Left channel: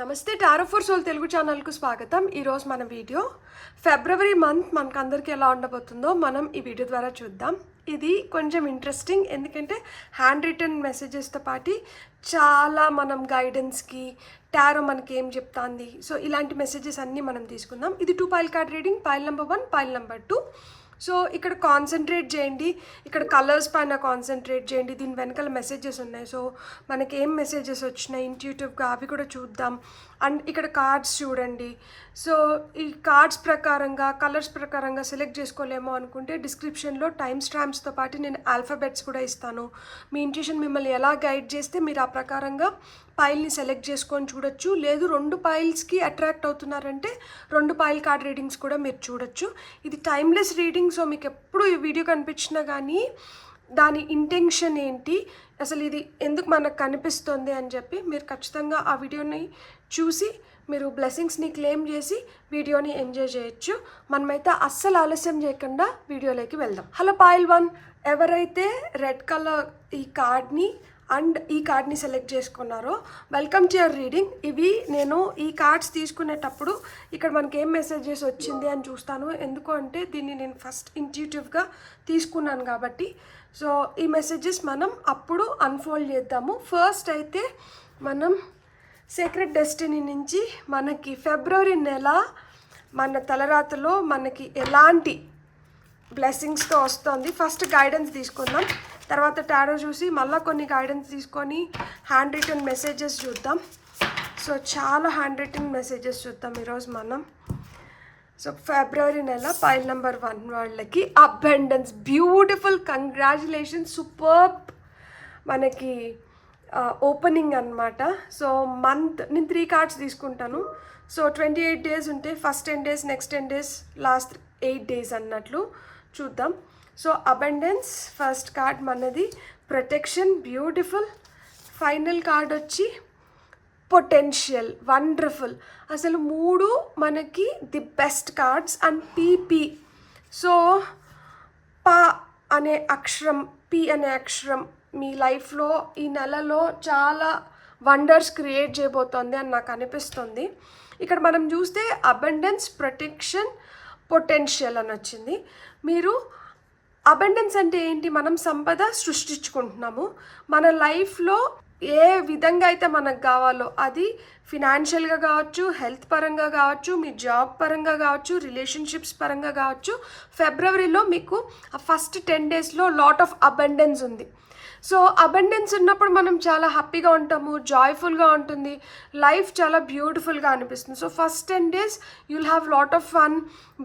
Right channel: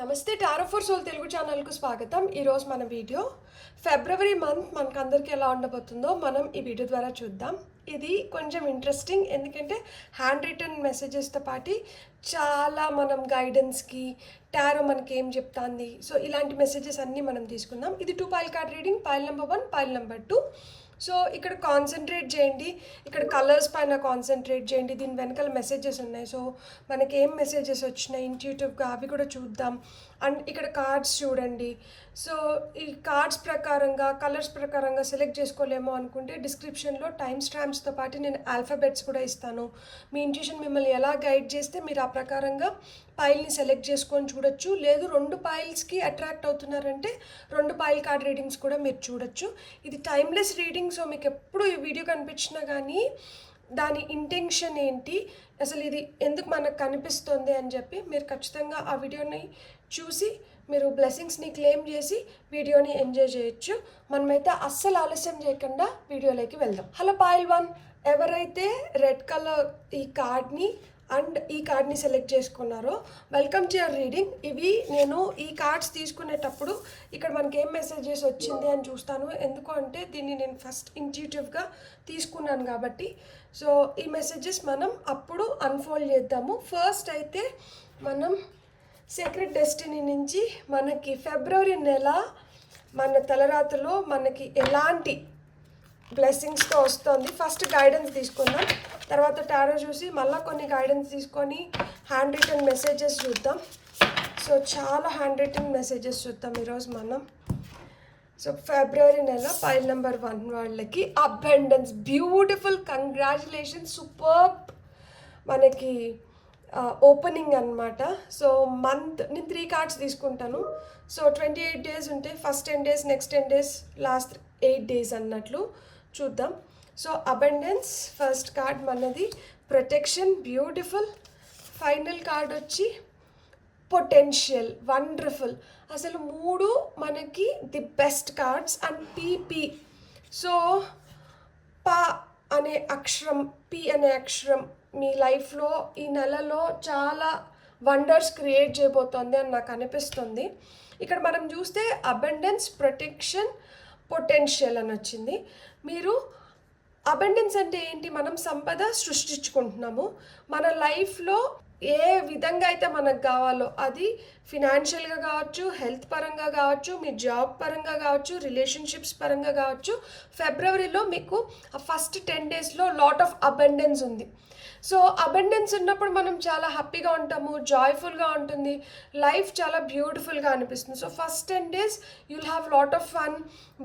నమస్తే tarot for soul Telugu ఛానల్కు స్వాగతం. ఈరోజు మన వీడియో ఫిబ్రవరి మంత్ మనకందరికీ ఎలా ఉండబోతుందో మనం ఈ వీడియో ద్వారా చూద్దాం. ఇది కొంచెం ఇంట్రెస్టింగ్, ఎందుకంటే హ్యాండ్ రిటర్న్ మెసేజెస్తో పాటు చాలా మనం గైడెన్స్కి టారో మనకి ఏం చెప్తాంది, సో ఇలాంటి మెసేజెస్ అన్నీ మనం తీసుకుందాం. ఇది 2 pile card reading, pile number 1, pile number 2. So ఇక్కడ కాన్సన్ట్రేట్ చేయండి, ఇక్కడ కలర్స్ పైన కాన్సన్ట్రేట్ చేయండి. దీని వెనకాల మెసేజెస్ ఉన్నాయి, సో మనకి ఏం మెసేజెస్ వచ్చినాయి ఇంట్యూటివ్గా అవి కూడా చూద్దాం. అండ్ ఇక్కడ కార్డ్స్ చూడండి. సో ఈ కార్డ్స్ ప్రకారంగా కలర్స్ ప్రకారంగా సెలెక్ట్ చేసుకోలేమో అనుకుంటే డిస్క్రిప్షన్లో టైమ్ స్టాంప్స్తో పాటు నేను ఆల్ఫాబెట్స్ కూడా ఇస్తాను. మీ ఇంట్యూషన్ మిమ్మల్ని ఎలా గైడ్ చేస్తే మీరు ఆ ప్రకారంగా పైల్ని సెలెక్ట్ చేసుకొని చూడొచ్చు. లేదు 2 పైల్స్కి అట్రాక్ట్ అవుతున్నారంటే 2 పైల్ కార్డ్ రీడింగ్స్ కూడా మీరు చూడొచ్చు. ఇది టైమ్లెస్ రీడింగ్, సో మీకు ఎప్పుడు ఈ వీడియో కనిపించినా కానీ దాని ఇంటెన్షన్ ఏంటి, అసలు ఇది ఎందుకు మనకు కనిపిస్తుంది అని చెప్పి మీరు ఖచ్చితంగా ఆ వీడియోని చూసి మీరు బ్లెస్సింగ్స్ని క్లెయిమ్ చేసి వీడియోని ఎంజాయ్ చేయొచ్చు. మనమైతే అస్సలు ఆలస్యం చేయకుండా వీడియోలోకి వెళ్దాం. హలో పైల్ 1, ఎవరైతే రెడ్ కలర్ ఈ కార్డ్ని అండ్ ఈ కార్డ్ని సెలెక్ట్ చేసుకున్నారో వెల్కమ్ టు యువర్ రీడింగ్. ఇవి నేను ఈ కార్డ్స్ తీసుకునేటప్పుడు ఇక్కడ మనకి ఏం మెసేజెస్ వచ్చింది అని చూస్తాను. ఎందుకు అంటే దీన్ని నేను ఫస్ట్ ఇంట్యూటివ్గా తీసుకున్నాను కాబట్టి. సో ఈ మెసేజెస్ మనం అప్పుడు అన్ఫోల్డ్ చేద్దాము. ఫస్ట్ అయితే మనం సీక్రెట్ డెస్టినీ నుంచి మనకి ఫిబ్రవరి నెల మన తలరాతలో మనకి ఎలాంటి బ్లెస్సింగ్స్తో వస్తుంది. ఫస్ట్ గైడెన్స్ తీసుకుందాం, తర్వాత టారో చూసి మళ్ళీ కొన్ని గైడెన్స్ తీసుకొని హ్యాండ్ రిటన్ మెసేజెస్ చూద్దాం. సో చాలా హ్యాండ్ రిటన్ మెసేజెస్ చూద్దాం ఈరోజు మనం. సో ఫిబ్రవరి నెల పైల్ నెంబర్ 1 వాళ్ళకి అబండెన్స్, బ్యూటిఫుల్, కంగ్రాచులేషన్స్, సూపర్బ్ మనకి ఓపెనింగ్ అనమాట. సో మంత్ నేను 3 కార్డ్స్ తీసుకుంటాను. సో 28 డేస్ ఉంటే first 10 days, next 10 days, last 8 days అన్నట్లు చూద్దాం. సో అబండెన్స్ ఫస్ట్ కార్డ్ మనది, ప్రొటెక్షన్ బ్యూటిఫుల్, ఫైనల్ కార్డ్ వచ్చి పొటెన్షియల్, వండర్ఫుల్. అసలు 3 మనకి the best cards. And PP, so పా అనే అక్షరం, పి అనే అక్షరం మీ లైఫ్లో ఈ నెలలో చాలా వండర్స్ క్రియేట్ చేయబోతోంది అని నాకు అనిపిస్తుంది. ఇక్కడ మనం చూస్తే అబండెన్స్, ప్రొటెక్షన్, పొటెన్షియల్ అని వచ్చింది. మీరు అబండెన్స్ అంటే ఏంటి, మనం సంపద సృష్టించుకుంటున్నాము. మన లైఫ్లో ఏ విధంగా అయితే మనకు కావాలో అది ఫినాన్షియల్గా కావచ్చు, హెల్త్ పరంగా కావచ్చు, మీ జాబ్ పరంగా కావచ్చు, రిలేషన్షిప్స్ పరంగా కావచ్చు. ఫిబ్రవరిలో మీకు ఆ ఫస్ట్ 10 డేస్లో లాట్ ఆఫ్ అబండెన్స్ ఉంది. సో అబండెన్స్ ఉన్నప్పుడు మనం చాలా హ్యాపీగా ఉంటాము, జాయ్ఫుల్గా ఉంటుంది, లైఫ్ చాలా బ్యూటిఫుల్గా అనిపిస్తుంది. So first 10 days you'll have lot of fun,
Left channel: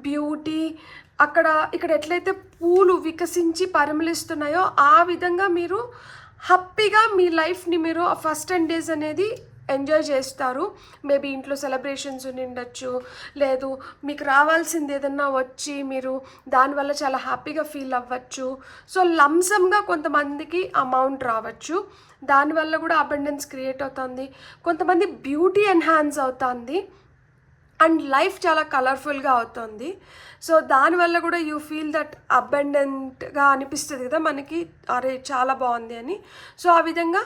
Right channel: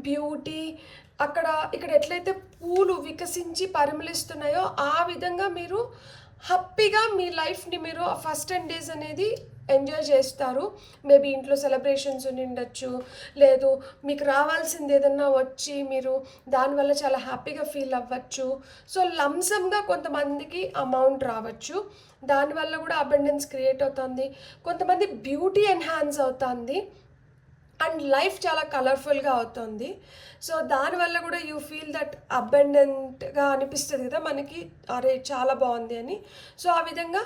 beauty. ఇక్కడ ఎట్లయితే పూలు వికసించి పరిమళిస్తున్నాయో ఆ విధంగా మీరు హ్యాపీగా మీ లైఫ్ని మీరు ఆ ఫస్ట్ 10 డేస్ అనేది ఎంజాయ్ చేస్తారు. మేబీ ఇంట్లో సెలబ్రేషన్స్ ఉండొచ్చు, లేదు మీకు రావాల్సింది ఏదన్నా వచ్చి మీరు దానివల్ల చాలా హ్యాపీగా ఫీల్ అవ్వచ్చు. సో లంసమ్గా కొంతమందికి అమౌంట్ రావచ్చు, దానివల్ల కూడా అబండెన్స్ క్రియేట్ అవుతుంది. కొంతమంది బ్యూటీ ఎన్హాన్స్ అవుతుంది అండ్ లైఫ్ చాలా కలర్ఫుల్గా అవుతుంది. సో దానివల్ల కూడా యూ ఫీల్ దట్ అబండెంట్గా అనిపిస్తుంది కదా మనకి, అరే చాలా బాగుంది అని. సో ఆ విధంగా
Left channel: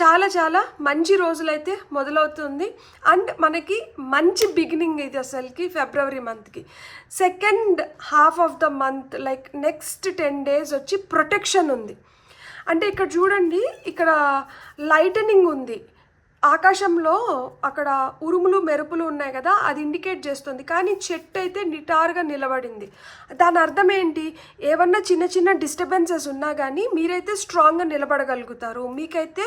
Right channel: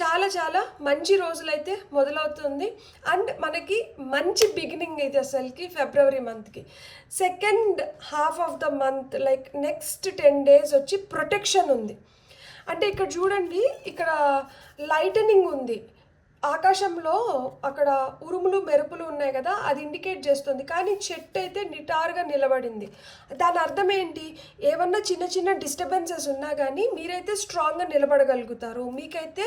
చాలా చాలా మంచి రోజులైతే మొదలవుతుంది. అండ్ మనకి మంచి బిగినింగ్ ఇది అసలుకి ఫిబ్రవరి మంత్కి. Second half of the month like next 10 days వచ్చి ప్రొటెక్షన్ ఉంది. అంటే ఇక్కడ చూడండి, ఇక్కడ లైటనింగ్ ఉంది ఆకాశంలో, అక్కడ ఉరుములు మెరుపులు ఉన్నాయి కదా, అది ఇండికేట్ చేస్తుంది. కానీ చెట్టు అయితే నిటారుగా నిలబడింది. దాని అర్థం ఏంటి, ఏమన్నా చిన్న చిన్న డిస్టర్బెన్సెస్ ఉన్నా కానీ మీరైతే స్ట్రాంగ్గా నిలబడగలుగుతారు. మీకైతే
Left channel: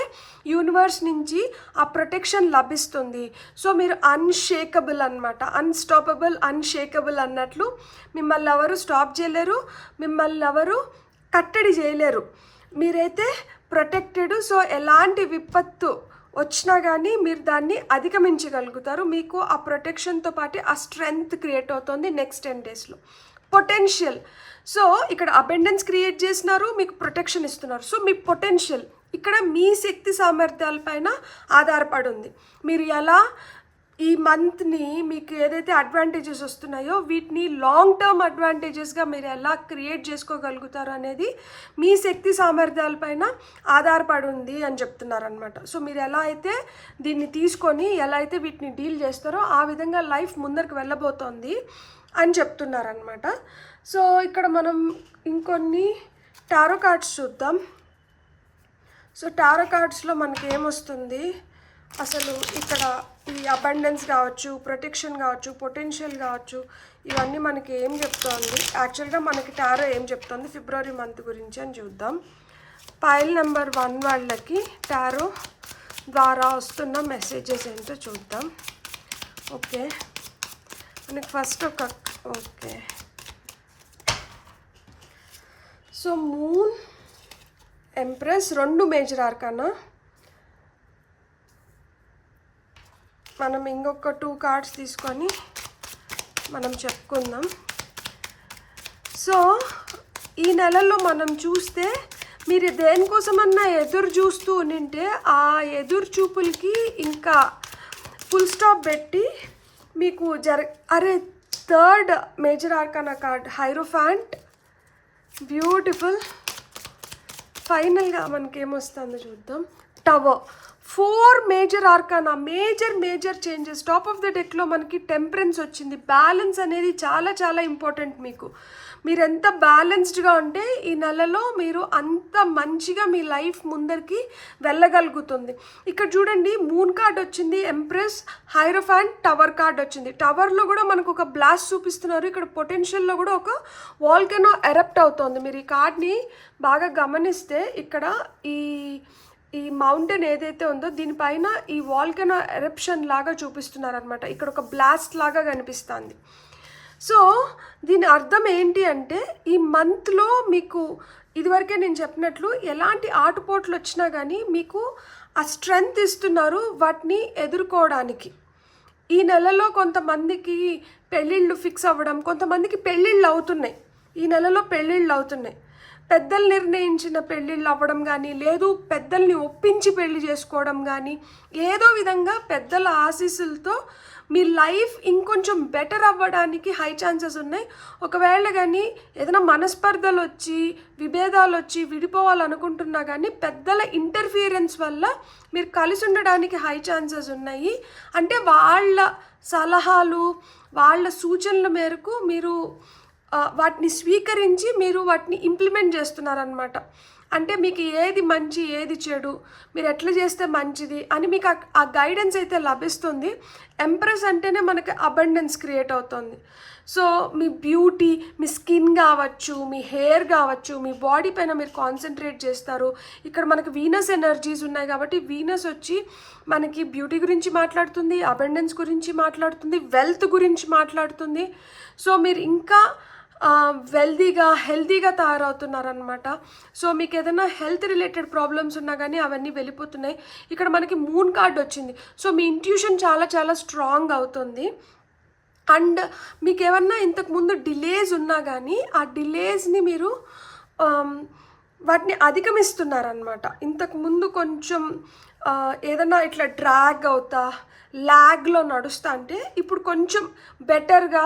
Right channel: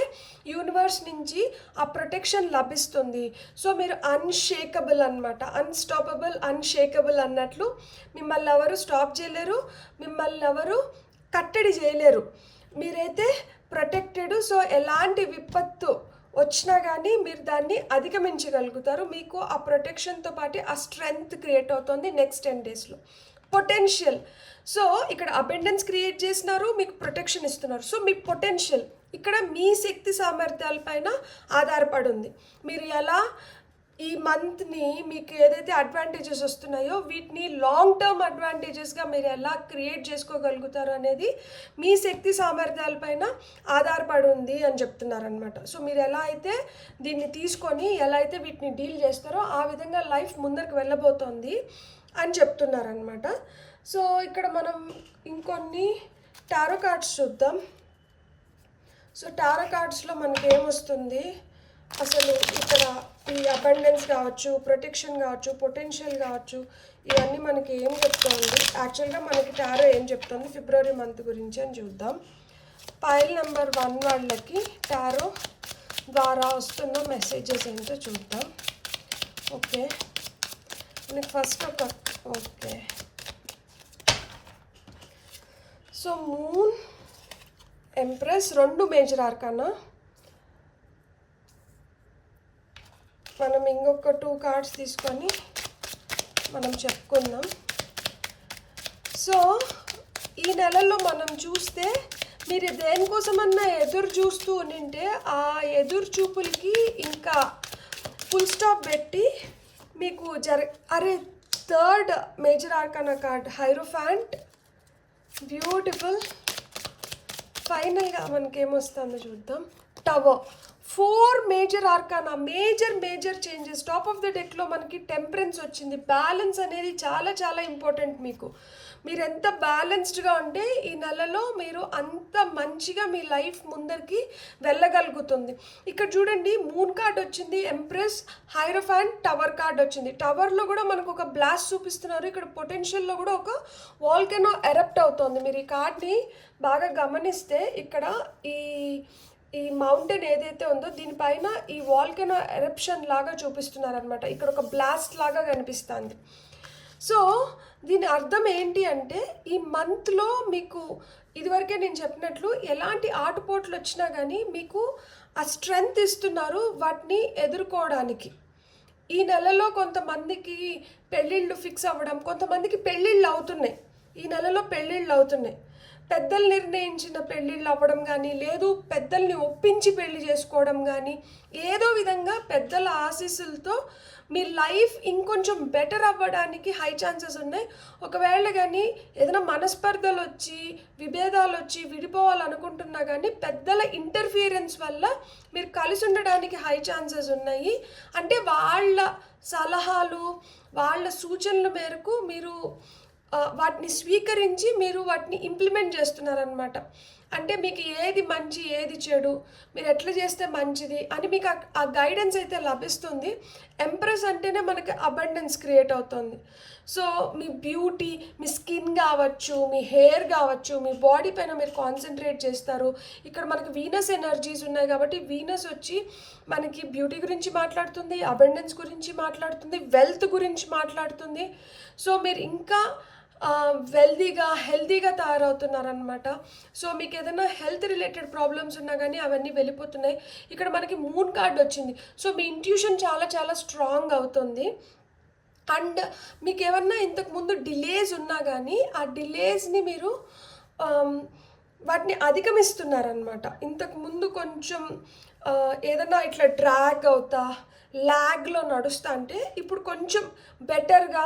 యూనివర్స్ నుంచి ఆ ప్రొటెక్షన్ లభిస్తుంది. సో మీరు అన్షేకబుల్ అనమాట, అన్స్టాపబుల్, అన్షేకబుల్ అన్నట్లు. మిమ్మల్ని ఎవరు స్టాప్ చేయలేరు, మిమ్మల్ని ఎవరు కట్టడి చేయలేరు. మీరైతే ప్రొటెక్టెడ్. సో ఎలాంటి విపత్తు వచ్చినా కానీ మీరు దాన్ని అధిగమించగలుగుతారు. మీకు ఆ ప్రొటెక్షన్తో పాటు ఆ స్ట్రెంగ్త్ క్రియేట్ అవుతుంది నెక్స్ట్ 10 డేస్లో. పొటెన్షియల్, సో ఇక్కడ అబెండెన్స్ క్రియేట్ చేసినారు, మీకు ప్రొటెక్షన్ ఇస్తున్నారు. సో మీ పొటెన్షియల్ ఇక్కడ మీ శక్తి సామర్థ్యాల పైన ఆధారపడి ఉంది. మీరు ఎలా ఈ మంత్ని మీకు ఏదైతే అడ్వాంటేజెస్ వస్తున్నాయో వీటిని లాంగ్ టర్మ్ అడ్వాంటేజెస్గా మీరు ఎలా క్రియేట్ చేసుకోగలుగుతారు అనేది మీ శక్తి సామర్థ్యాలపైన ఆధారపడి ఉంది అని చెప్తున్నారనమాట. సో మీరు ఎలా అయితే దీన్ని తీసుకొని ఎలా అయితే వీటిని డీల్ చేస్తారో ఆ విధంగా లైఫ్ ముందరికి వెళ్ళబోతోంది అని చెప్తున్నారనమాట. సో ఇక్కడ మనం ఇంకొన్ని టారో కార్డ్స్ చూద్దాం. సో టారో కార్డ్స్లో మనకి ఏమొస్తుంది, అసలు ఇక్కడ ఈ అబండెన్స్ కావచ్చు, ప్రొటెక్షన్ కావచ్చు, పొటెన్షియల్ కావచ్చు, ఇవన్నీ మనకి ఏం చెప్తోంది, యాక్చువల్గా మనకి టారో ఏం చెప్తోంది ఫిబ్రవరి మంత్ గురించి అని చూద్దాం. పైల్ నెంబర్ 1 వాళ్ళకి టారో ద్వారా వస్తున్న మెసేజెస్ ఏంటో చూద్దాం. ఓకే, మనకి first okay. So moon, empress, 2 major arcana. మనం ఇంకొక 2 కార్డ్స్ తీసుకొని మనం చెప్పుకుందాం. సో ఈ నెలలో మనం చూస్తే మీరు దేనికోసమన్నా ఎదురు చూస్తూ ఉంటే ఆ ఎదురు చూపులకి ఇంకా ఫుల్ స్టాప్ పెట్టి మీకు అరే 3rd major arcana card hierophant, beautiful. ఫైనల్గా మనకేమొస్తుందో చూద్దాం. Tower, 4 major arcana, major changes. Top of the డెక్లో మనకి టెంపరెన్స్ వచ్చింది. బ్యాలెన్స్ అనేది చాలా చాలా ఇంపార్టెంట్. మీరు ఎంత బ్యాలెన్స్డ్గా ఉంటే ఈ నెలలో మీరు అంత మంచిగా మీ లైఫ్ ముందరికి వెళ్ళగలుగుతుంది. ఇక్కడ చూడండి, మూన్ కార్డ్ వచ్చింది, ఎంప్రెస్, హైరోఫాంట్, టవర్ కార్డ్ వచ్చింది. టవర్లో కూడా మనకు ఒక బ్లాస్ట్ చూపిస్తున్నారు. ఇక్కడ పొటెన్షియల్లో కూడా ఒక వాల్కనో ఎరప్ట్ అవుతుంది. మీరు ఈ కార్డ్ని బాగా గమనిస్తే ఇక్కడ ఈ మౌంటైన్ ఏదైతే ఉందో దీనిపైన ఈ వాల్కనో ఎరప్షన్ లాగా చూపిస్తున్నారనమాట. ఇక్కడ ఒక బ్లాస్ట్ లాగా కనిపిస్తుంది. సో దీని అర్థం ఏంటి అంటే ఈ మంత్లో మీకు ఇదివరకే నేను చెప్పినట్లు ఎలాంటి ఆటుపోట్లు వచ్చినా కానీ మీకు ఆ స్ట్రెంగ్త్ ఇస్తున్నారు వాటిని ఎదుర్కోవడానికి. ఈ నెలలో కొంతమందికి పెళ్ళిళ్ళు ఫిక్స్ అవ్వడం, కొంతమందికి పెళ్ళిళ్ళు అవుతున్నాయి. ఈ నెలలో పెళ్ళిళ్ళు అవుతున్నాయి. పెద్దలు నిర్ణయించిన పెళ్ళిళ్ళు అవ్వడం కానీ, లేదు పెద్దల్ని ఒప్పించి పెళ్లి చేసుకోవడం కానీ, ఏదో విధంగా పెద్దల ఆశీస్సులతో మీ లైఫ్ ఇంకొంచెం బెటర్ అవ్వడానికి హై ఛాన్సెస్ ఉన్నాయి. ఒకవేళ కానీ ఏదైనా మనస్పర్ధలు వచ్చి, విభేదాలు వచ్చి విడిపోవాలనుకుంటున్నా కానీ పెద్దల ఇంటర్ఫియరెన్స్ వల్ల మీరు కలిసి ఉండడానికి హై ఛాన్సెస్ ఉన్నాయి. అంటే వాళ్ళ సలహాలు, వాళ్ళ సూచనల మేరకు మీరు వాటిని స్వీకరించి మీరు వాటిని ఇంప్లిమెంట్ చేస్తున్నారనమాట. అంటే మీకు ఏది మంచి, ఏది చెడు, మీరు ఎట్లా చేస్తే మంచిది అని మీకు ఆ గైడెన్స్ అయితే లభిస్తుంది. ఎంప్రెస్ అంటేనే మనకి అబండెన్స్ క్రియేట్ అవుతుంది. సో మీ బ్యూటీ, మీ స్కిన్ కావచ్చు, మీ హెయిర్ కావచ్చు, మీ బాడీ పైన మీరు కాన్సన్ట్రేట్ చేస్తారు. ఇక్కడ మనకి వీనస్ ఎనర్జీస్ ఉన్నాయి కాబట్టి వీనస్ వచ్చి మనకి బ్యూటీ గురించి మాట్లాడుతుంది, అబండెన్స్ గురించి మాట్లాడుతుంది, వెల్త్ గురించి మాట్లాడుతుంది. సో మీరు ఇంకా వెల్దీగా, హెల్తీగా తయారవుతున్నారనమాట. సో మీకు ఏదైనా హెల్త్ రిలేటెడ్ ప్రాబ్లమ్స్ ఉన్నా కానీ అవన్నీ వెళ్ళిపోతున్నాయి. ఇక్కడ మనకి మూన్ కార్డ్ వచ్చింది. సో మీ ఇంట్యూషన్ చాలా చాలా స్ట్రాంగ్ అవుతుంది. అండ్ మీకు ఏమన్నా ఇంతకుముందు డిలేస్ ఉన్నా కానీ ఆ డిలేస్ని మీరు వాటిని అధిగమిస్తున్నారనమాట. ఇంతకుముందు కొంచెం ఏదన్నా ఇట్లా డ్రాగ్ అవుతా, ల్యాగ్లో నడుస్తా అంటే ఇప్పుడు కొంచెం బెటర్గా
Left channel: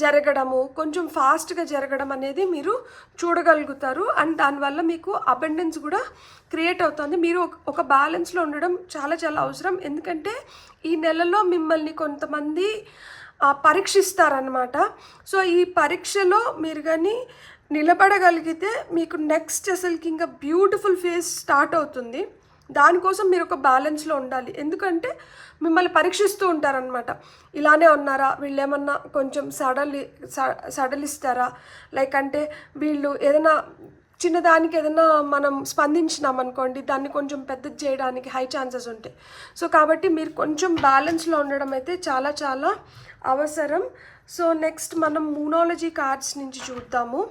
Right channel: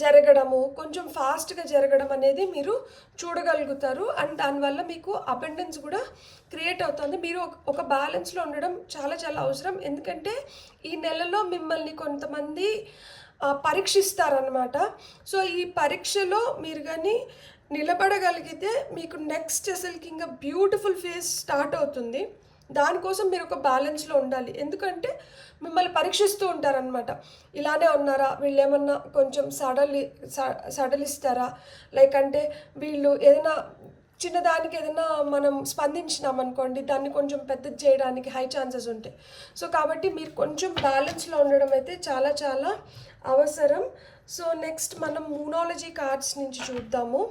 జరగడము, కొంచెం ఫాస్ట్గా జరగడం అనేది మీరు చూడగలుగుతారు. అండ్ దానివల్ల మీకు అబండెన్స్ కూడా క్రియేట్ అవుతుంది. మీరు ఒక బ్యాలెన్స్లో ఉండడం చాలా చాలా అవసరం. ఎందుకంటే ఈ నెలలో మిమ్మల్ని కొంతమంది పరీక్షిస్తారనమాట. సో ఈ పరీక్షలో మీరు కానీ నిలబడగలిగితే మీకు నెక్స్ట్ అసలుకి ఇంకా బ్యూటిఫుల్ ఫేజ్ స్టార్ట్ అవుతుంది. దానికోసం మీరు ఒక బ్యాలెన్స్లో ఉండాలి. ఎందుకంటే మిమ్మల్ని పరీక్షిస్తూ ఉంటారనమాట. ఇలానే ఉన్నారా, వీళ్ళు ఏమన్నా కొంచెం సడలిస్తారా, లైక్ అంటే వీళ్ళు ఏదైనా చిన్నదానికి ఏదైనా మనం స్పందించినామనుకోండి దాన్ని కొంచెం పెద్దది చేయడానికి హై ఛాన్సెస్ ఉంటాయి. సో కాబట్టి మీరు కొంచెం బ్యాలెన్స్లో ఉండడం అయితే చాలా చాలా అవసరం. సో నెక్స్ట్ మనం మూనాలజీ కార్డ్స్ నుంచి చూద్దాము.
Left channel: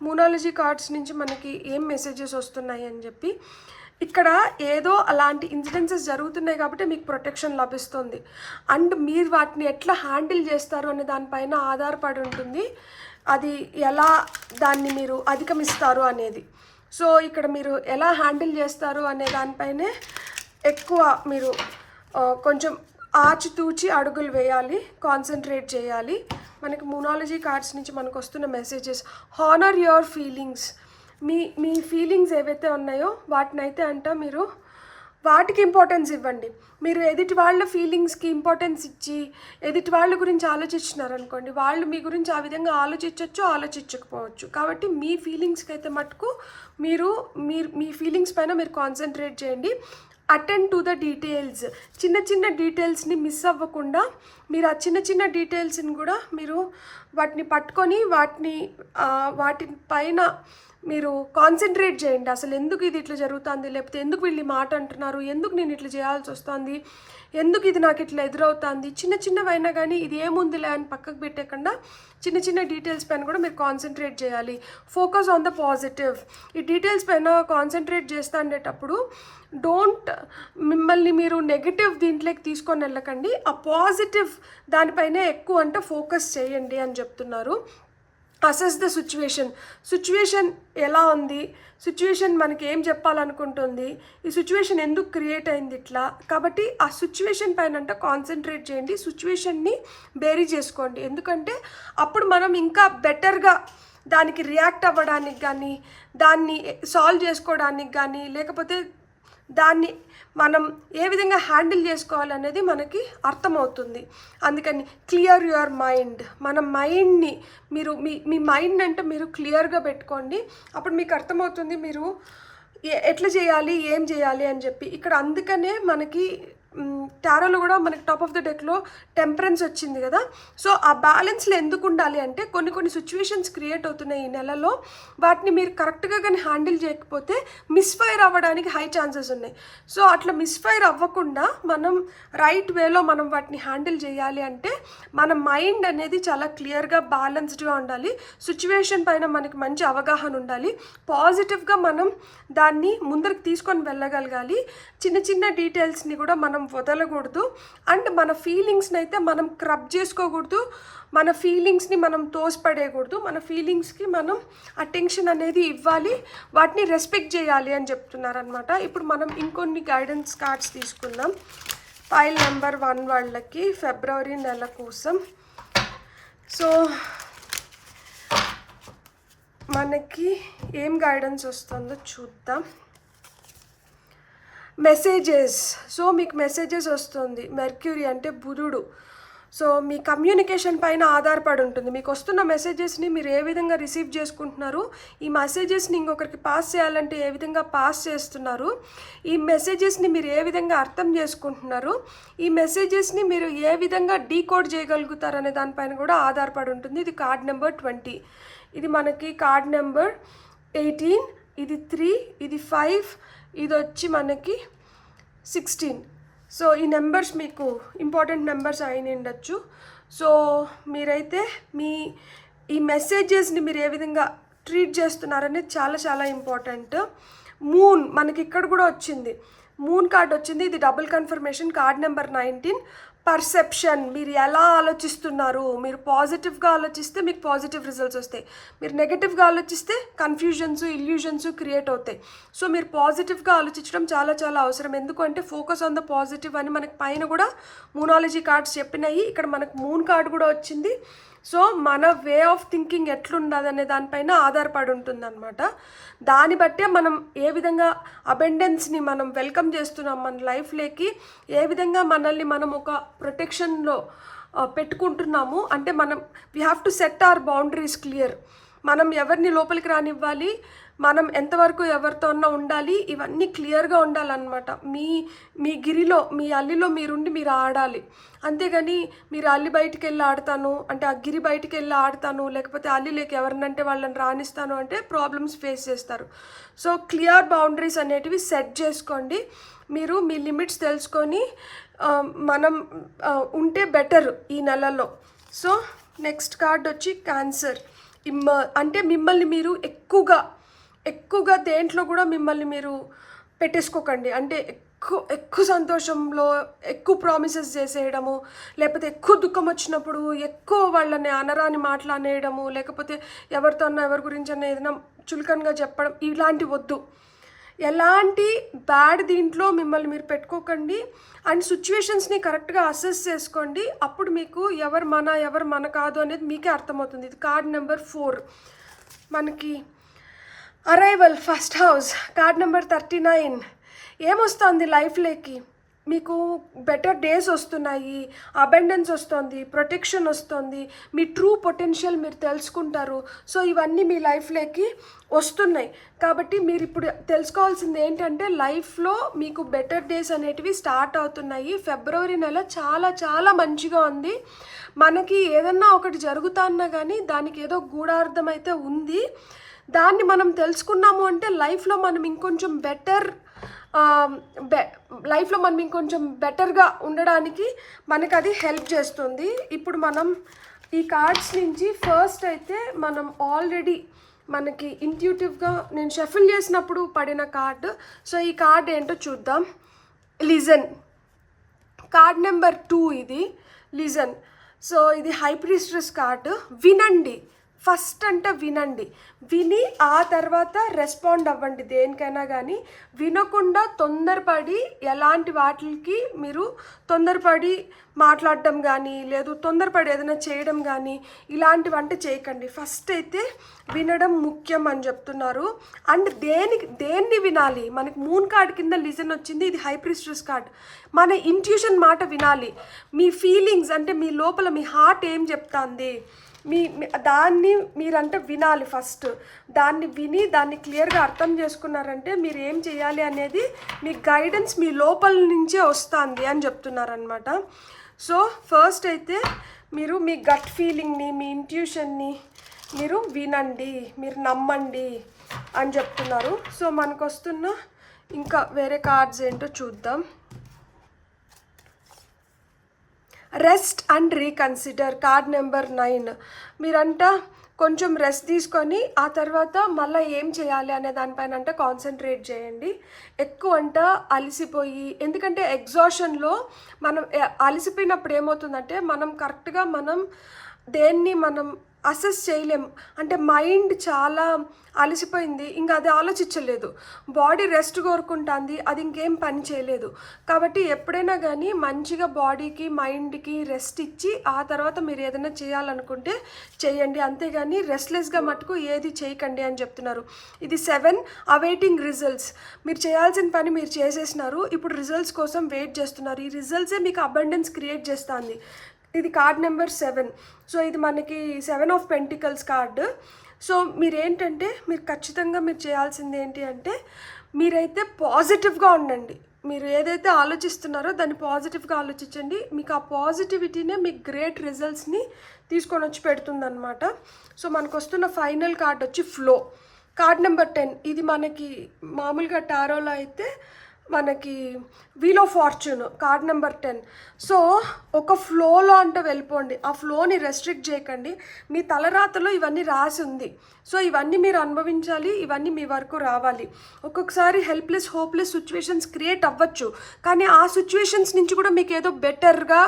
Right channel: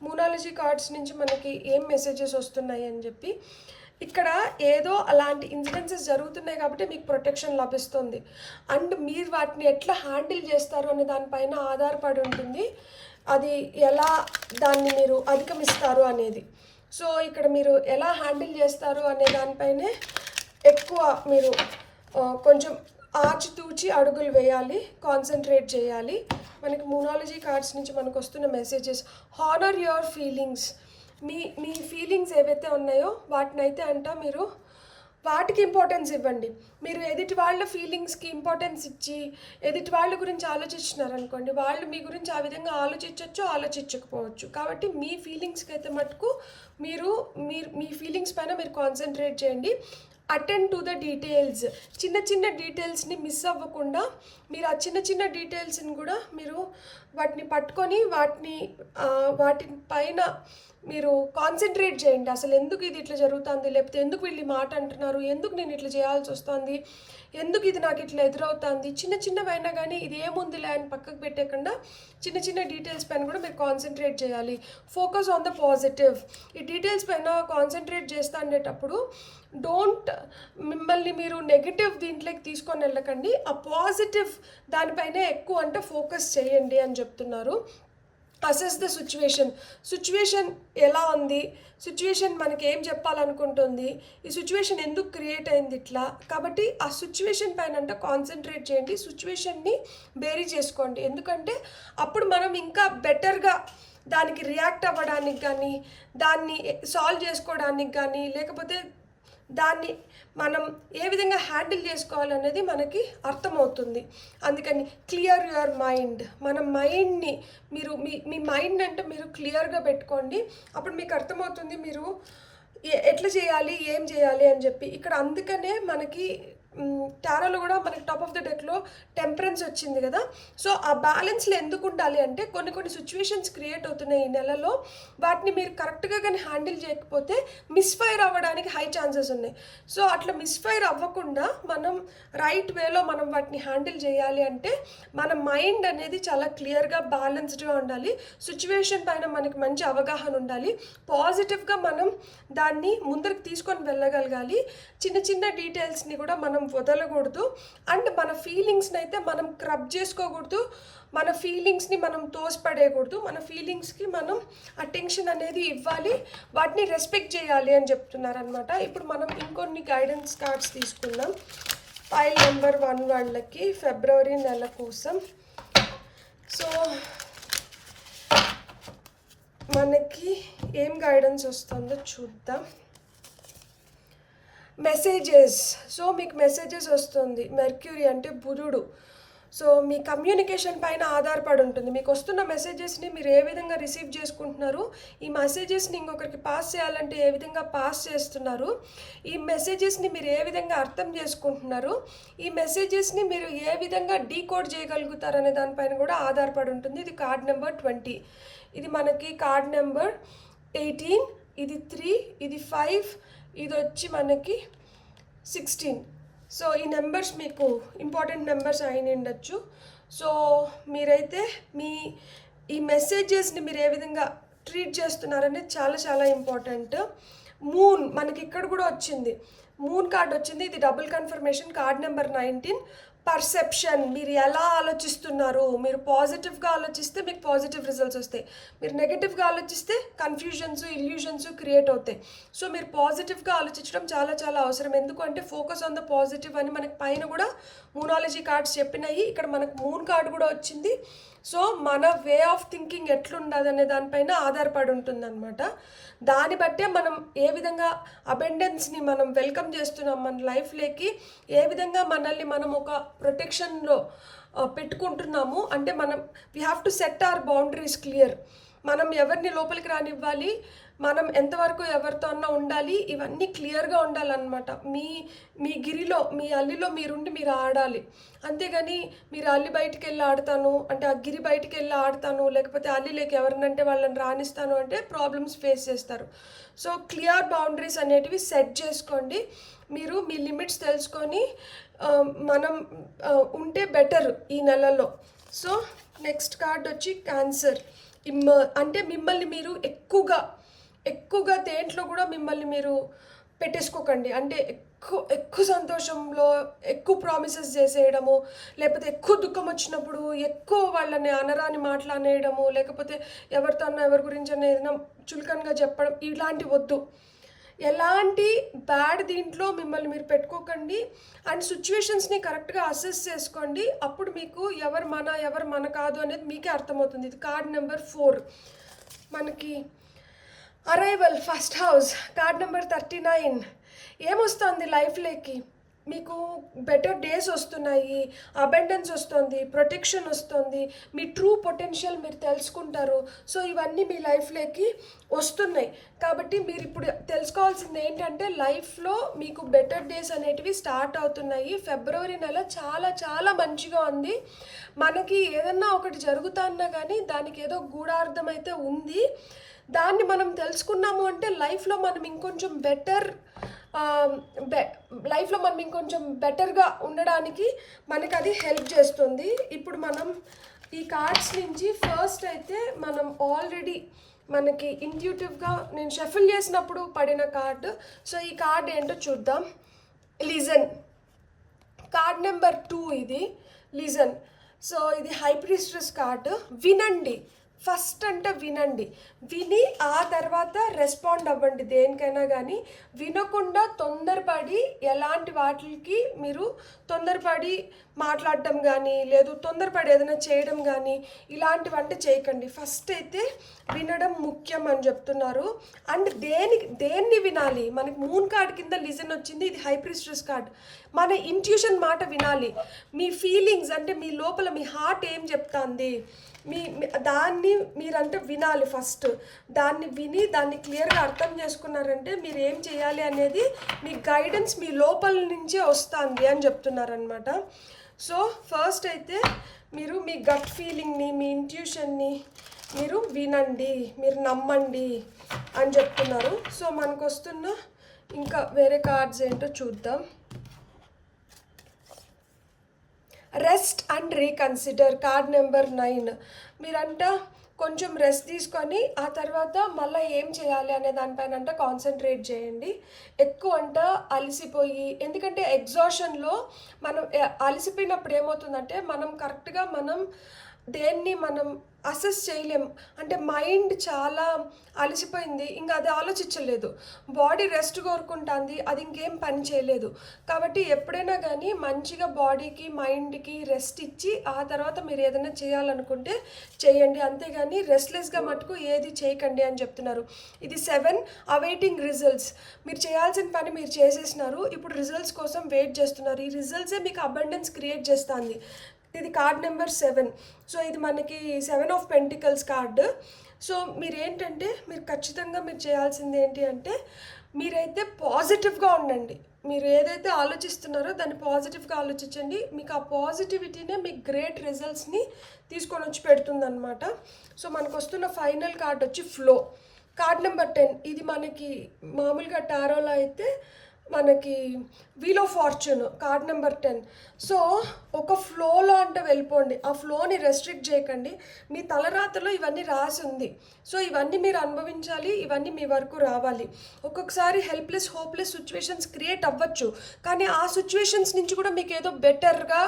మూనాలజీ కార్డ్స్ నుంచి మనకి ఏం మెసేజెస్ వస్తున్నాయి అని చెప్పి. ఇక్కడ ఏదో అలాంటి ఇన్సిడెన్సెస్ జరుగుతున్నాయి కాబట్టి మీకు ప్రొటెక్షన్ లభిస్తుంది. అండ్ మీరు వాటిని ఎట్లా హ్యాండిల్ చేస్తారు అనే దానిపైన ఆధారపడి ఉంటుంది అది ఎలా దాన్ని మీరు అధిగమిస్తారు అనేది. సో ఇక్కడ మీరు ఎలా హ్యాండిల్ చేస్తారు అనే దానిపైనే ఎక్కువ మీరు కొంచెం ఆచితూచి అడుగులు వేయాలి, కాన్సన్ట్రేట్ చేయాలి. మనకి న్యూమరాలజీ కార్డ్స్ నుంచి మనకు వస్తున్న messages, honour your feelings. Me feelings ఏవైతే ఉన్నాయో వాటినైతే మీరు వాటికి ఇంపార్టెన్స్ ఇవ్వండి. మీరు ఎదుటి వాళ్ళ ఫీలింగ్స్కి ఇంపార్టెన్స్ ఇచ్చి ఎదుటి వాళ్ళ గురించి ఆలోచిస్తున్నారనుకోండి, వాళ్ళు మీ గురించి ఆ విధంగా ఆలోచించవచ్చు, ఆలోచించకపోవచ్చు. కాబట్టి మీ ఫీలింగ్స్కి అయితే మటుకు మీరు మీ ఫీలింగ్స్ పైన మీరు కాన్సన్ట్రేట్ చేయండి. Attend to the details. చిన్న చిన్న డీటెయిల్స్ని మిస్ అవ్వకుండా మీరు ఆ చిన్న చిన్న డీటెయిల్స్ని కూడా మీరు వాటిని పట్టుకొని వాటి పైన మీరు కాన్సన్ట్రేట్ చేయండి. అసలు ఎందుకు ఇది ఇట్లా జరుగుతుంది, లేకపోతే ఎందుకు వీళ్ళు మాట అంటున్నారు, ఎందుకు నేను ఇట్లా చేయాల్సి వస్తుంది, ఎందుకు ఇది నాకు ఇట్లా ఎదురవుతుంది, చిన్న చిన్నవైనా కానీ ఇది ఏముందిలే అని పక్కకు పెట్టకుండా చిన్న చిన్న డీటెయిల్స్ పైన కూడా మీరు కాన్సన్ట్రేట్ చేయాలి. Focus on the positive. ఈ డీటెయిల్స్ పైన కాన్సన్ట్రేట్ చేస్తా అనేటప్పుడు మిమ్మల్ని మీరు నెగిటివ్ దీంట్లోకి తీసుకొని వెళ్ళకండి, ఆ పాజిటివ్ దానిపైనే ఎక్కువ ఫోకస్ చేయండి అని చెప్తున్నారు. అసెస్ ద సిచ్యువేషన్ ఎలా ఉంది, సిచ్యువేషన్ మనకి ఏం చెప్పాలనుకుంటుంది, ఈ సిచ్యువేషన్ ఎందుకు క్రియేట్ అయింది ఇట్లా. కాబట్టి ఆ సిచ్యువేషన్ పైన కాన్సన్ట్రేట్ చేయండి, సిచ్యువేషన్ని బేరీ చేసుకోండి. ఎందుకంటే అప్పుడు మనం ఇంకా బెటర్గా దానికి రియాక్ట్ అవ్వడానికి కానీ, దాన్ని సాల్వ్ చేసుకోవడానికి కానీ, లేకపోతే దాన్ని మనం ఏ విధంగా హ్యాండిల్ చేసుకోవాలనేది మనకి అర్థమవుతుంది. అందుకని క్లియర్ యువర్ మైండ్. మన మైండ్ని మీరు మీ మైండ్ మీరు క్లియర్గా పెట్టుకోండి. అప్పుడు మీకు అర్థమవుతుంది మీరు ఎట్లా చేయాలి, ఏం చేయాలి అని చెప్పి. ఇక్కడ అందుకనే మనకి టారోలో కూడా మనకి టాప్ ఆఫ్ ద డెక్లో టెంపరెన్స్ వచ్చింది కదా. సో ఆ బ్యాలెన్స్లో ఎందుకు ఉండాలి అంటే కొన్ని సిచ్యువేషన్స్ క్రియేట్ అవుతున్నాయి ఈ నెలలో. వాటిని మీరు కరెక్ట్గా కానీ హ్యాండిల్ చేయకపోతే మిస్ఫైర్ అవ్వడానికి హై ఛాన్సెస్ ఉన్నాయి. సో అట్లా మిస్ఫైర్ అవ్వకుండా మనం రైట్ వేలో మనం వాటిని హ్యాండిల్ చేయాలి అంటే మన మైండ్ అనేది చాలా క్లియర్గా బ్యాలెన్స్డ్గా ఉండాలి. సిచ్యువేషన్ పైన మనకి మంచి అవగాహన ఉండాలి. పాజిటివ్గా మనం దాన్ని ముందరికి తీసుకొని వెళ్ళగలగాలి. చిన్న చిన్న డీటెయిల్స్ని కూడా మనం వదలకూడదు. అండ్ మన ఫీలింగ్స్ని అయితే మనం క్రబ్ చేసుకోకూడదు, మన ఫీలింగ్స్ని మనం తోసిపడేయకూడదు. మన ఫీలింగ్స్కి మనం అటెన్షన్ అనేది ఇవ్వాలి, వాటిని రెస్పెక్ట్ చేయాలి అని చెప్తున్నారనమాట. ఇప్పుడు మనం ఇంకొన్ని గైడెన్స్ కార్డ్స్ తీసుకుందాం. ఫైల్ నెంబర్ 1 వాళ్ళకి ఫిబ్రవరి నెల కోసం. సో మనకి ఏం గైడెన్స్ వస్తుందో చూద్దాం. మెసేజెస్. సో మీకు మెసేజెస్ వస్తుంది. మెర్క్యూరీ అంటే బుధుడు. సో మీ కమ్యూనికేషన్ పైన ఆధారపడి ఉంటుంది. మీకు వస్తున్న మెసేజెస్ని మీరు ఏ విధంగా రిసీవ్ చేసుకుంటున్నారు, ఈ మెసేజెస్ని ఇంకొకరికి పాస్ చేయాలంటే ఏ విధంగా పాస్ చేస్తున్నారు, ఈ మెసేజెస్ని మీరు ఏ విధంగా అర్థం చేసుకుంటున్నారు, ఈ మెసేజెస్ని మీరు ఏ విధంగా డీకోడ్ చేయగలుగుతారు అనే దానిపైన కూడా ఆధారపడి ఉంటుంది. ఇది కార్డ్ నెంబర్ 20. ఇది మనకి కార్డ్ నెంబర్ 18, ఇది 3, ఇది 5, ఇది వచ్చి మనకి 16. సో ఈ నెంబర్స్ మీకు ఇంపార్టెంట్ నెంబర్స్ అయిన ఉండొచ్చు. సో మీరైతే ఈ మెసేజెస్ని మీరు ఏ విధంగా ట్రీట్ చేస్తున్నారనేది చాలా చాలా ఇంపార్టెంట్. మూన్ మనకి ఇక్కడ కూడా వచ్చింది, మూన్ కార్డ్ వచ్చింది. ఇది double confirmation. Card number 19. Perception. మీరు ఎలా ఆలోచిస్తున్నారు, మీరు పాజిటివ్గా ఆలోచిస్తే మీకు పాజిటివ్ రిజల్ట్స్ వస్తాయి, మీరు నెగటివ్గా ఆలోచిస్తే కన్ఫ్యూజన్స్, ఇల్యూజన్స్ క్రియేట్ అవుతాయి. సో మీరు పాజిటివ్గా ఆలోచించడం చాలా చాలా అవసరం. ఎందుకంటే ఫోకస్ ఆన్ ద పాజిటివ్ అని మనకి పైన కూడా న్యూమరాలజీ కార్డ్స్ చెప్పినాయి. ఇక్కడ మనకు మూన్ కార్డ్ కూడా వచ్చింది. సో మన వే ఆఫ్ థింకింగ్ ఎట్లున్నదనే దానిపైన ఆధారపడి ఉంటుంది అనమాట. దాన్ని బట్టే మనం ఏ విధంగా అబెండెన్స్ని మనం వెల్కమ్ చేస్తున్నాం మన లైఫ్లోకి, ఏ విధంగా మనల్ని మనం ఒక ప్రొటెక్షన్లో పెట్టుకుంటున్నాము అంటే we have to set our boundaries clear. మనం ఎవరిని లోపలికి రానివ్వాలి, మనం ఎంతవరకు ఎవరితో అన్నా ఉండాలి, ఇవన్నీ క్లియర్గా ఉండాలన్నమాట. మీ గిరిలో, మీ అల్లిలో మీరుండి మీరు ఆడాలి. అంతేగాని మీరు అల్లి బయటికి వెళ్ళి ఆడతాను అంటే, ఆ గిరి బయటికి వెళ్ళి ఆడతాను, లేకపోతే అల్లిలోకి ఎవరినంటే వాళ్ళని రాణిస్తాను అంటే ప్రాబ్లమ్స్ ఫేస్ చేస్తారు. సో క్లియర్ బౌండరీస్ అనేటివి సెట్ చేసుకోండి. మీరు మీ లిమిట్స్ తెలుసుకొని మనం ఉంటే బెటర్ ఈ నెలలో. సో నెక్స్ట్ కార్డ్ వచ్చి క్యాన్సర్. అంటే మిమ్మల్ని మీరు ఎక్కువగా దేంట్లో కూడా మిమ్మల్ని మీరు పెట్టేసుకోకండి. అంటే ఎక్కువ సంతోషంలో ఎక్కువ ప్రామిసెస్ చేసేయడము, లేకపోతే ఎక్కువ దుఃఖం వచ్చినప్పుడు ఎక్కువ వాళ్ళని అనరాని మాట్లాడేయడము, లేకపోతే ఎవరితో అన్నా ఎవరి గురించి అన్నా ఏదైనా చులకనగా చెప్పడం, ఇలాంటి వద్దు. ఎలాంటి బ్యాడ్ దీంట్లో మిమ్మల్ని మీరు పెట్టుకోకండి. అండ్ సిచ్యువేషన్స్ని కరెక్ట్గా అసెస్ చేసుకోండి. అప్పుడు మీకు ఎవరు మన కాదు అనేది మీకే అర్థమవుతుంది. ఇది కార్డ్ నెంబర్ 4 మనకి arrival first house. Card number 39 ఏమొస్తుంది లైఫ్లోకి? మీకు బెటర్ డేస్ వస్తున్నాయి, అబెండెన్స్ వస్తుంది, ప్రొటెక్షన్ వస్తుంది, మీ ట్రూ పొటెన్షియల్ మీరు తెలుసుకుంటారు. సో ఇవన్నీ మీ లైఫ్లోకి వస్తున్నాయి. కాబట్టి మీరు ఇప్పుడు తెలుసుకోవాల్సింది ఏంటంటే లైఫ్లో మీకు బెటర్ డేస్ అనేటివి స్టార్ట్ అవుతున్నాయి. ఫిబ్రవరి నెల చాలా చాలా మంచిగా ఉంది. మనకి ఏదన్నా ఒకటి జరుగుతున్నా కానీ దానికి ఏదో గూఢార్థం అయితే ఉంది. దాన్ని మనం తెలుసుకున్నాము అంటే లైఫ్లో మనం ఇంకొంచెం బెటర్గా ఉండడానికి మనకు అది హెల్ప్ చేస్తుంది. ఇప్పుడు మనం ఈ కార్డ్స్ నుంచి ఫస్ట్ అయితే మనం ఆల్రెడీ మనకి ఇంట్యూటివ్గా నేను షఫుల్ చేసినప్పుడు పడిన కార్డు. సో ఈ కార్డ్ ఏంటో చూద్దాం. లిజన్. కార్డ్ నెంబర్ 2 ఇది లిజన్. సో ఇది హై ప్రీస్ట్రెస్ కార్డు. వినండి ఫస్ట్ అంటే వినండి, విని ఆ తర్వాత రెస్పాండ్ అవ్వండి దేనికైనా. కానీ వినకుండా తొందరపడి ఎలాంటి వాటికి మీరు తొందరపడి మాట్లాడటం కానీ లేదు తొందరపడి ఏదైనా చేయడం కానీ ఇలాంటివంటే చేయకండి. ఫస్ట్ అయితే వినడం ముఖ్యం అని చెప్తున్నారు. అండ్ దేన్ని వినాలి? మనకి మూన్ కార్డ్ కింద లిజన్ వచ్చింది. ఇది హై ప్రీస్ట్రెస్ కార్డ్. మన ఇంట్యూషన్ మాట వినాలి. మీ ఫీలింగ్స్ అంటే మీ లోపల మీ హార్ట్ ఏం చెప్తాంది దాన్ని మీరంటే వినాలి. ఫస్ట్ దాన్ని విని దాన్ని క్లియర్గా అర్థం చేసుకున్నారంటే మీరు ఏం చేయాలి అనేది మీ గైడెన్స్ మీ లోపల నుంచే వస్తుంది అని చెప్తున్నారనమాట. సో ఫస్ట్ అయితే మీరు మీ గట్ ఫీలింగ్ని మీ ఇంట్యూషన్ని మీరు వినండి, మీరు నమ్మండి అని చెప్తున్నారు. సో మనకు వస్తున్న ఇంకా వేరే కార్డ్స్ ఏంటో చూద్దాం. Rest and reconsider. Card number 9 మీరంట కొంచెం రెస్ట్ తీసుకొని ఆ తర్వాత మళ్ళీ ఏం చేయాలి అనే దానిపైన అంటే కాన్సన్ట్రేట్ చేయండి. ఎక్కువ అంట అలసిపోయి, ఎందుకంటే ఎగ్జాషన్లో మనం అలసిపోయినప్పుడు ఏమవుతుందంటే మనం కరెక్ట్గా దేన్ని మనం అసెస్ చేయలేం. అంటే మైండ్ చాలా అలసిపోయింది, ఇంకా అది ఆలోచించలేదు. బాడీ రెస్ట్ కోరుకుంటుంది, అది ఇంకేం పని చేయలేదు. కాబట్టి ఎప్పుడైనా కానీ మంచిగా బాడీకి మైండ్కి రెస్ట్ ఇచ్చి ఆ తర్వాత మీరు ఏదైనా చేయాలనుకుంటే చేయండి. అంతేగాని రెస్ట్లెస్గా మటుకు ఏది చేయకండి అని చెప్తున్నారు. ఇది 7 అవైటింగ్ రిజల్ట్స్. మీరు చేయాల్సిన పని మీరు చేసేసినారు, ఇప్పుడు రిజల్ట్స్ కోసం వెయిట్ చేస్తున్నారు. ఈ రిజల్ట్సే మీకు అబండెన్స్ క్రియేట్ చేస్తుంది. ఇది కార్డ్ నెంబర్ 7. సో ఇది మనకి 7 ఆఫ్ పెంటికల్స్ కార్డు. సో మీరేంటంటే మీరు ఖచ్చితంగా మీరు చేయాల్సింది ఏంటి అంటే మీరైతే పాజిటివ్గా ఉండండి. మీరు ఏదైతే ఆలోచిస్తున్నారో దాన్ని పాజిటివ్గా ఆలోచించండి. మీకు ఆ పాజిటివిటీనే మీకు గ్రేట్ రిజల్ట్స్ని తీసుకొని వచ్చి పెడుతుందన్నమాట. సో మనకు వస్తున్న ఫైనల్ కార్డ్ వచ్చి ఫ్లో. Card number 10. ఇది మనకి మామూలుగా టారోలో అయితే మనకి wheel of fortune. Card number 10. So ఒక ఫ్లోలో అంటే వెళ్ళిపోండి, ఆ ఫ్లోని రెస్ట్రిక్ట్ చేయకండి. మీ తలరాతలో ఇవన్నీ రాసి ఉంది. సో ఇవన్నీ మీరు అనుభవించాలి, ఇవన్నీ మీ వరకు రావాలి. ఒక్కొక్కసారి హెల్ప్లెస్ హోప్లెస్ సిచ్యువేషన్స్ క్రియేట్ అవ్వచ్చు, కానీ ఆ సిచ్యువేషన్స్ నుంచి కూడా మీకు ఏదో బెటర్గా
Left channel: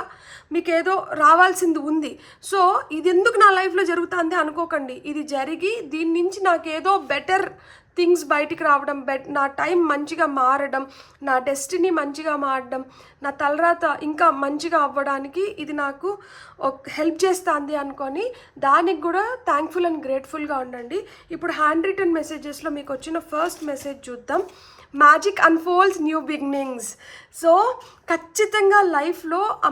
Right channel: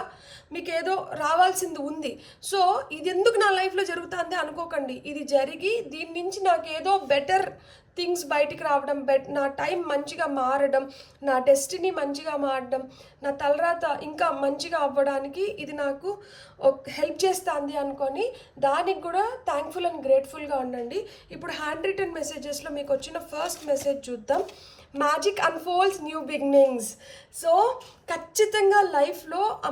మీకు ఏదో రావాల్సింది ఉంది. సో ఇది ఎందుకు నా లైఫ్లో జరుగుతుంది అనుకోకండి. ఇది జరిగి దీని నుంచి నాకేదో బెటర్ థింగ్స్ బయటికి రావడం, నా టైం మంచిగా మారడం, నా డెస్టినీ మంచిగా మారడం, నా తలరాత ఇంకా మంచిగా అవ్వడానికి ఇది నాకు హెల్ప్ చేస్తుంది అనుకొని దానికి కూడా థ్యాంక్ఫుల్ అండ్ గ్రేట్ఫుల్గా ఉండండి. ఇప్పుడు హ్యాండ్ రిటన్ మెసేజెస్లో మీకు వచ్చిన ఫస్ట్ మెసేజ్ చూద్దాం. Magic unfolds new beginnings. So ఖచ్చితంగా లైఫ్లో ఆ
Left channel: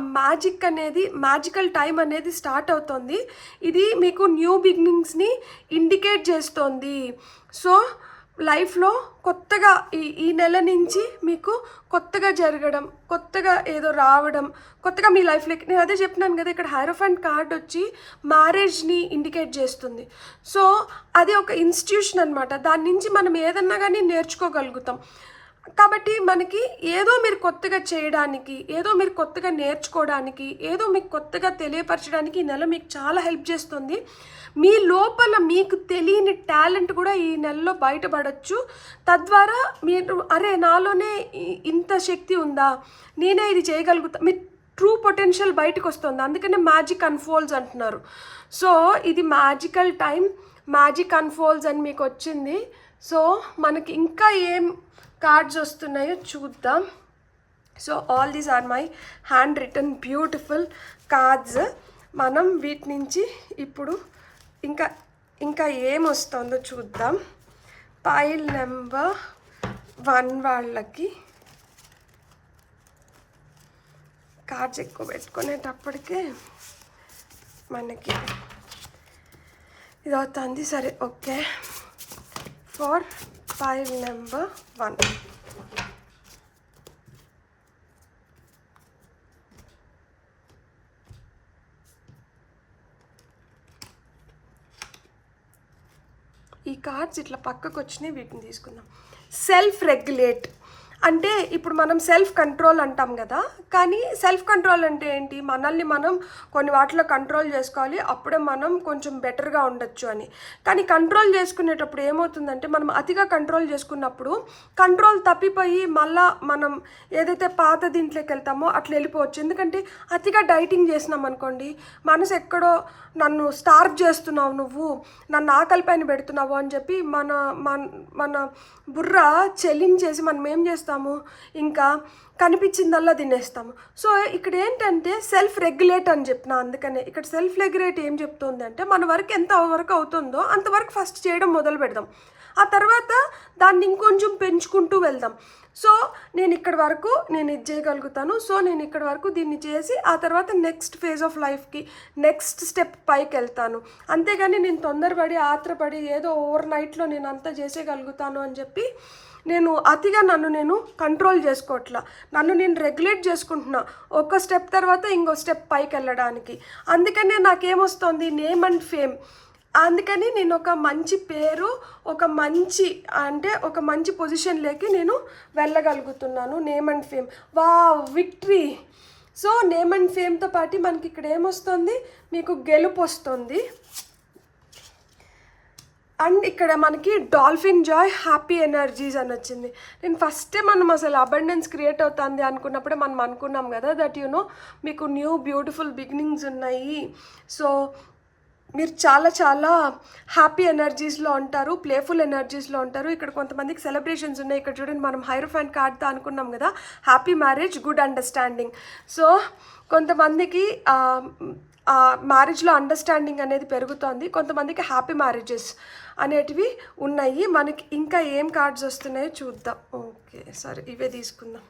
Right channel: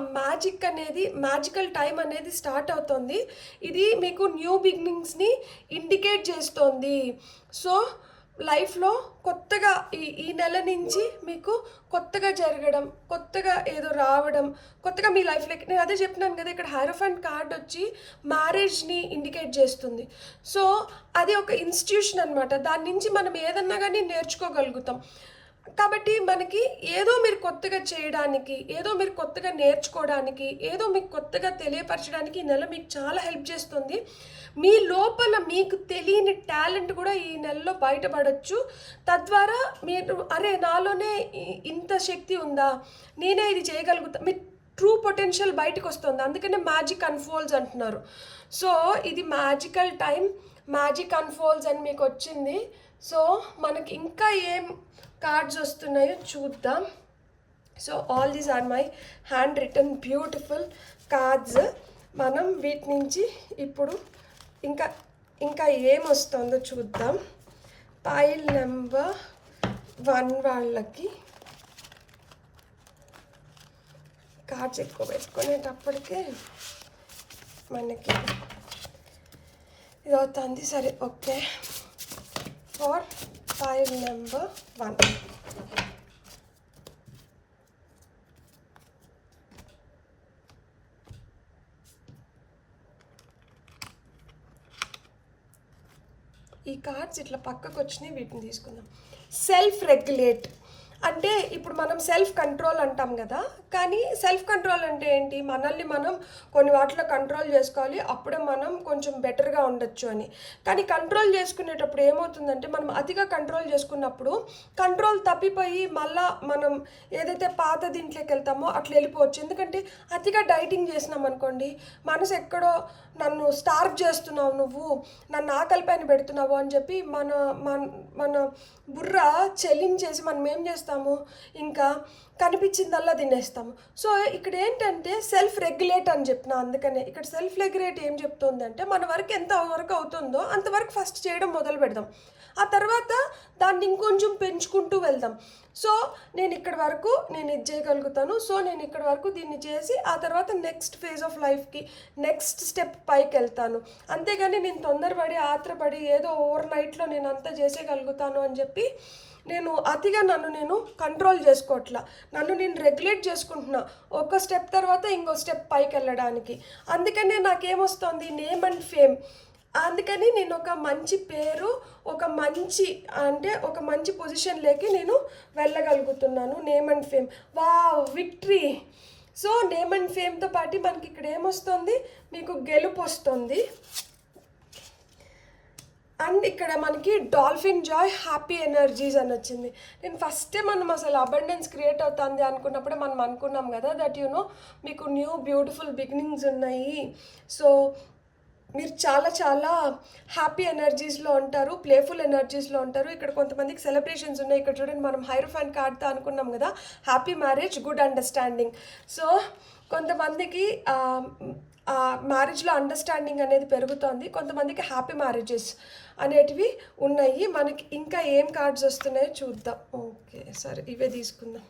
మ్యాజికల్ టైం అనేది స్టార్ట్ అవుతుంది. ఇది మీకు న్యూ బిగినింగ్స్ని ఇండికేట్ చేస్తోంది. సో లైఫ్లో కొత్తగా ఈ నెల నుంచి మీకు కొత్తగా జరగడం, కొత్తగా ఏదో రావడం, కొత్తగా మీ లైఫ్లోకి, నేను అదే చెప్పినాను కదా, ఇక్కడ హైరోఫెంట్ కార్డ్ వచ్చి మ్యారేజ్ని ఇండికేట్ చేస్తుంది. సో అది ఒక ఇన్స్టిట్యూషన్ అనమాట. దాని నుంచి మనం ఏదన్నా కానీ నేర్చుకోగలుగుతాం. కాబట్టి మనకి ఏదో మీరు కొత్తగా చేయడానికి, ఏదో మీరు కొత్తగా నేర్చుకోవడానికి, ఏదో మీకు కొత్తగా తెలియపరచడానికి ఈ నెల మీకు చాలా హెల్ప్ చేస్తుంది. మీ లోపల మీకు తెలియని టాలెంట్ కూడా ఈ నెలలో బయటపడవచ్చు. తద్వారా మీరు నాలోనే ఇంత శక్తి ఉందా, నేనే ఇది చేయగలుగుతా, మీ ట్రూ పొటెన్షియల్ బయటకు వస్తుంది. అందుకనే మ్యాజిక్ అన్ఫోల్డ్స్ అంటున్నారు. సో ఇది మ్యాజికల్ టైం, మ్యాజిక్ అన్ఫోల్డ్స్ అని మీకు వచ్చింది. సో మనకి ఇంకా ఏం కార్డ్స్ వస్తున్నాయో చూద్దాం. So all these are my hand written beautiful cards. మనం వీటి నుంచి ఇప్పుడు ఇంకా ఇంకా ఏమొస్తుందో చూద్దాం. పైల్ నెంబర్ 1 వాళ్ళకి కార్డ్స్ ఎక్కువ పెట్టుకునేటప్పటికే మనకి ఇది అవుతుంది. సరే, ఓకే. ఫర్ పైల్ నెంబర్ 1 ఈ కార్డ్స్ ఇట్లా పక్కకు వచ్చినాయి, వీటిని తీసుకుందాం. సెల్ఫ్ రెగ్యులేట్ అంటే ఇప్పుడు మనం సెల్ఫ్ కంట్రోల్ అంటాం కదా, కానీ సెల్ఫ్ కంట్రోల్ అంటే ఏంటి? మనల్ని మనం కొన్ని వాటిలో కంట్రోల్ చేసుకోవాలి, అప్పుడే మనం కొంచెం బెటర్గా ఉండొచ్చు అని. కానీ కంట్రోల్ చేసుకునేటప్పుడు ఏమవుతుందంటే, మనం అతిగా కంట్రోల్ చేసుకున్నప్పుడు కంట్రోల్ తప్పిపోయి మళ్ళా మనం ఏదైతే పాత దీంట్లోకి వెళ్తామో అట్లా వెళ్ళిపోవచ్చు. ఎందుకంటే అతిగా డైటింగ్ చేసినాం అనుకోండి, మనసు ఎక్కడో నన్ను స్టార్వ్ చేస్తున్నావు, నువ్వు నన్ను ఆకలి పైన పెడుతున్నావు అని చెప్పి మన మన బుర్ర చెల్లించేసి మనం ఏం చేస్తాము, ఇంకా కనిపించిందల్లా తినేస్తాము. సో ఇక్కడ ఏంటంటే సెల్ఫ్ రెగ్యులేట్ అని చెప్పిన, అందుకనే ఇక్కడ సెల్ఫ్ రెగ్యులేట్ ఏం చెప్తుంది అంటే, మన వరకు ఎంత వరకు అవుతుందో అంతవరకు ఫస్ట్ చేయడం మొదలు పెడదాం, ఆ తర్వాత దాన్ని ఇంకొంచెం పెంచుకుంటూ వెళ్దాం. సో నేను ఇక్కడ వరకు నేను ఇది చేయగలుగుతాను, సో నేను ఇక్కడ వరకు దీన్ని చేసి ఆ తర్వాత నెక్స్ట్ ఫేజ్ ఆఫ్ లైఫ్కి నెక్స్ట్ స్టెప్ పైకి వెళ్తాను. అంతేగాని నేను తొందరపడి ఆత్రపడి ఏదో ఓవర్ నైట్లో నేను అంతా చేసేయగలుగుతాను అని చెప్పి నేను అతిగా నన్ను నేను కంట్రోల్ చేసుకోవట్లా, నన్ను నేను రెగ్యులేట్ చేసుకుంటున్నా ఒక స్టెప్ తర్వాత ఇంకో స్టెప్ పైకి వెళ్ళడానికి. అందుకనే నాకేమొస్తుంది, నేమ్ అండ్ ఫేమ్. అందుకని నేను ఒక మంచి పేరు, ఒక మంచి పొజిషన్లోకి నేను వెళ్ళగలుగుతున్నాను. Name and fame, victory. So name and ఫేమ్తో పాటు మనకి ఇక్కడ ఏమొస్తుంది, మీకు గెలుపు వస్తుంది. అండ్ ఇక్కడ మనకి డాల్ఫిన్ జాయ్, హ్యాపీ ఎనర్జీస్ అని వచ్చింది. నేను ఫస్ట్ మనం అసలు అబండెన్స్ క్రియేట్ అవుతుంది అనుకున్నప్పుడే మనం అనుకున్నాం కదా, దట్ మీకు న్యూ బ్యూటిఫుల్ బిగినింగ్స్ ఉన్నాయి. సో మీరు చాలా చాలా హ్యాపీ ఎనర్జీస్లో ఉంటారు, ప్లేఫుల్ ఎనర్జీస్లో ఉంటారు. ఇక్కడ కొంతమందికి సెలబ్రేషన్స్ ఉన్నాయి. ఇక్కడ చూడండి, మనం హైరోఫాన్ కార్డ్తో అనుకున్నాం కదా, happy marriage, good understanding. So కొంతమందికి మ్యారేజ్లో అండర్స్టాండింగ్ అనేది పెరుగుతుంది, కొంతమందికి హ్యాపీ మ్యారేజెస్ అనేటివి ఉన్నాయి. మనకి ఇంకా ఏం కార్డ్స్ వస్తున్నాయో చూద్దాం. ఓకే, సరే, ఇవే తీసుకుందాం.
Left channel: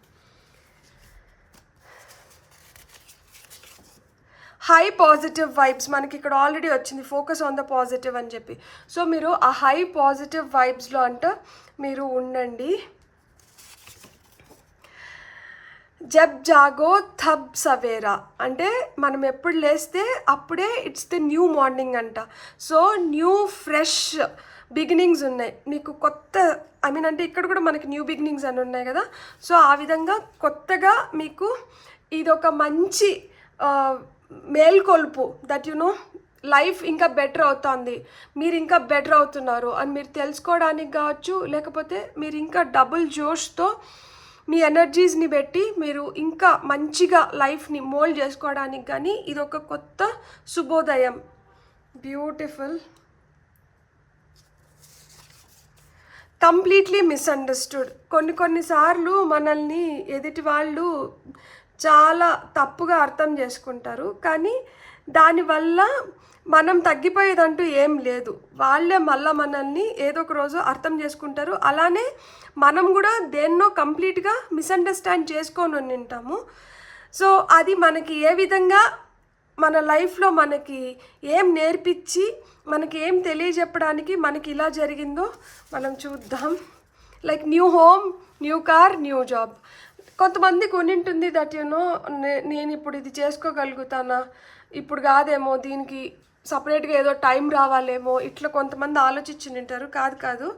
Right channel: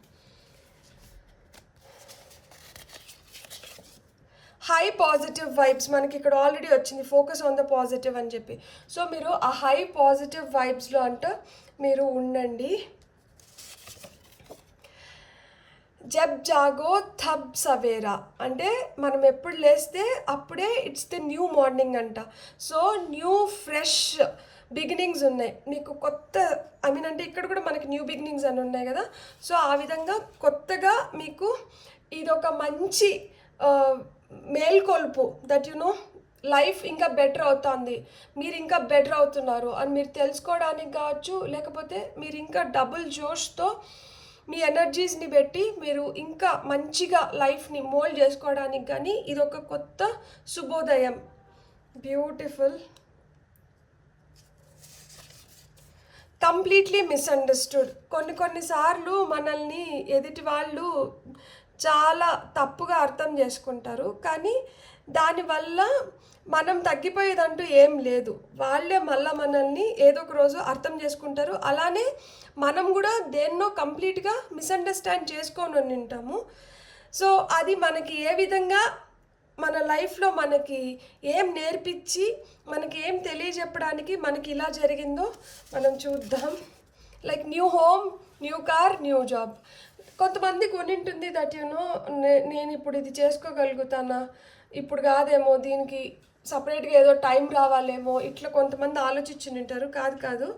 హై పాజిటివ్ వైబ్స్ మనకి ఇక్కడ ఆల్రెడీ వచ్చింది, ఫోకస్ ఆన్ ద పాజిటివ్ అని చెప్పి. సో మీరు ఆ హై పాజిటివ్ వైబ్స్లో అంటే మీరు ఉండండి. జబ్ జాగో తబ్ సవేరా అంటే మనం ఎప్పుడు లేస్తే అప్పుడే ఇట్స్ ద న్యూ మార్నింగ్ అంట. సో న్యూ ఫ్రెష్ బిగినింగ్స్ ఉన్నాయి మీకు, కొత్త అంటే ఇక్కడ కూడా మనకి న్యూ బిగినింగ్స్ అని ఉన్నాయి కదా. సో ఆ విధంగా కొత్తగా మీకు ఇదొక మంచి మేల్కొల్పు, దట్ లైఫ్ ఇంకా బెటర్ అవుతుంది, మీరు ఇంకా బెటర్ అవుతున్నారు అని మీరు తెలుసుకోవడానికి కావచ్చు, లేకపోతే మీరు ఇంకా డబుల్ జోష్తో మీ ఎనర్జీస్ని పెట్టి మీరు ఇంకా మంచిగా లైఫ్ని మోల్డ్ చేసుకోవడానికి కానీ ఇదొక కొత్త శుభోదయం. బ్యూటిఫుల్. Completely misunderstood. కొన్నిసార్లు మనల్ని ఎదుటి వాళ్ళు చాలా తప్పుగా అర్థం చేసుకుంటారు, కానీ దానివల్ల మనం తగ్గిపోయేదంటూ ఏం లేదు. వాళ్ళే మళ్ళీ మనల్ని ఏదో ఒక రోజు అర్థం చేసుకుంటారు. అలానే మనం కూడా దేన్నో కంప్లీట్గా మిస్అండర్స్టాండ్ చేసుకొని ఉంటాము. సో అది మనకి ఏ విధంగా మన లైఫ్లో మనకి ఏం నేర్పించి మనకి ఏం తెలియజెప్పడానికి మనకి ఇలా జరిగిందో మనం చూద్దాం. Like new home, new car, new job. కొంతమందికి ఉంటుంది దట్ నేను ఇప్పుడు ఇది చేసుకోగలుగుతానా, ఇప్పుడు కాదేమో, దీనికి సపరేట్గా ఏదో టైం రావాలేమో, ఇట్లా కొంతమంది ఆలోచించి ఉంటారు. కాదు,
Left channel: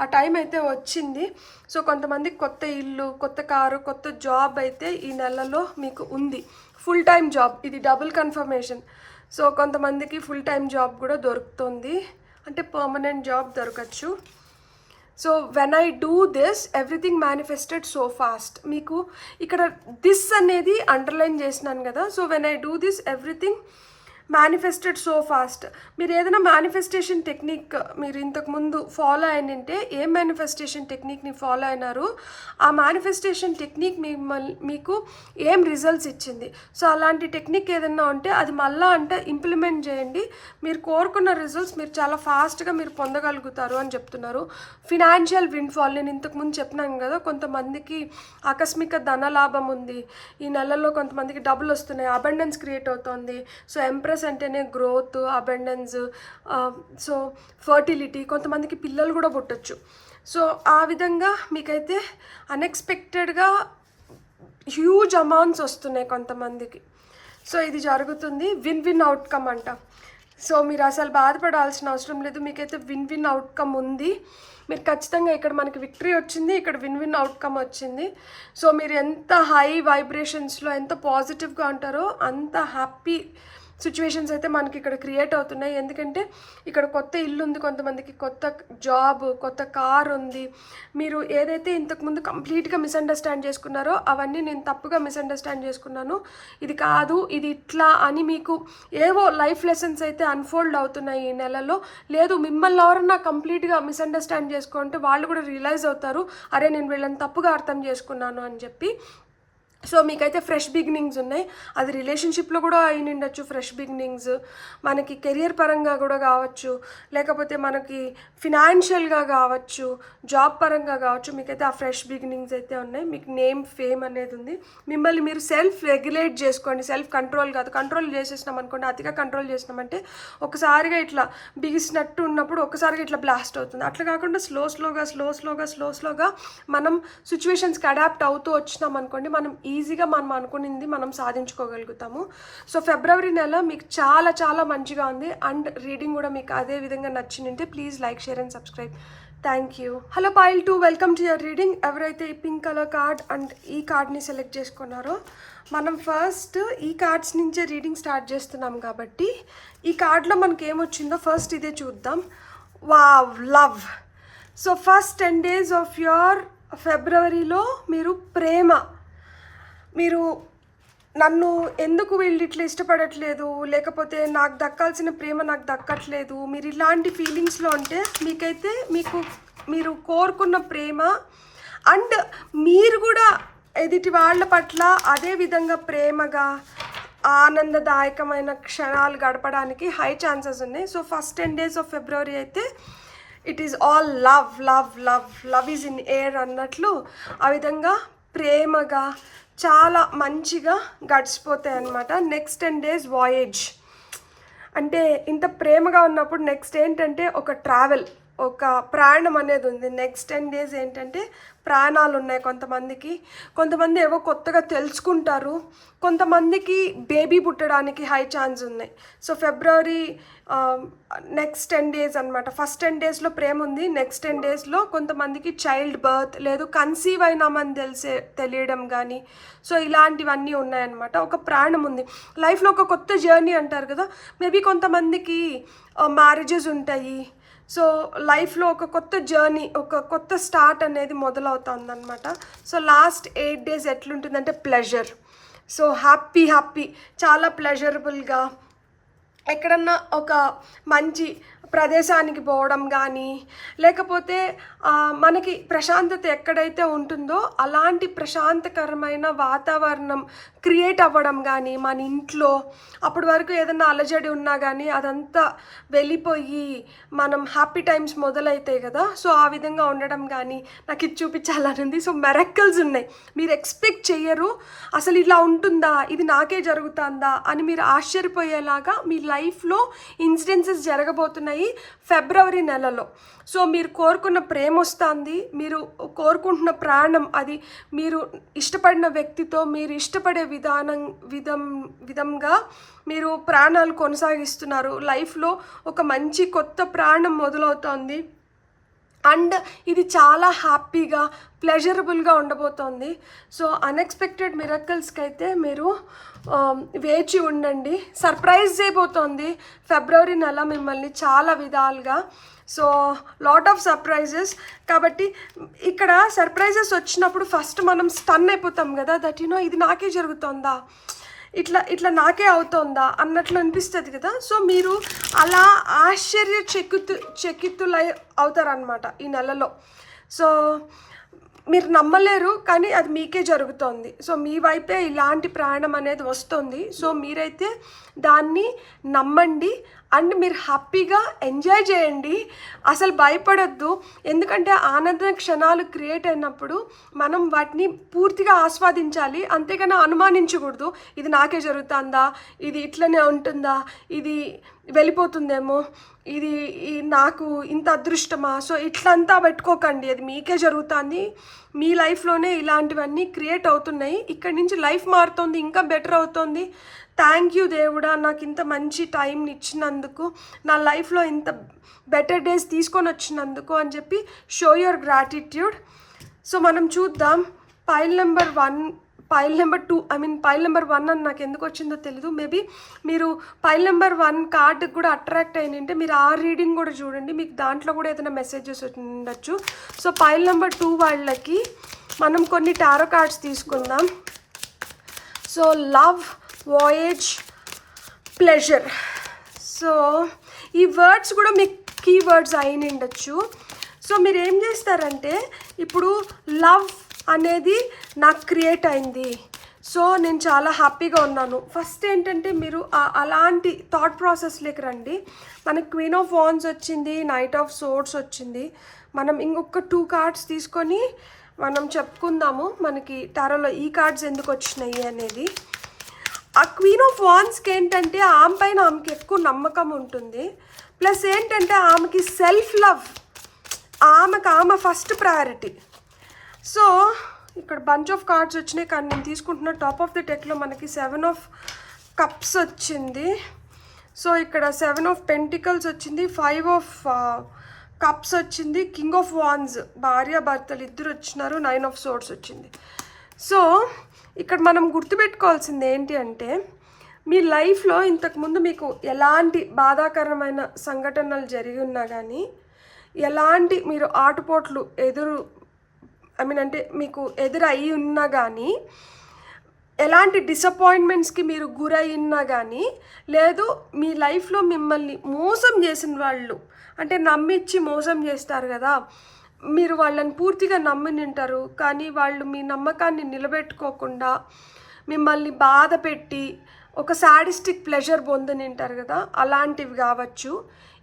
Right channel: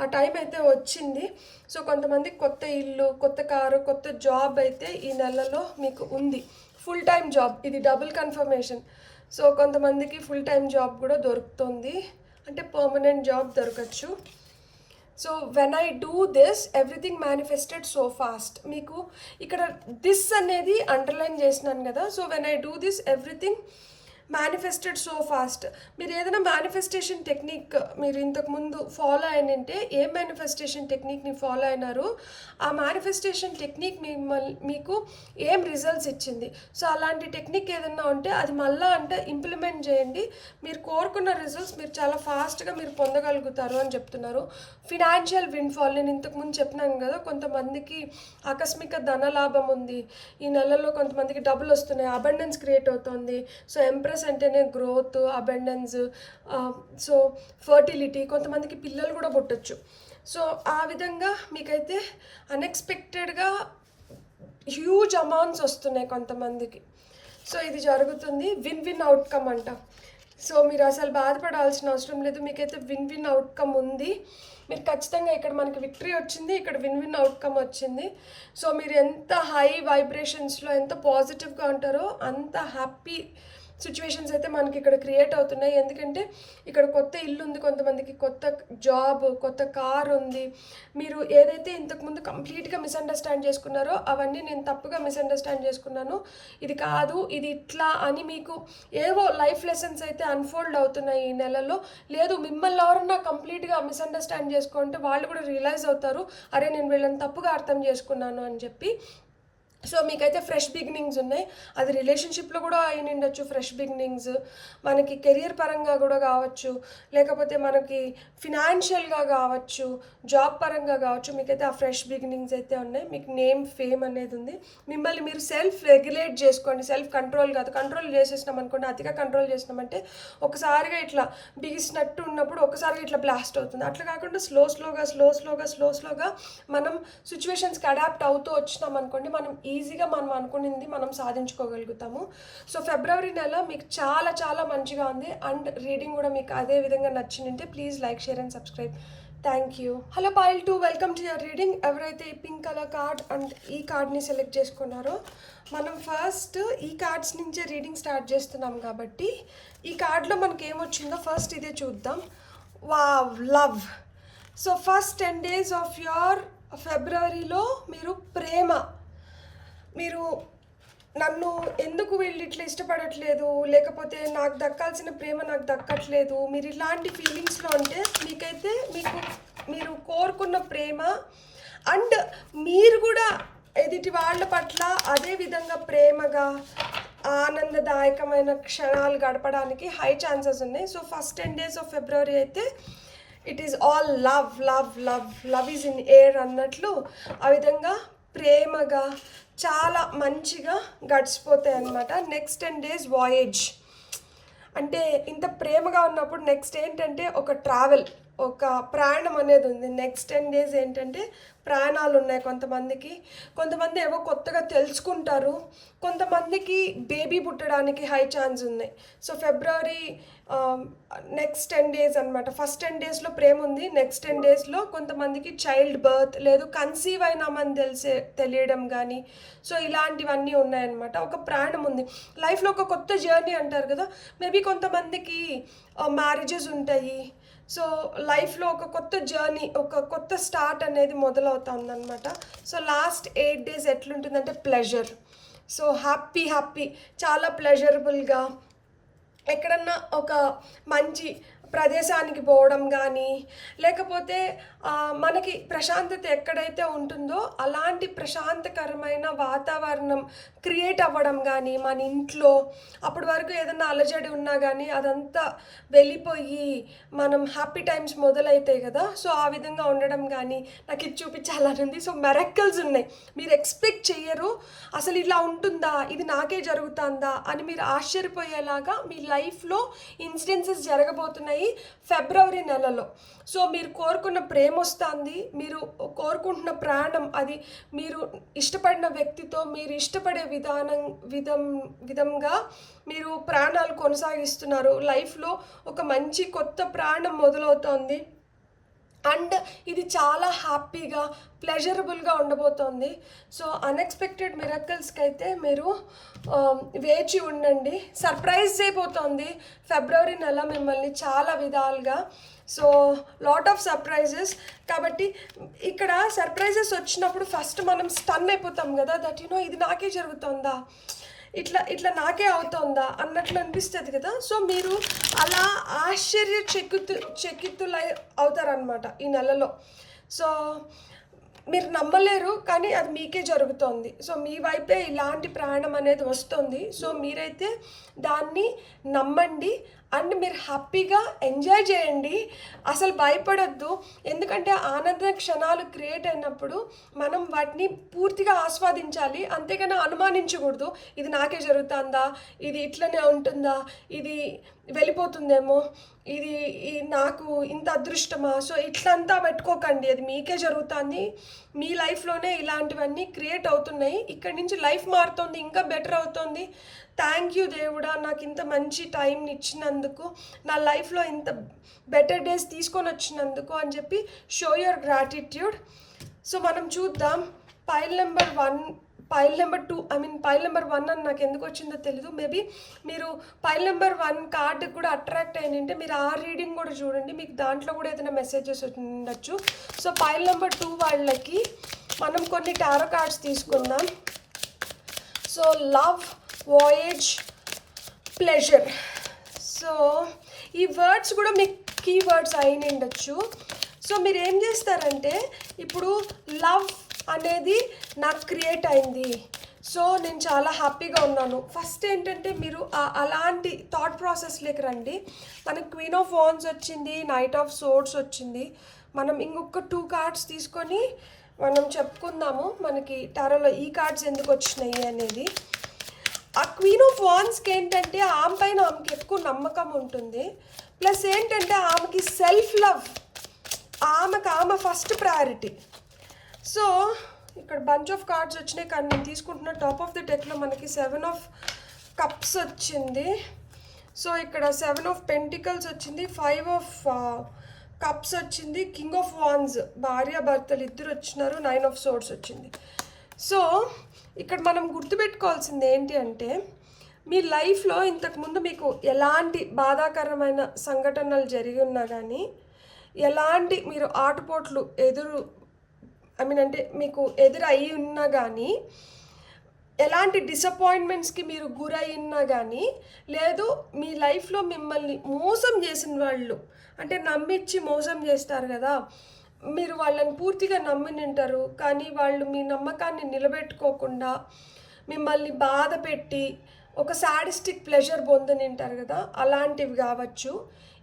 ఆ టైం అయితే వచ్చింది. సో కొంతమందికి కొత్త ఇల్లు, కొత్త కారు, కొత్త జాబ్ అయితే ఈ నెలలో మీకు ఉంది. ఫుల్ టైం జాబ్, ఇది డబుల్ కన్ఫర్మేషన్. సో కొంతమందికి ఫుల్ టైం జాబ్ కూడా దొరుకుతుంది, అంటే పర్మనెంట్ జాబ్ దొరకచ్చు. So when I do this everything manifested so fast. మీకు ఇక్కడ దిస్ అనేది అండర్లైన్ చేసినాను కదా. So when I do this everything manifested so fast. మీరు ఏదైనా మేనిఫెస్టేషన్ టెక్నిక్ మీరు ఇంతకుముందు ఫాలో అయినంటే ఏ మేనిఫెస్టేషన్ టెక్నిక్ని ఫాలో అయినారు, ఆ మేనిఫెస్టేషన్ టెక్నిక్ మీకు ఏం రిజల్ట్స్ ఇచ్చింది. సో అలాంటి టెక్నిక్ ఏదైనా ఉంటే అది మళ్ళా అంటే ఇంప్లిమెంట్ చేయండి. మీరు కోరుకున్న రిజల్ట్స్ మీరు చాలా ఫాస్ట్గా మీరు పొందగలుగుతారు అని చెప్తున్నారు. ఫినాన్షియల్ విండ్ఫాల్, నేను ఇంతకుముందు చెప్పినాను కదా, కొంతమందికి ఆకస్మిక ధనలాభం ఉంది ఈ నెలలో, కొంతమందికి డబ్బులు వస్తున్నాయి, అబండెన్స్ క్రియేట్ అవుతుంది. సో ఎంప్రెస్ అంటేనే గ్రోత్, అబండెన్స్, సో ఫర్టిలిటీ, కొంతమందికి పిల్లలు కూడా పుట్టచ్చు. సో ఆ విధంగా మీకైతే అన్ఎక్స్పెక్టెడ్గా హ్యూజ్ అమౌంట్స్ వస్తున్నాయి కొంతమందికి. సో ఇది జరుగుతుంది. విన్ విన్ అవుట్కమ్ అంట. సో మీరు అసలు బాధపడాల్సిన అవసరం లేదు, మీకైతే విన్ విన్ అవుట్కమ్ ఉంది. మీరు ఖచ్చితంగా ఇక్కడ మనకి విక్టరీ వచ్చింది, ఇక్కడ విన్ విన్ అవుట్కమ్ వచ్చింది. సో మీరు ఎంత హై వైబ్రేషన్స్లో ఎంత పాజిటివ్గా ఉంటారో అంత హ్యాపీ సిచ్యువేషన్స్ అయితే మనకి ఇక్కడ క్రియేట్ అవుతున్నాయి. ఎందుకంటే ఇక్కడ కొత్త ఇల్లు ఉంది, కొంతమందికి కొత్త జాబ్, కొత్త కార్ ఉంది. మీరు ఏదైతే ఇంతకుముందు కంప్లీట్గా మిస్అండర్స్టాండ్ చేసుకున్నారో అవన్నీ నేను తప్పుగా మిస్అండర్స్టాండ్ చేసుకున్నాను, ఇది కాదు ఇది ఇట్లా అని మీకు ఏవో లైఫ్ లెసన్స్ అయితే అన్ఫోల్డ్ అవుతున్నాయి ఈ నెలలో. లేదు మిమ్మల్ని ఎవరన్నా కంప్లీట్గా మిస్అండర్స్టాండ్ చేసుకుంటే వాళ్ళు కూడా రియలైజ్ అవుతారు, అరే నేను వీళ్ళని తప్పుగా అర్థం చేసుకున్నాను అని చెప్పి. సో మీకైతే ఫ్రెష్ బిగినింగ్స్ ఉన్నాయి. అది రిలేషన్షిప్లో కూడా అయిన ఉండొచ్చు ఫ్రెష్ బిగినింగ్స్, మనకి కెరియర్ పరంగా కూడా కావచ్చు, లేకపోతే మనకి ఫినాన్షియల్గా కావచ్చు, జాబ్ పరంగా కావచ్చు. మీకైతే ఆ ఫ్రెష్ బిగినింగ్స్ అయితే ఉన్నాయి. మీకు నేమ్ ఫేమ్ అనేది ఉంది. మిమ్మల్ని మీరు సెల్ఫ్ రెగ్యులేట్ చేసుకోండి, సెల్ఫ్ కంట్రోల్ కాదు. కంట్రోల్ చేసేసినాం అనుకోండి, అతిగా కంట్రోల్ చేసినామంటే ఒకసారిగా ఇట్లా బిగిసినట్టు ఉన్నప్పుడు ఒకసారిగా ఇట్లా బ్లాస్ట్ అవుతుంది. అట్లా కాకుండా స్లో స్లోగా మనం సిచ్యువేషన్స్కి అడాప్ట్ అవుతూ వచ్చినాం అనుకోండి, మనం ఈజీగా మనం అనుకునింది మనం సాధించుకోగలుగుతాము. సో ఫిబ్రవరి నెల మీకు చాలా చాలా మంచిగా ఉంది. అండ్ రీడింగ్ కూడా మీకు అదే విధంగా నచ్చిందంటే please like, share and subscribe. Thank you. Hello foil 2, welcome to your reading. ఎవరైతే ఈ పింక్ కలర్ కార్డ్ అండ్ ఈ కార్డ్ని సెలెక్ట్ చేసుకున్నారో, మనం ఫస్ట్ ఈ కార్డ్స్ నుంచే రీడింగ్ స్టార్ట్ చేస్తున్నాం కాబట్టి ఈ కార్డ్లో మనకి ఏమొచ్చిందో ఫస్ట్ ఇదే చూద్దాం. Wow, love. So first 10 days of your ఫిబ్రవరిలో మీరు ప్రేమ, మీరు నన్ను ఎందుకు వీళ్ళు ఇట్లా ఇష్టపడట్లేదు, లేకపోతే నాకు దక్కాల్సిన ప్రేమ నాకు దక్కట్లేదు, మీరు ఇలాంటి ఫీలింగ్స్లో ఉంటే మీకైతే మీరు కోరుకున్న ప్రేమ అండ్ మీరు కూడా ఎదుటి వాళ్ళ పట్ల అదే విధంగా ప్రేమగా ఆనందదాయకమైన క్షణాలు గడపడానికి హై ఛాన్సెస్ ఉన్నాయి. So first 10 days of February అయితే it is all love love love love is in air అన్నట్లు ఆ విధంగా ప్రేమగా చాలా మంచిగా గడిచిపోతాయి అన్నమాట. నెక్స్ట్ 10 days వాయేజ్ అంటే ఇంత ప్రేమగా ఉన్నప్పుడు నెక్స్ట్ ఏంటంటే ఒక ట్రావెల్, ఒక ప్రయాణం అనేది ఉంది. నెక్స్ట్ 10 days ఏంటంటే ప్రాణాలు ఉన్నాయి కొంతమంది ఏవో కొత్తగా తెలుసుకుంటారు, కొంతమందికి బేబీ పుట్టడానికి హై ఛాన్స్ ఉన్నాయి. సో ఫిబ్రవరి నెక్స్ట్ 10 days అనమాట. ఫస్ట్ 10 daysలో ప్రేమ ఉంది, నెక్స్ట్ 10 daysలో కొంతమందికి చైల్డ్ బర్త్ లేదు కన్సీవ్ అయినామని తెలియడం కానీ, సో ఇలాంటివన్నీ ఉన్నాయన్నమాట. ఒక ప్రాణం ఉంది లైఫ్లో, ఒక కొత్త జర్నీ అంటారు కదా, మేబీ కొంతమందికి మ్యారేజెస్ ఉంటాయి. సో లైఫ్లో ఒక కొత్త జర్నీ, ఒక కొత్త స్టార్ట్ అనేది మొదలవుతుంది అనమాట. సో లాస్ట్ 8 days ఎట్లుంటుందంటే ప్లెజర్. సో హ్యాపీ చాలా ప్లెజరబుల్గా ఎక్కడన్నా ఒక మంచి ప్రదేశానికి పోవడం కానీ, లేకపోతే మనకి ప్రశాంతత ఎక్కడైతే ఉంటుందో అలాంటి ప్రశాంతకరమైన వాతావరణం క్రియేట్ అవ్వడం కానీ మన ఇంట్లో. అప్పటి వరకు ఏదైనా అలజడి ఉన్నా కానీ అదంతా వెళ్ళిపోయి మనం హ్యాపీ టైమ్స్ మొదలవుతాయి కదా, సో ఆ విధంగా ఉండడం కానీ నాకు ఇది చూపించాలని ఉంది. సో మెరకల్స్ ఉన్నాయి, మీరు ఎక్స్పెక్ట్ చెయ్యరు, అసలు ఇలా ఉంటుందా, ఇది నాకే జరుగుతుందా అని మీరు ఆశ్చర్యపోయేలాగా మీ లైఫ్లో ఇన్సిడెన్సెస్ జరగబోతున్నాయి ఫిబ్రవరి నెలలో. సో మీరు కోరుకున్న ప్రేమ వస్తుంది, మీరు కోరుకుంటున్న ప్రాణం, అది మీరు ఇష్టపడిన వ్యక్తితో మీరు ఇష్టపడే విధంగా మీరు ప్రాణాలు కొనసాగిస్తున్నారు. లైఫ్లో ఒక మంచి కొత్త ప్రాణం మొదలవుతుంది అండ్ ఇది చాలా హ్యాపీగా ప్లెజరబుల్గా ఉండబోతోంది. సో అన్ఎక్స్పెక్టెడ్ మిరకల్స్కి అయితే మీరు వేచి ఉండండి. సర్ప్రైజ్ చేయబోతోంది ఫిబ్రవరి నెల మిమ్మల్ని చాలా విధాలుగా. So lot of surprises. కాబట్టి ఇక్కడ సర్ప్రైజెస్ వచ్చినప్పుడు ఫస్ట్ మనం స్టన్ అయిపోతాం కదా, దట్ ఇది నాకే జరుగుతుందా, ఇట్లా ఇట్లా నాకే అవుతుందా అన్నట్లు అనిపిస్తుంది కదా. సో మీరు అలా చకితులై అవుతారనమాట ఈ నెలలో. సో మీరు నమ్మలేరు, కానీ అది మీకే జరుగుతోంది. సో మీ వైపే ఇలాంటి ప్రయాణం అనేది వస్తుంది. సో మీరైతే దాన్ని నమ్మండి అండ్ మీరు హ్యాపీగా ఎంజాయ్ చేయండి. అసలు భయపడద్దు, ఎందుకంటే ఆనంద క్షణాలు క్రియేట్ అయినప్పుడు మనం వాటిని పూర్తిగా ఆస్వాదించాలి, అంతేగాని అనుమానించకూడదు. ఇది నాకే జరుగుతుందా, ఇది ఇట్లనే ఉంటుందా, ఇది వెళ్ళిపోతుందేమో, ఇది నాకు ఇంత అదృష్టమా. సో ఇట్లంతా పెట్టుకోకండి, అది మీకే జరుగుతుంది. మీ లైఫ్లోనే ఇలాంటివన్నీ క్రియేట్ అవుతున్నాయి. ఇక్కడి నుంచి లైఫ్ మారుతుంది, ఇంకా బెటర్ అవుతుంది. థ్యాంక్ యూ దేవుడా, నాకు ఇంత మంచి టైంని ఇచ్చినందుకు, నా లైఫ్లో ఇంత బెటర్ డేస్ తీసుకొని వచ్చినందుకు అని చెప్పి షో యువర్ గ్రాటిట్యూడ్. సో మనం చూద్దాం పైల్ నెంబర్ 2, పైల్ నెంబర్ 1 అని నాకు ఎందుకు వచ్చిందో తెలీదు. మేబీ మీరు పైల్ నెంబర్ 1 కార్డుకి కూడా అట్రాక్ట్ అయినంటే మీరు ఆ రీడింగ్ కూడా చూడండి, మీకు దాంట్లో కూడా ఏదైనా మెసేజెస్ ఉండొచ్చు. సో పైల్ నెంబర్ 2 వాళ్ళకి మనం కొన్ని టారో కార్డ్స్ తీసుకుందాం. So love, voyage, pleasure. So ఈ వర్డ్స్ కూడా మీకు కీ వర్డ్స్ అయిన ఉండొచ్చు. సో మీరు ఏం చేస్తారంటే, ఇప్పుడు లవ్ అనేది నాకు క్రియేట్ అయింది, సో నేను చాలా హ్యాపీగా ఉన్నాను. ఫస్ట్ ఏంటంటే మీరు అలాంటి థాట్ ప్రాసెస్లోకి రండి. మనకి క్వీన్ ఆఫ్ వాండ్స్ వచ్చింది, నైట్ ఆఫ్ సోర్డ్స్ వచ్చింది. మనం ఇంకొక 2 కార్డ్స్ తీసుకొని మనం చెప్పుకుందాము మనకి టారోలో ఈ కార్డ్స్ ఎందుకు వచ్చినాయి అనేది. ఆ క్వీన్ ఆఫ్ వాండ్స్కి ఏంటంటే ఆమె పైన ఆమెకి ఎక్కువ నమ్మకం ఉంటుంది. ప్లస్ ఏంటంటే ఆమెకి సెల్ఫ్ లవ్, ఆమె ఫస్ట్ ప్రయారిటీ. సో ఇక్కడ బంచ్ ఆఫ్ కార్డ్స్ వచ్చినాయి, కానీ నేను తీసుకుంటున్న టాప్ ఆఫ్ ది డెక్లో మనకి 7 ఆఫ్ కప్స్ వచ్చింది. సో ఇక్కడ 7 ఆఫ్ పెంటికల్స్ వచ్చింది, 5 ఆఫ్ కప్స్ వచ్చింది, కింగ్ ఆఫ్ వాండ్స్ భార్య భర్తలు ఇద్దరు వచ్చినారు, 9 ఆఫ్ సోర్డ్స్ వచ్చింది. సో ఇక్కడ మనం గుర్తుపెట్టుకోవాల్సింది ఏంటి అంటే, మీ లైఫ్లో ఇంతకుముందు మీకు ఎలాంటి బాధాకరమైన సంఘటనలు జరిగి ఉన్నా కానీ, ఎలాంటి మీరు ఆటుపోట్లు అంటే మీకు ఎదురయ్యి ఉన్నా కానీ, ఎలాంటి డిసప్పాయింట్మెంట్స్కి మీరు గురయ్యినా కానీ, లేదు మీ లైఫ్లో మిమ్మల్ని మోసం చేసిన వాళ్ళు, అంటే నమ్మిచ్చి మోసం చేస్తారు కదా, మీరు వాళ్ళని పూర్తిగా నమ్మి నింటారు, కానీ వాళ్ళు మీ నమ్మకాన్ని నిలబెట్టుకోకుండా మిమ్మల్ని బాధ పెట్టి ఒక సాడిస్టిక్ ప్లెజర్ పొందినింటారు కదా, అలాంటివి కావచ్చు.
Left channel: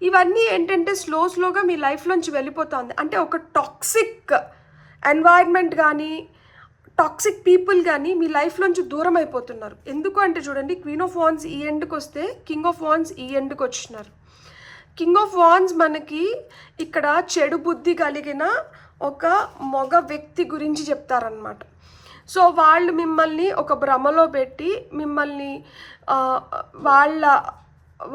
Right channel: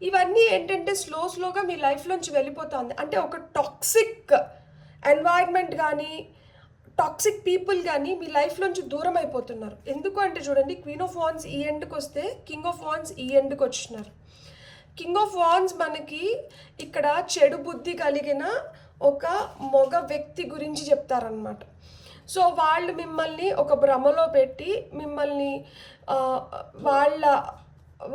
ఇవన్నీ ఏంటంటే స్లోగా మీ లైఫ్లోంచి వెళ్ళిపోతుంది. అంటే ఒక టాక్సిక్ ఎన్వైర్న్మెంట్ కానీ, టాక్సిక్ పీపుల్ కానీ మీ లైఫ్లోంచి దూరం అయిపోతున్నారు. ఎందుకు అంటే చూడండి, క్వీన్ ఆఫ్ వాండ్స్ ఈ ఎండ్కి వస్తే కింగ్ ఆఫ్ వాండ్స్ ఈ ఎండ్కి వచ్చినారు. కింగ్ ఆఫ్ వాండ్స్ మనకి ఇక్కడ చెడు బుద్ధి కలిగిన ఒక మగ వ్యక్తి గురించి చెప్తారనమాట. సో వాళ్ళు మిమ్మల్ని ఒక భ్రమలో పెట్టి మిమ్మల్ని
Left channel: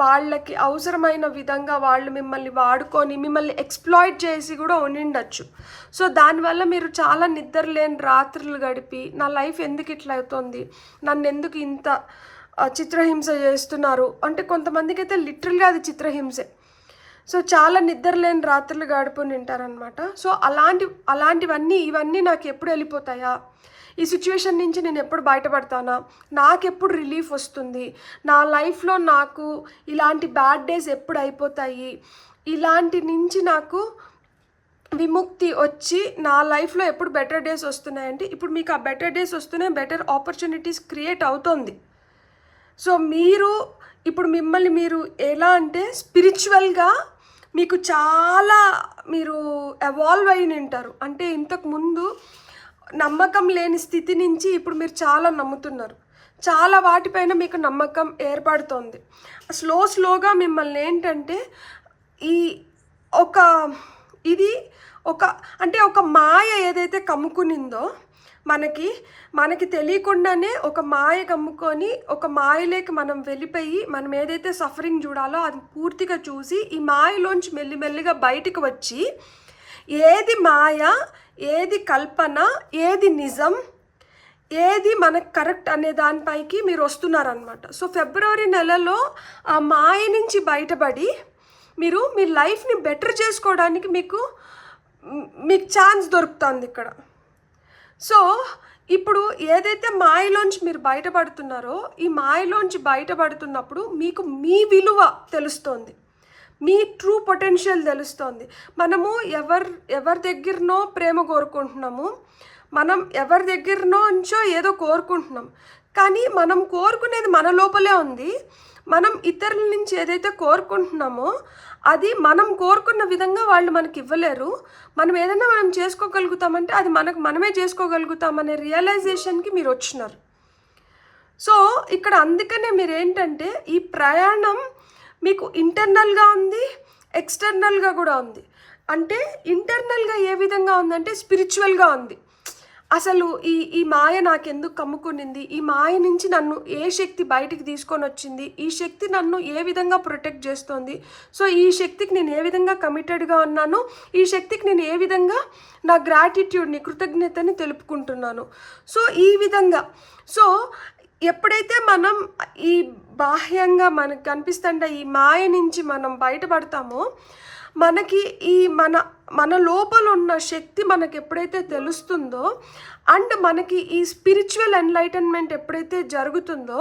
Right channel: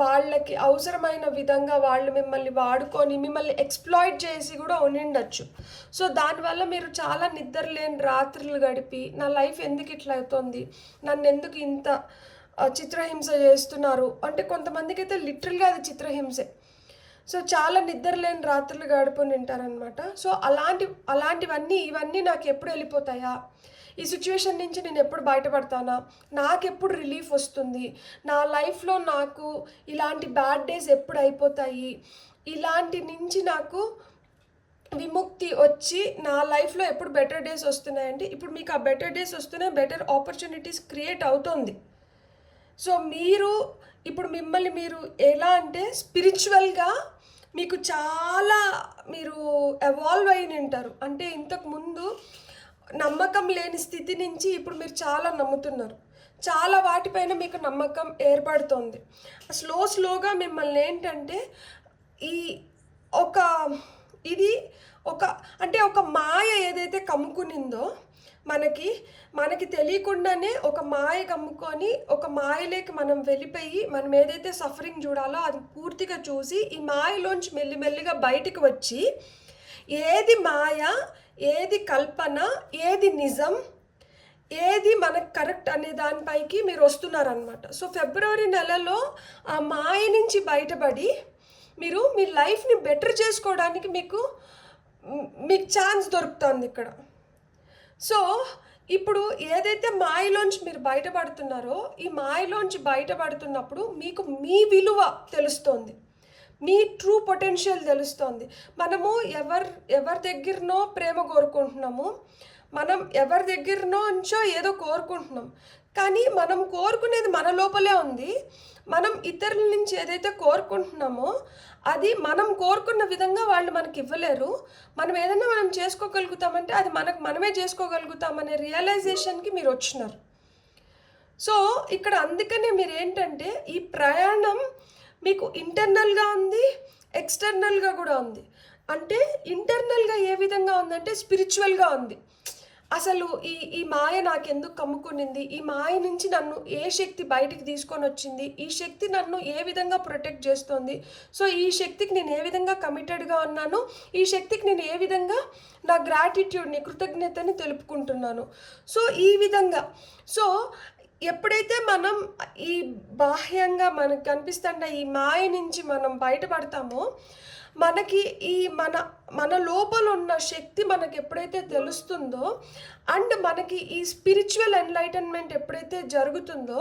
వాళ్ళకి అవసరమైన విధంగా వాళ్ళు మిమ్మల్ని వాడుకొని మిమ్మల్ని ఎక్స్ప్లాయిట్ చేసి కూడా ఉండిండొచ్చు. సో దానివల్ల మీరు చాలా నిద్రలేని రాత్రులు గడిపి, నా లైఫ్ ఎందుకు ఇట్లా అవుతుంది, నన్ను ఎందుకు ఇంత చిత్రహింస చేస్తున్నారు అంటే, కొంతమందికి అయితే లిటరల్గా అది చిత్రహింసే. సో చాలా నిద్రలేని రాత్రులు గడుపుని ఉంటారనమాట. సో ఇవన్నీ నాకు ఎప్పుడు వెళ్ళిపోతాయా, ఈ సిచ్యువేషన్ నుంచి నేను ఎప్పుడు బయటపడతానా, నాకెప్పుడు రిలీఫ్ వస్తుంది, నా లైఫ్లో నాకు ఇలాంటి బ్యాడ్ డేస్ ఎప్పుడు అయిపోతాయి, ఇలాంటి నుంచి నాకు విముక్తి వచ్చి నా లైఫ్లో ఎప్పుడు బెటర్ డేస్ వస్తున్నాయంటే, ఇప్పుడు మీకు ఆ బెటర్ డేస్ వస్తున్నాయి, బెటర్ ఆపర్చునిటీస్ క్రియేట్ అవుతుంది. సో ఇప్పుడు మిమ్మల్ని మీరు ఎలా అంటే స్పిరిచువల్గా మీకు చాలా మీరు ఎవాల్వ్ అయి ఉంటారు. అంటే ఇంతకుముందు నమ్మకం లేని స్థితి నుంచి ఇప్పుడు మీరు చాలా నమ్ముతున్నారు, చాలా వాటిపైన మీకు నమ్మకం ఏర్పడుతుంది. స్లోగా మిమ్మల్ని ఏంటంటే ఒక మాయ ఏదైతే కమ్ముకునిందో మనకి తెలియకుండానే ఒక మాయ కమ్ముకొని ఒక మాయలోకి మనం వెళ్ళిపోయి మనం ఏదైతే సఫరింగ్ చూడాలో అది పూర్తిగా చూసి ఈ మాయలోంచి మెల్లిమెల్లిగా బయటకు వచ్చి ఏది మాయ, ఏది కల్పన, ఏది నిజం, ఏది మనకు కరెక్ట్ అనే దానిపైకి మీరు వస్తున్నారనమాట. సో ఫిబ్రవరి నెలలో ఆ మాయ నుంచి బయటపడి మీరు మీ లైఫ్ని బెటర్ చేసుకోవడానికి మీకు ఛాన్స్ దొరుకుతుంది ఇక్కడ. సో ఇప్పుడు ఏదైతే మాయలోంచి మీరు బయటపడుతున్నారో ఈ మాయలోంచి బయటపడుతున్నప్పుడు మీకు మీ విలువ తెలుస్తుంది, మీ ట్రూ పొటెన్షియల్ తెలుస్తుంది. మనము ఎవరి దగ్గరనో ప్రేమ కోరుకుంటున్నాము, మనం ఎవరి దగ్గరనో నుంచో ఏదో కోరుకుంటున్నాం, కానీ మనం కోరుకునేది మన లోపలే ఉంది. మనం ఇతరుల నుంచి ఏదైతే కోరుకుంటున్నామో అది మనం కోరుకున్న విధంగా వాళ్ళు మనకి ఇవ్వలేరు. మనం ఏదైనా మనం చేసుకోగలుగుతామంటే అది మనమే చేసుకోగలుగుతామనే రియలైజేషన్కి మీరు వచ్చినారు. సో ఇక్కడ అందుకనే మీరు ఏంటంటే ఈ ప్రయాణం మీకు ఇంటర్నల్గా ఉంది, ఎక్స్టర్నల్గా కూడా ఉంది. అంటే ఇంటర్నల్గా ఏ విధంగా ఉందంటే స్పిరిచువల్గా ఉంది. అసలు ఈ మాయ నాకెందుకు కమ్ముకునింది, ఈ మాయ నుంచి నన్ను ఏ శక్తి బయటికి తీసుకొని వచ్చింది, ఈ శక్తి నన్ను ఏ విధంగా ప్రొటెక్ట్ చేస్తుంది, సో ఈ శక్తికి నేను ఏ విధంగా కమిటెడ్గా ఉన్నాను, ఈ శక్తికి నేను ఏ విధంగా నా గ్రాటిట్యూడ్ని కృతజ్ఞతని తెలుపుకుంటున్నాను. సో ఈ విధంగా సో ఎప్పుడైతే మనం ఈ బాహ్యంగా మనకు కనిపిస్తుంటే ఈ మాయ నుంచి మనం బయటపడతామో మనకి ఈ మన లోపల ఉన్న శక్తి మనకి ఎప్పుడైతే తెలుస్తుందో అండ్ మనకి ఈ స్పిరిచువల్ ఎన్లైటన్మెంట్ ఎప్పుడైతే జరుగుతుందో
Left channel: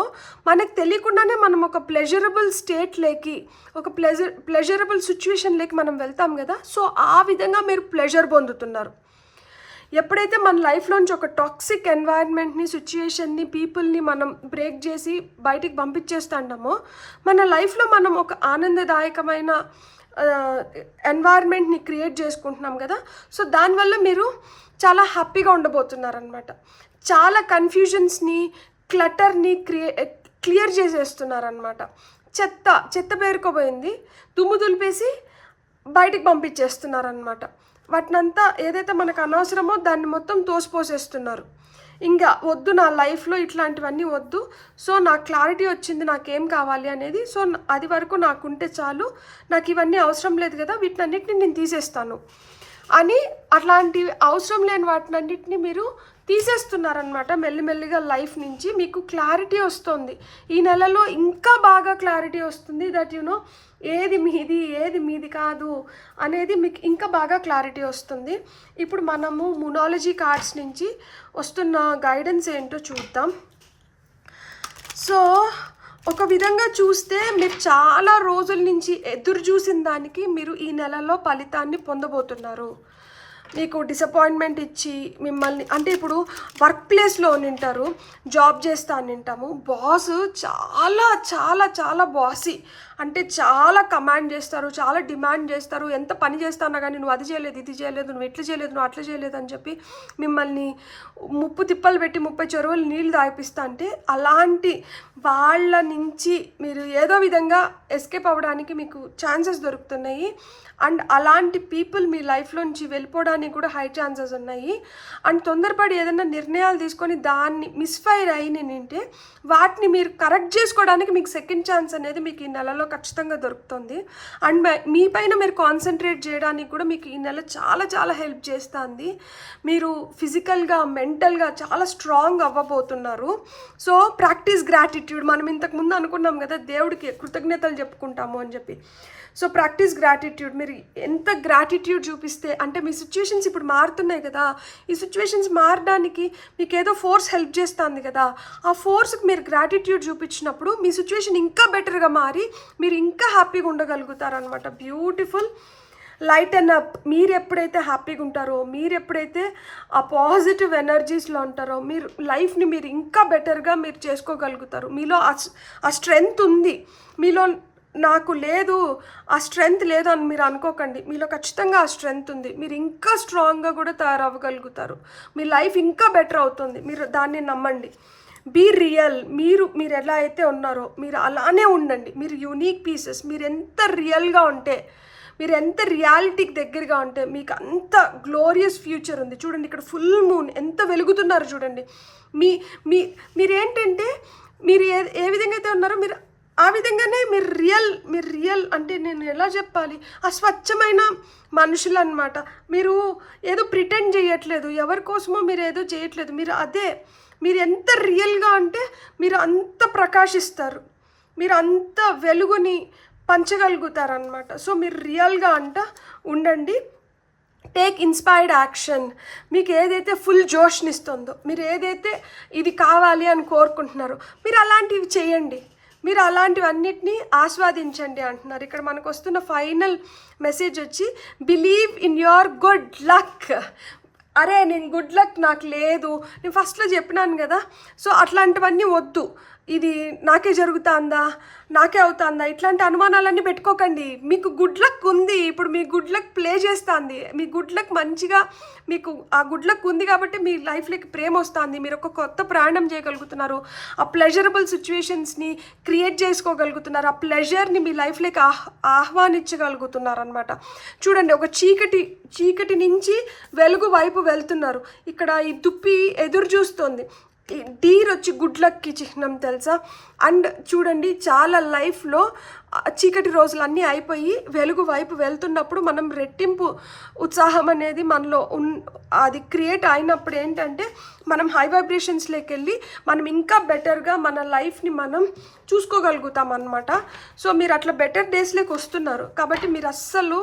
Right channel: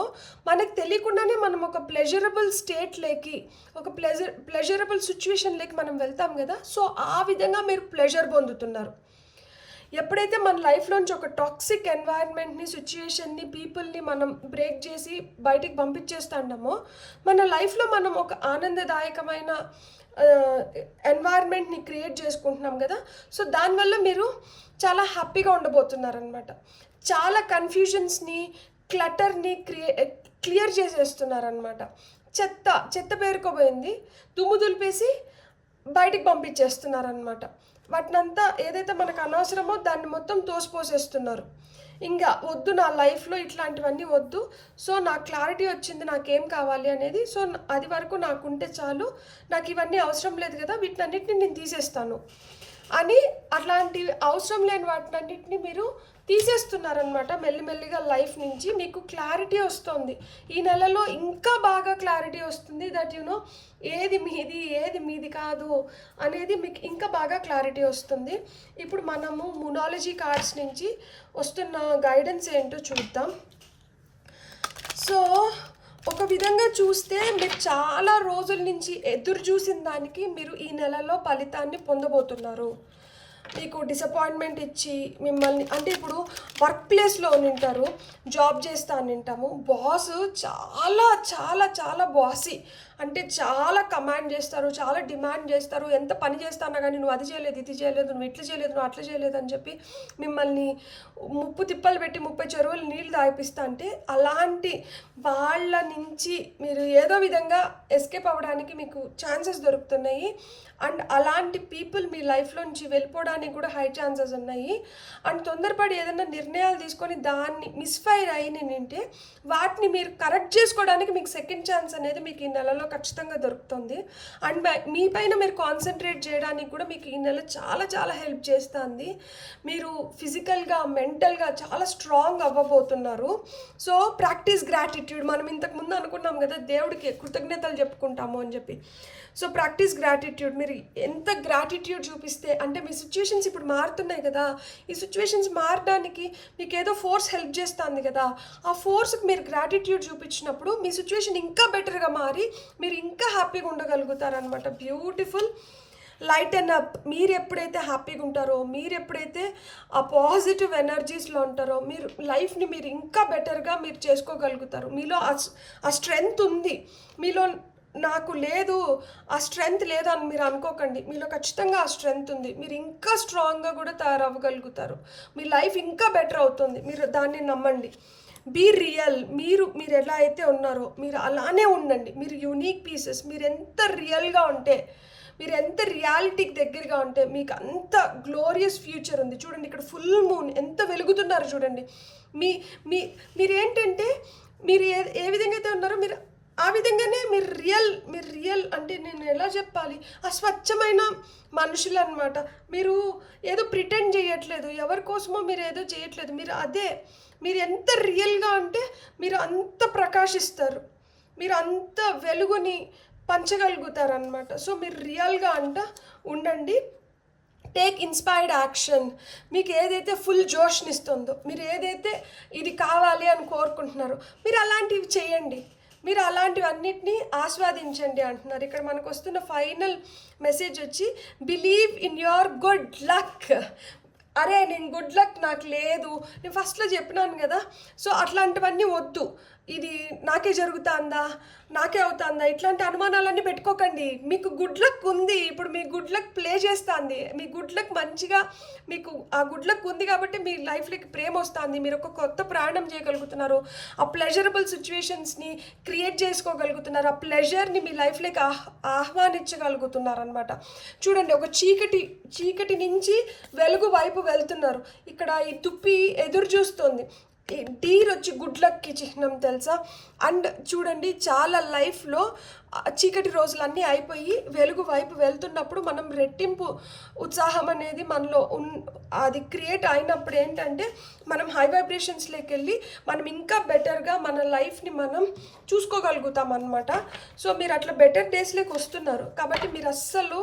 మనకి తెలియకుండానే మనం ఒక ప్లెజరబుల్ స్టేట్లోకి, ఒక ప్లెజరబుల్ సిచ్యువేషన్లోకి మనం వెళ్తాం కదా. సో ఆ విధంగా మీరు ప్లెజర్ పొందుతున్నారు. ఎప్పుడైతే మన లైఫ్లోంచి ఒక టాక్సిక్ ఎన్వైరన్మెంట్ని, సిచ్యుయేషన్ని, పీపుల్ని మనం బ్రేక్ చేసి బయటికి పంపించేస్తామో మన లైఫ్లో మనం ఒక ఆనందదాయకమైన ఎన్వైర్న్మెంట్ని క్రియేట్ చేసుకుంటున్నాం కదా. సో దానివల్ల మీరు చాలా హ్యాపీగా ఉండబోతున్నారనమాట. చాలా కన్ఫ్యూజన్స్ని, క్లటర్ని క్లియర్ చేసేస్తున్నారనమాట. చెత్త పేరుకోబోయింది దుమ్ము దులిపేసి బయటికి పంపించేస్తున్నారనమాట. వాటినంతా ఏదైతే మనకు అనవసరమో దాన్ని మొత్తం తోసిపోసేస్తున్నారు. ఇంకా వద్దు, నా లైఫ్లో ఇట్లాంటివన్నీ వద్దు, సో నాకు క్లారిటీ వచ్చింది నాకేం కావాలి అనేది, సో అది వరకు నాకుంటే చాలు, నాకు ఇవన్నీ అవసరం లేదు కదా, వీటినన్నిటిని నేను తీసేస్తాను అని అట్లాంటివి అవసరం లేని వాటినన్నిటిని మీరు తీసేస్తున్నారనమాట. మెల్లిమెల్లిగా లైఫ్ నుంచి మీకు క్లారిటీ వస్తుంది. ఈ నెలలో ఇంకా బాగా క్లారిటీ వస్తుంది దట్ యునో ఏది మీది కాదు అనేది మీకు ఇంకా బాగా క్లారిటీ వస్తుంది. ఇప్పుడు మనము న్యూమరాలజీ కార్డ్స్ నుంచి వస్తున్న గైడెన్స్ ఏంటో చూద్దాం. సో ఒక విధంగా చూస్తే మీరు చాలా రోజుల నుంచి ఎదురు చూసిన దానికి మీరు ఈ నెలలో ఫలితాన్ని పొందబోతున్నారు. మీకు డిసప్పాయింట్మెంట్ ఇచ్చి మిమ్మల్ని, అంటే ఇప్పుడు వర్క్ ప్లేస్లో ఉంటారు, జాబ్ చేస్తా అని ఉంటాము, బాస్ చాలా చాలా చాలా బాసీ, అంటే చాలా కమాండ్ చేస్తారు, చాలా డిమాండ్ చేస్తారు. ఎంత పని చేస్తానా కానీ నువ్వు అది చేయలేదు, ఇది చేయలేదు, నువ్వు ఇట్లా చేయలేదు, నువ్వు అట్లా చేయలేదు అని చెప్పి మిమ్మల్ని ముప్పు తిప్పలు పెట్టి 30 చెరువులు నీళ్ళు తాగిపిస్తా. అంటే అలాంటి వాళ్ళ నుంచి మీరు ఏదో విధంగా ఎస్కేప్ అవ్వడానికి మీకు ఛాన్సెస్ దొరుకుతున్నాయి. అండ్ అలాంటి పీపుల్ మీ లైఫ్లోంచి వెళ్ళిపోవడానికి కూడా హై ఛాన్సెస్ ఉన్నాయి. అండ్ తొందరపడి ఏదైనా నిర్ణయాలు తీసుకొని దాన్ని మిస్ఫైర్ అయినంటే వాటిని మీరు కరెక్ట్ చేసుకోవడానికి మీకు సెకండ్ ఛాన్స్ అనేది మీకు ఈ నెలలో ఖచ్చితంగా దొరుకుతుంది. అండ్ మీ పైన మీరు కాన్సన్ట్రేట్ చేయడానికి కూడా మీకు ఈ నెల చాలా చాలా హెల్ప్ చేస్తుంది. మీరు ఫిజికల్గా, మెంటల్గా చాలా స్ట్రాంగ్ అవ్వబోతున్నారు. So practice gratitude. మనం ఇంతకుముందు అనుకున్నాం కదా దేవుడికి కృతజ్ఞతలు చెప్పుకుంటాము అని చెప్పి. So practice gratitude. మీరు ఎంత గ్రాటిట్యూడ్ చూపిస్తే, అంటే మీ సిచ్యువేషన్స్ ఇప్పుడు మారుతున్నాయి కదా, ఈ సిచ్యువేషన్స్ మారడానికి మీకు ఏదో ఫోర్స్ హెల్ప్ చేస్తుంది కదా, ఆ ఫోర్స్కి మీరు గ్రాటిట్యూడ్ చూపించినప్పుడు మీ సిచ్యువేషన్ ఇంకా బెటర్గా మారి మీరు ఇంకా హ్యాపీగా ఉండగలుగుతారనమాట. బ్యూటిఫుల్. Light and up. మీరు ఎప్పుడైతే హ్యాపీగా ఉంటారో, మీరు ఎప్పుడైతే ఆ పాజిటివ్ ఎనర్జీస్లో ఉంటారో మీరు లైఫ్ని మీరు ఇంకా బెటర్గా మీరు చేసుకోగలుగుతారు. మీలో ఆ స్ట్రెంగ్త్ ఉంది. మీలో నాకు లేదు, ఆ స్ట్రెంగ్త్ లేదు అని మీరు అనుకోకండి. మీలో ఖచ్చితంగా ఆ స్ట్రెంగ్త్ ఉంది. మీరు ఇంకా స్ట్రాంగ్గా కూడా తయారవ్వగలుగుతారు. మీ లైఫ్ ఇంకా బెటర్ అవుతుంది. మీరు దాన్ని నమ్మండి. Be real. మీరు ఎలా అయితే ఉన్నారో మీరు అలానే ఉండండి. మీరు యూనిక్ పీసెస్. మీరు ఎంత రియల్గా ఉంటే, మీరు ఎంత రియాలిటీకి దగ్గరగా ఉంటే మీకు అంత గ్లోరియస్ ఫ్యూచర్ ఉంది. చూడండి ఇక్కడ ఫుల్ మూన్ ఎంత వెలుగుతున్నారు చూడండి. మీరేంటంటే మీరు ఏ విధంగా అయితే ఉన్నారో మీరు ఆ విధంగానే మీరు రియల్ అంటే నేను ఎలా చెప్పాలి, ఆ స్వచ్ఛమైన మనుషులు అనమాట. మీరు ఏదో ప్రిటెండ్ చేయట్లేదు, ఎవరి కోసమో మీరు ఏదో చేయట్లేదు. మీరు ఎంత రియల్గా అంటే మీరు అంత ప్రకాశిస్తారు, మీరు అంత వెలుగుని పంచగలుగుతారనమాట. సో మీరు రియల్గా ఉండండి. Take inspired action. మీకు ఏదైతే ఫుల్ జోష్నిస్తుందో, మీరు ఏదైతే ఇది కావాలి అని కోరుకుంటున్నారో మీరు అలాంటివి చేయండి. మీరు అలాంటివన్నిటినీ ఆస్వాదించండి అంటున్నారు. ఇక్కడ మనకు వస్తున్న ఫైనల్ మెసేజ్ వచ్చి believe in your good luck. అరే నేను గుడ్ లక్ నాకు లేదు, నేను ఫస్ట్లో చెప్పినాను కదా. సో అట్లాంటివన్నీ వద్దు. ఇది నాకే జరుగుతుందా, నాకే అవుతుందా, ఇట్లాంటి అనుమానాలన్నీ పెట్టుకోకండి. మీకు గుడ్ లక్ ఉంది. ఇప్పుడు మీ గుడ్ లక్ ప్లే చేస్తుంది. మీ గుడ్ లక్ మంచిగా, మీకు ఆ గుడ్ లక్ ఉంది కాబట్టి మీ లైఫ్లోకి ప్రేమ వస్తుంది. మీరు ఒక కొత్త ప్రయాణం చేయగలుగుతున్నారు. ఆ ప్లెజరబుల్ సిచ్యువేషన్స్ని క్రియేట్ చేసుకోగలుగుతున్నారు. ఆ ప్లెజర్ని మీ లైఫ్లోకి ఆహ్వానించగలుగుతున్నారు అనమాట. చూడండి, ఒక చీకటి నుంచి వెలుగు వైపు వెళ్తున్నారు. ఇక్కడ ఈ దుప్పి ఎదురు చూస్తుంది. డీర్ వచ్చి గుడ్ లక్కి చిహ్నం తెలుసా. అండ్ చూడండి, చాలా లైఫ్లో చీకటి రోజులన్నీ అయిపోయి వెలుగు వైపు వెళ్తున్నప్పుడు మనం రెట్టింపు ఉత్సాహం అనేది మనలో అది క్రియేట్ అయినప్పుడు ఏంటంటే మనం హై వైబ్రేషన్స్లోకి వెళ్ళి మనం ఇంకా బెటర్గా మన లైఫ్ని మనం చూసుకోగలుగుతాం అన్నమాట. సో మీరు అట్లా బెటర్ డేస్లోకి వస్తున్నారు కాబట్టి మీరు అస్సలు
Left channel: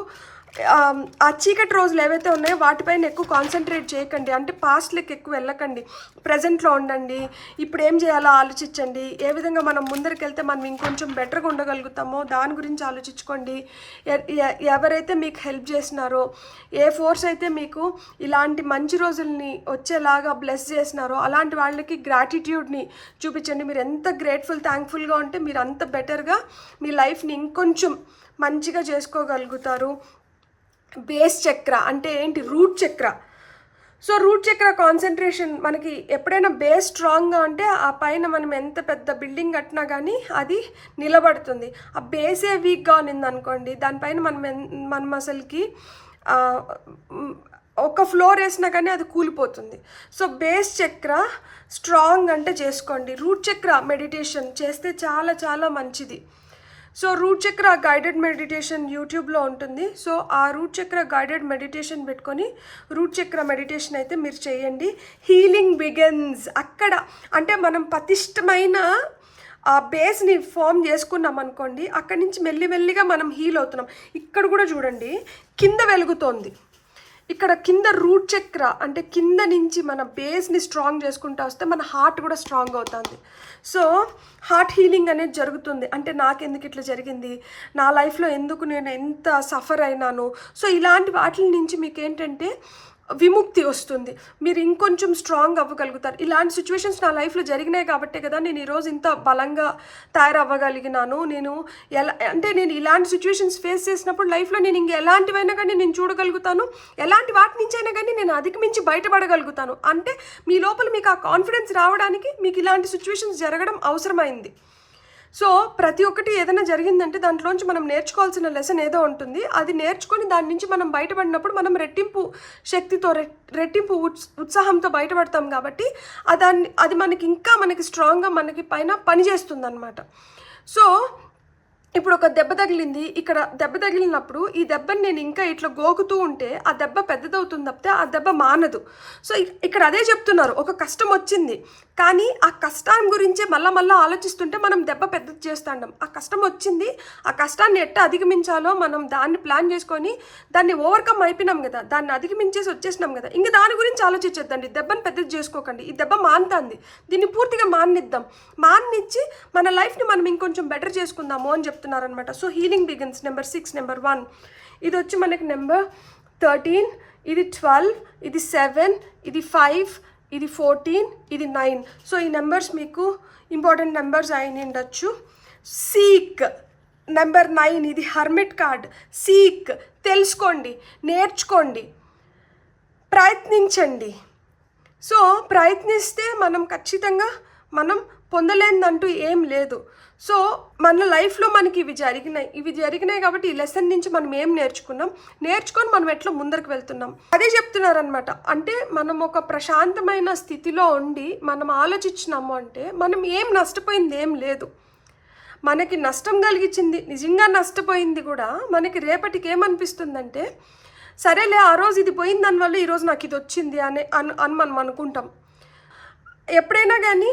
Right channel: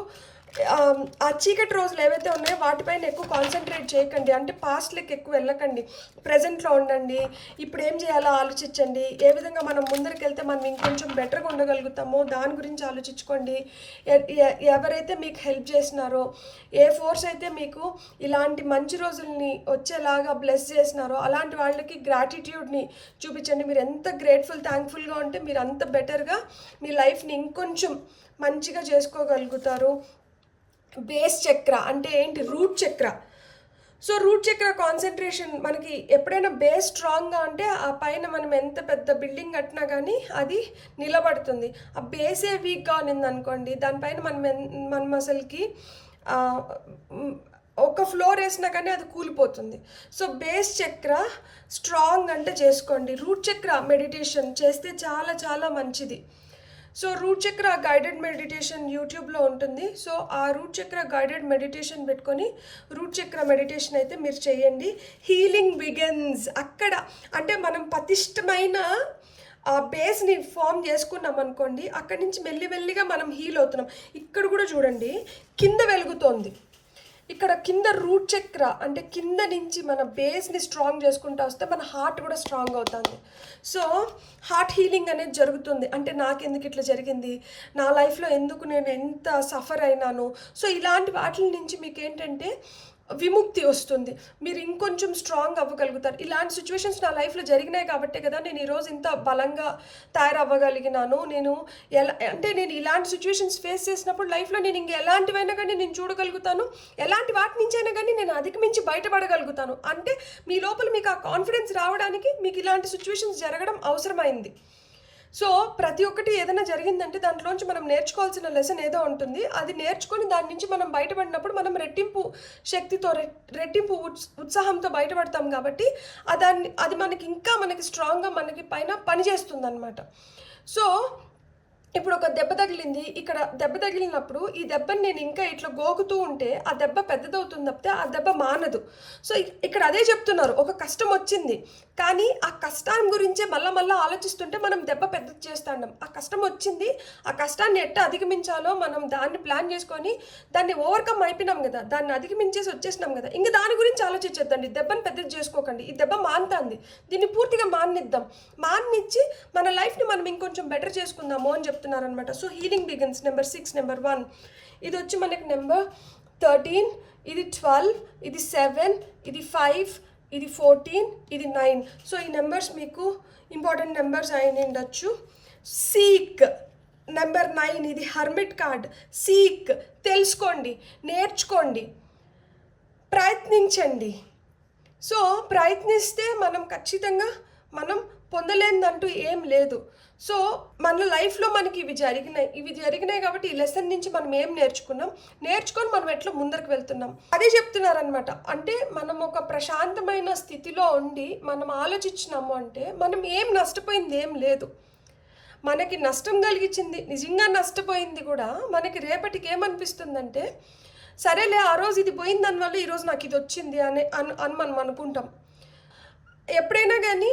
ఆ చీకటి రోజులు ఏవైతే ఉన్నాయో వాటిపైన ఎక్కువ కాన్సన్ట్రేట్ చేయకండి. అంటే పాస్ట్లోకి ఎక్కువ వెళ్ళకండి, ప్రజెంట్లో ఉండండి. ఇప్పుడు ఏం చేయాలో ఆలోచించండి. ఏ విధంగా మనం ముందరికి వెళ్తే మనం ఇంకొంచెం బెటర్గా ఉండగలుగుతామో దాని గురించి ఆలోచించుకోండి. ఎవరైతే మీకు హెల్ప్ చేసినారో, ఏ ఫోర్స్ అయితే మీకు ఇలాంటి మంచి రోజుల్ని వచ్చేలాగా బ్లెస్ చేసినారో అలాంటి వాళ్ళకి గ్రాటిట్యూడ్ని చూపించండి. మీరు ఎంత గ్రేట్ఫుల్, థ్యాంక్ఫుల్గా ఉంటే మీరు అంత బెటర్గా మీ లైఫ్ని ఇంకొంచెం మంచిగా చేసుకోగలుగుతారు. బేస్ చక్ర అంటే ఏంటి? రూట్ చక్ర. సో రూట్ చక్ర కాన్సన్ట్రేషన్ మనకి ఎప్పుడైనా బేస్ స్ట్రాంగ్గా ఉంటే ఆ పైన మనం ఎంత పెద్ద బిల్డింగ్ కట్టినా కానీ అది నిలబడుతుంది. ఆ బేసే వీక్గా ఉన్నింది అనుకోండి, దానిపైన మనం అసలుకి ఒక ఫ్లోర్ వేసినా కానీ అది కూలిపోతుంది. సో బేస్ చక్ర స్ట్రాంగ్ అంటే చేసుకోండి. రూట్ చక్ర మెడిటేషన్ చేస్తే చాలా చాలా మంచిది. సో రూట్ చక్ర గైడెడ్ మెడిటేషన్ యూట్యూబ్లో ఉంటుంది. సో ఆ రూట్ చక్ర గైడెడ్ మెడిటేషన్ పెట్టుకొని రూట్ చక్ర మెడిటేషన్ అయితే మీరు చేయండి. హీలింగ్ బిగిన్స్ అక్కడ. అంటే మనం పటిష్టమైన ఆ బేస్ని ఫామ్ చేసుకున్నాం అనుకోండి, అక్కడి నుంచి మెల్లిమెల్లిగా మనం హీల్ అవుతున్నాం. ఇక్కడ కూడా చూడండి, కింద వెలుగుతోంది. ఇక్కడ కింద రూట్ చక్ర అంటే కింద నుంచి మన బేస్ని స్ట్రాంగ్ చేసుకుంటూ వస్తే మన హార్ట్ కూడా స్ట్రాంగ్ అవుతుంది. సో హార్ట్ హీలింగ్ అనేది జరుగుతుంది. అంటే నాకెందుకు ఇట్లా జరిగింది, నా లైఫ్లో ఎందుకు నేను ఎంత సఫర్ అయినాను. సో ఇలాంటి వాటి నుంచి మీకు ఏంటంటే విముక్తి వస్తుంది. మీరు ఇంకొంచెం స్ట్రాంగ్ అవ్వగలుగుతారు. ఇలాంటి సిచ్యువేషన్స్ నా లైఫ్లో జరిగినాయి కాబట్టే కదా నేను ఈరోజు ఇంత బలంగా తయారవ్వగలిగినాను. నేను ఇలాంటి సిచ్యువేషన్స్ ఫేస్ చేసినప్పుడు లైఫ్లో నేను ఎలాంటివైనా కానీ నేను చూడగలుగుతాను. ఎలాంటి వాటి నుంచి అయినా కానీ నేను అధిగమించి బయటపడగలుగుతాను. అంటే మీ లోపల మీకు ఆ కాన్ఫిడెన్స్ రావడానికి మీకు ఇలాంటి సిచ్యువేషన్స్ జరగడం అవసరమైంది. సో ప్రతి ఒక్కటి ఏదైనా జరిగిందంటే దాంట్లోంచి మనం నేర్చుకోవాల్సిన లెసన్ ఏదో ఉంటుంది. అది నేర్చుకొని దాని నుంచి మనం బయటపడినప్పుడు మనం రెట్టింపు శక్తితో, రెట్టింపు ఉత్సాహంతో బయటపడతాం. కాబట్టి అది మనకి స్ట్రాంగ్గా మనకి పైన పనిచేస్తుంది అన్నమాట. సో ఇప్పుడు ఒక దెబ్బ తగిలింది. ఇక్కడ దెబ్బ తగిలినప్పుడు ఈ దెబ్బని నేను ఇంకా ఇట్లా గోకుతూ ఉంటే ఆ దెబ్బ పెద్దదవుతుంది తప్పితే ఆ దెబ్బ మానదు. సో ఇక్కడ అదే చెప్తున్నారు. ఒక కష్టం వచ్చింది కానీ ఆ కష్టం గురించి మళ్ళా ఆలోచిస్తుంటే మనం దెబ్బ పెద్దది చేస్తాం. ఆ కష్టం వచ్చింది, ఆ కష్టాన్ని ఎట్లా అధిగమించాలో మనం దాన్ని ప్లాన్ చేసుకొని దాన్ని ఓవర్కమ్ అయిపోయినాం కదా, దాన్ని అధిగమించేసి వచ్చేసినాం కదా, ఇంకా దాని గురించి ఆలోచించద్దండి. దెబ్బని పెద్దది చేసుకోకండి. ఈ దెబ్బ మానుతుంది, దీన్ని పూర్తిగా మాన్నిద్దాం. మాన్నిచ్చి మన లైఫ్ని మనం ఇంకొంచెం బెటర్ చేసుకుందాము అని చెప్తున్నారనమాట. So healing begins. Number 6, number 1 ఇది వచ్చి మనకి నెంబర్ 13, ఇది 12, ఇది 7, ఇది 5, ఇది 14, ఇది 9. సో ఈ నెంబర్స్ మీకు ఇంపార్టెంట్ నెంబర్స్ అయిన ఉండొచ్చు. సీక్ నెంబర్ 9, ఇది హర్మిట్ కార్డ్. సీక్ తెలుసుకోండి, నేర్చుకోండి, ప్రయత్నించండి. సో ప్రయత్నిస్తే మనం ఖచ్చితంగా మనం పొందలేనిదంటూ ఏం లేదు. సో మన లైఫ్లో మనకి ఇవి జరిగినాయి కాబట్టి ఈ లెసన్ నుంచి మనం ఏం నేర్చుకొని మనం ఎట్లా ముందరికి వెళ్తున్నాం అదే చెప్తున్నారనమాట. అంటే మనం ఒక ప్రశాంతమైన స్థితిలో ఉండి మనం ఆలోచించినాము అంటే మనం ఏం నష్టపోయింది ఏం లేదు. మనకి నష్టం కలిగించింది, నిజంగా నష్టపోయింది కూడా మనకి రేపటికి ఏమనిపిస్తుందంటే సరేలే ఆ రోజు ఇది పోయింది దానివల్ల ఈరోజు నాకు ఇది వచ్చింది అని మనం అనుకుంటాం. ఎప్పుడైనా కానీ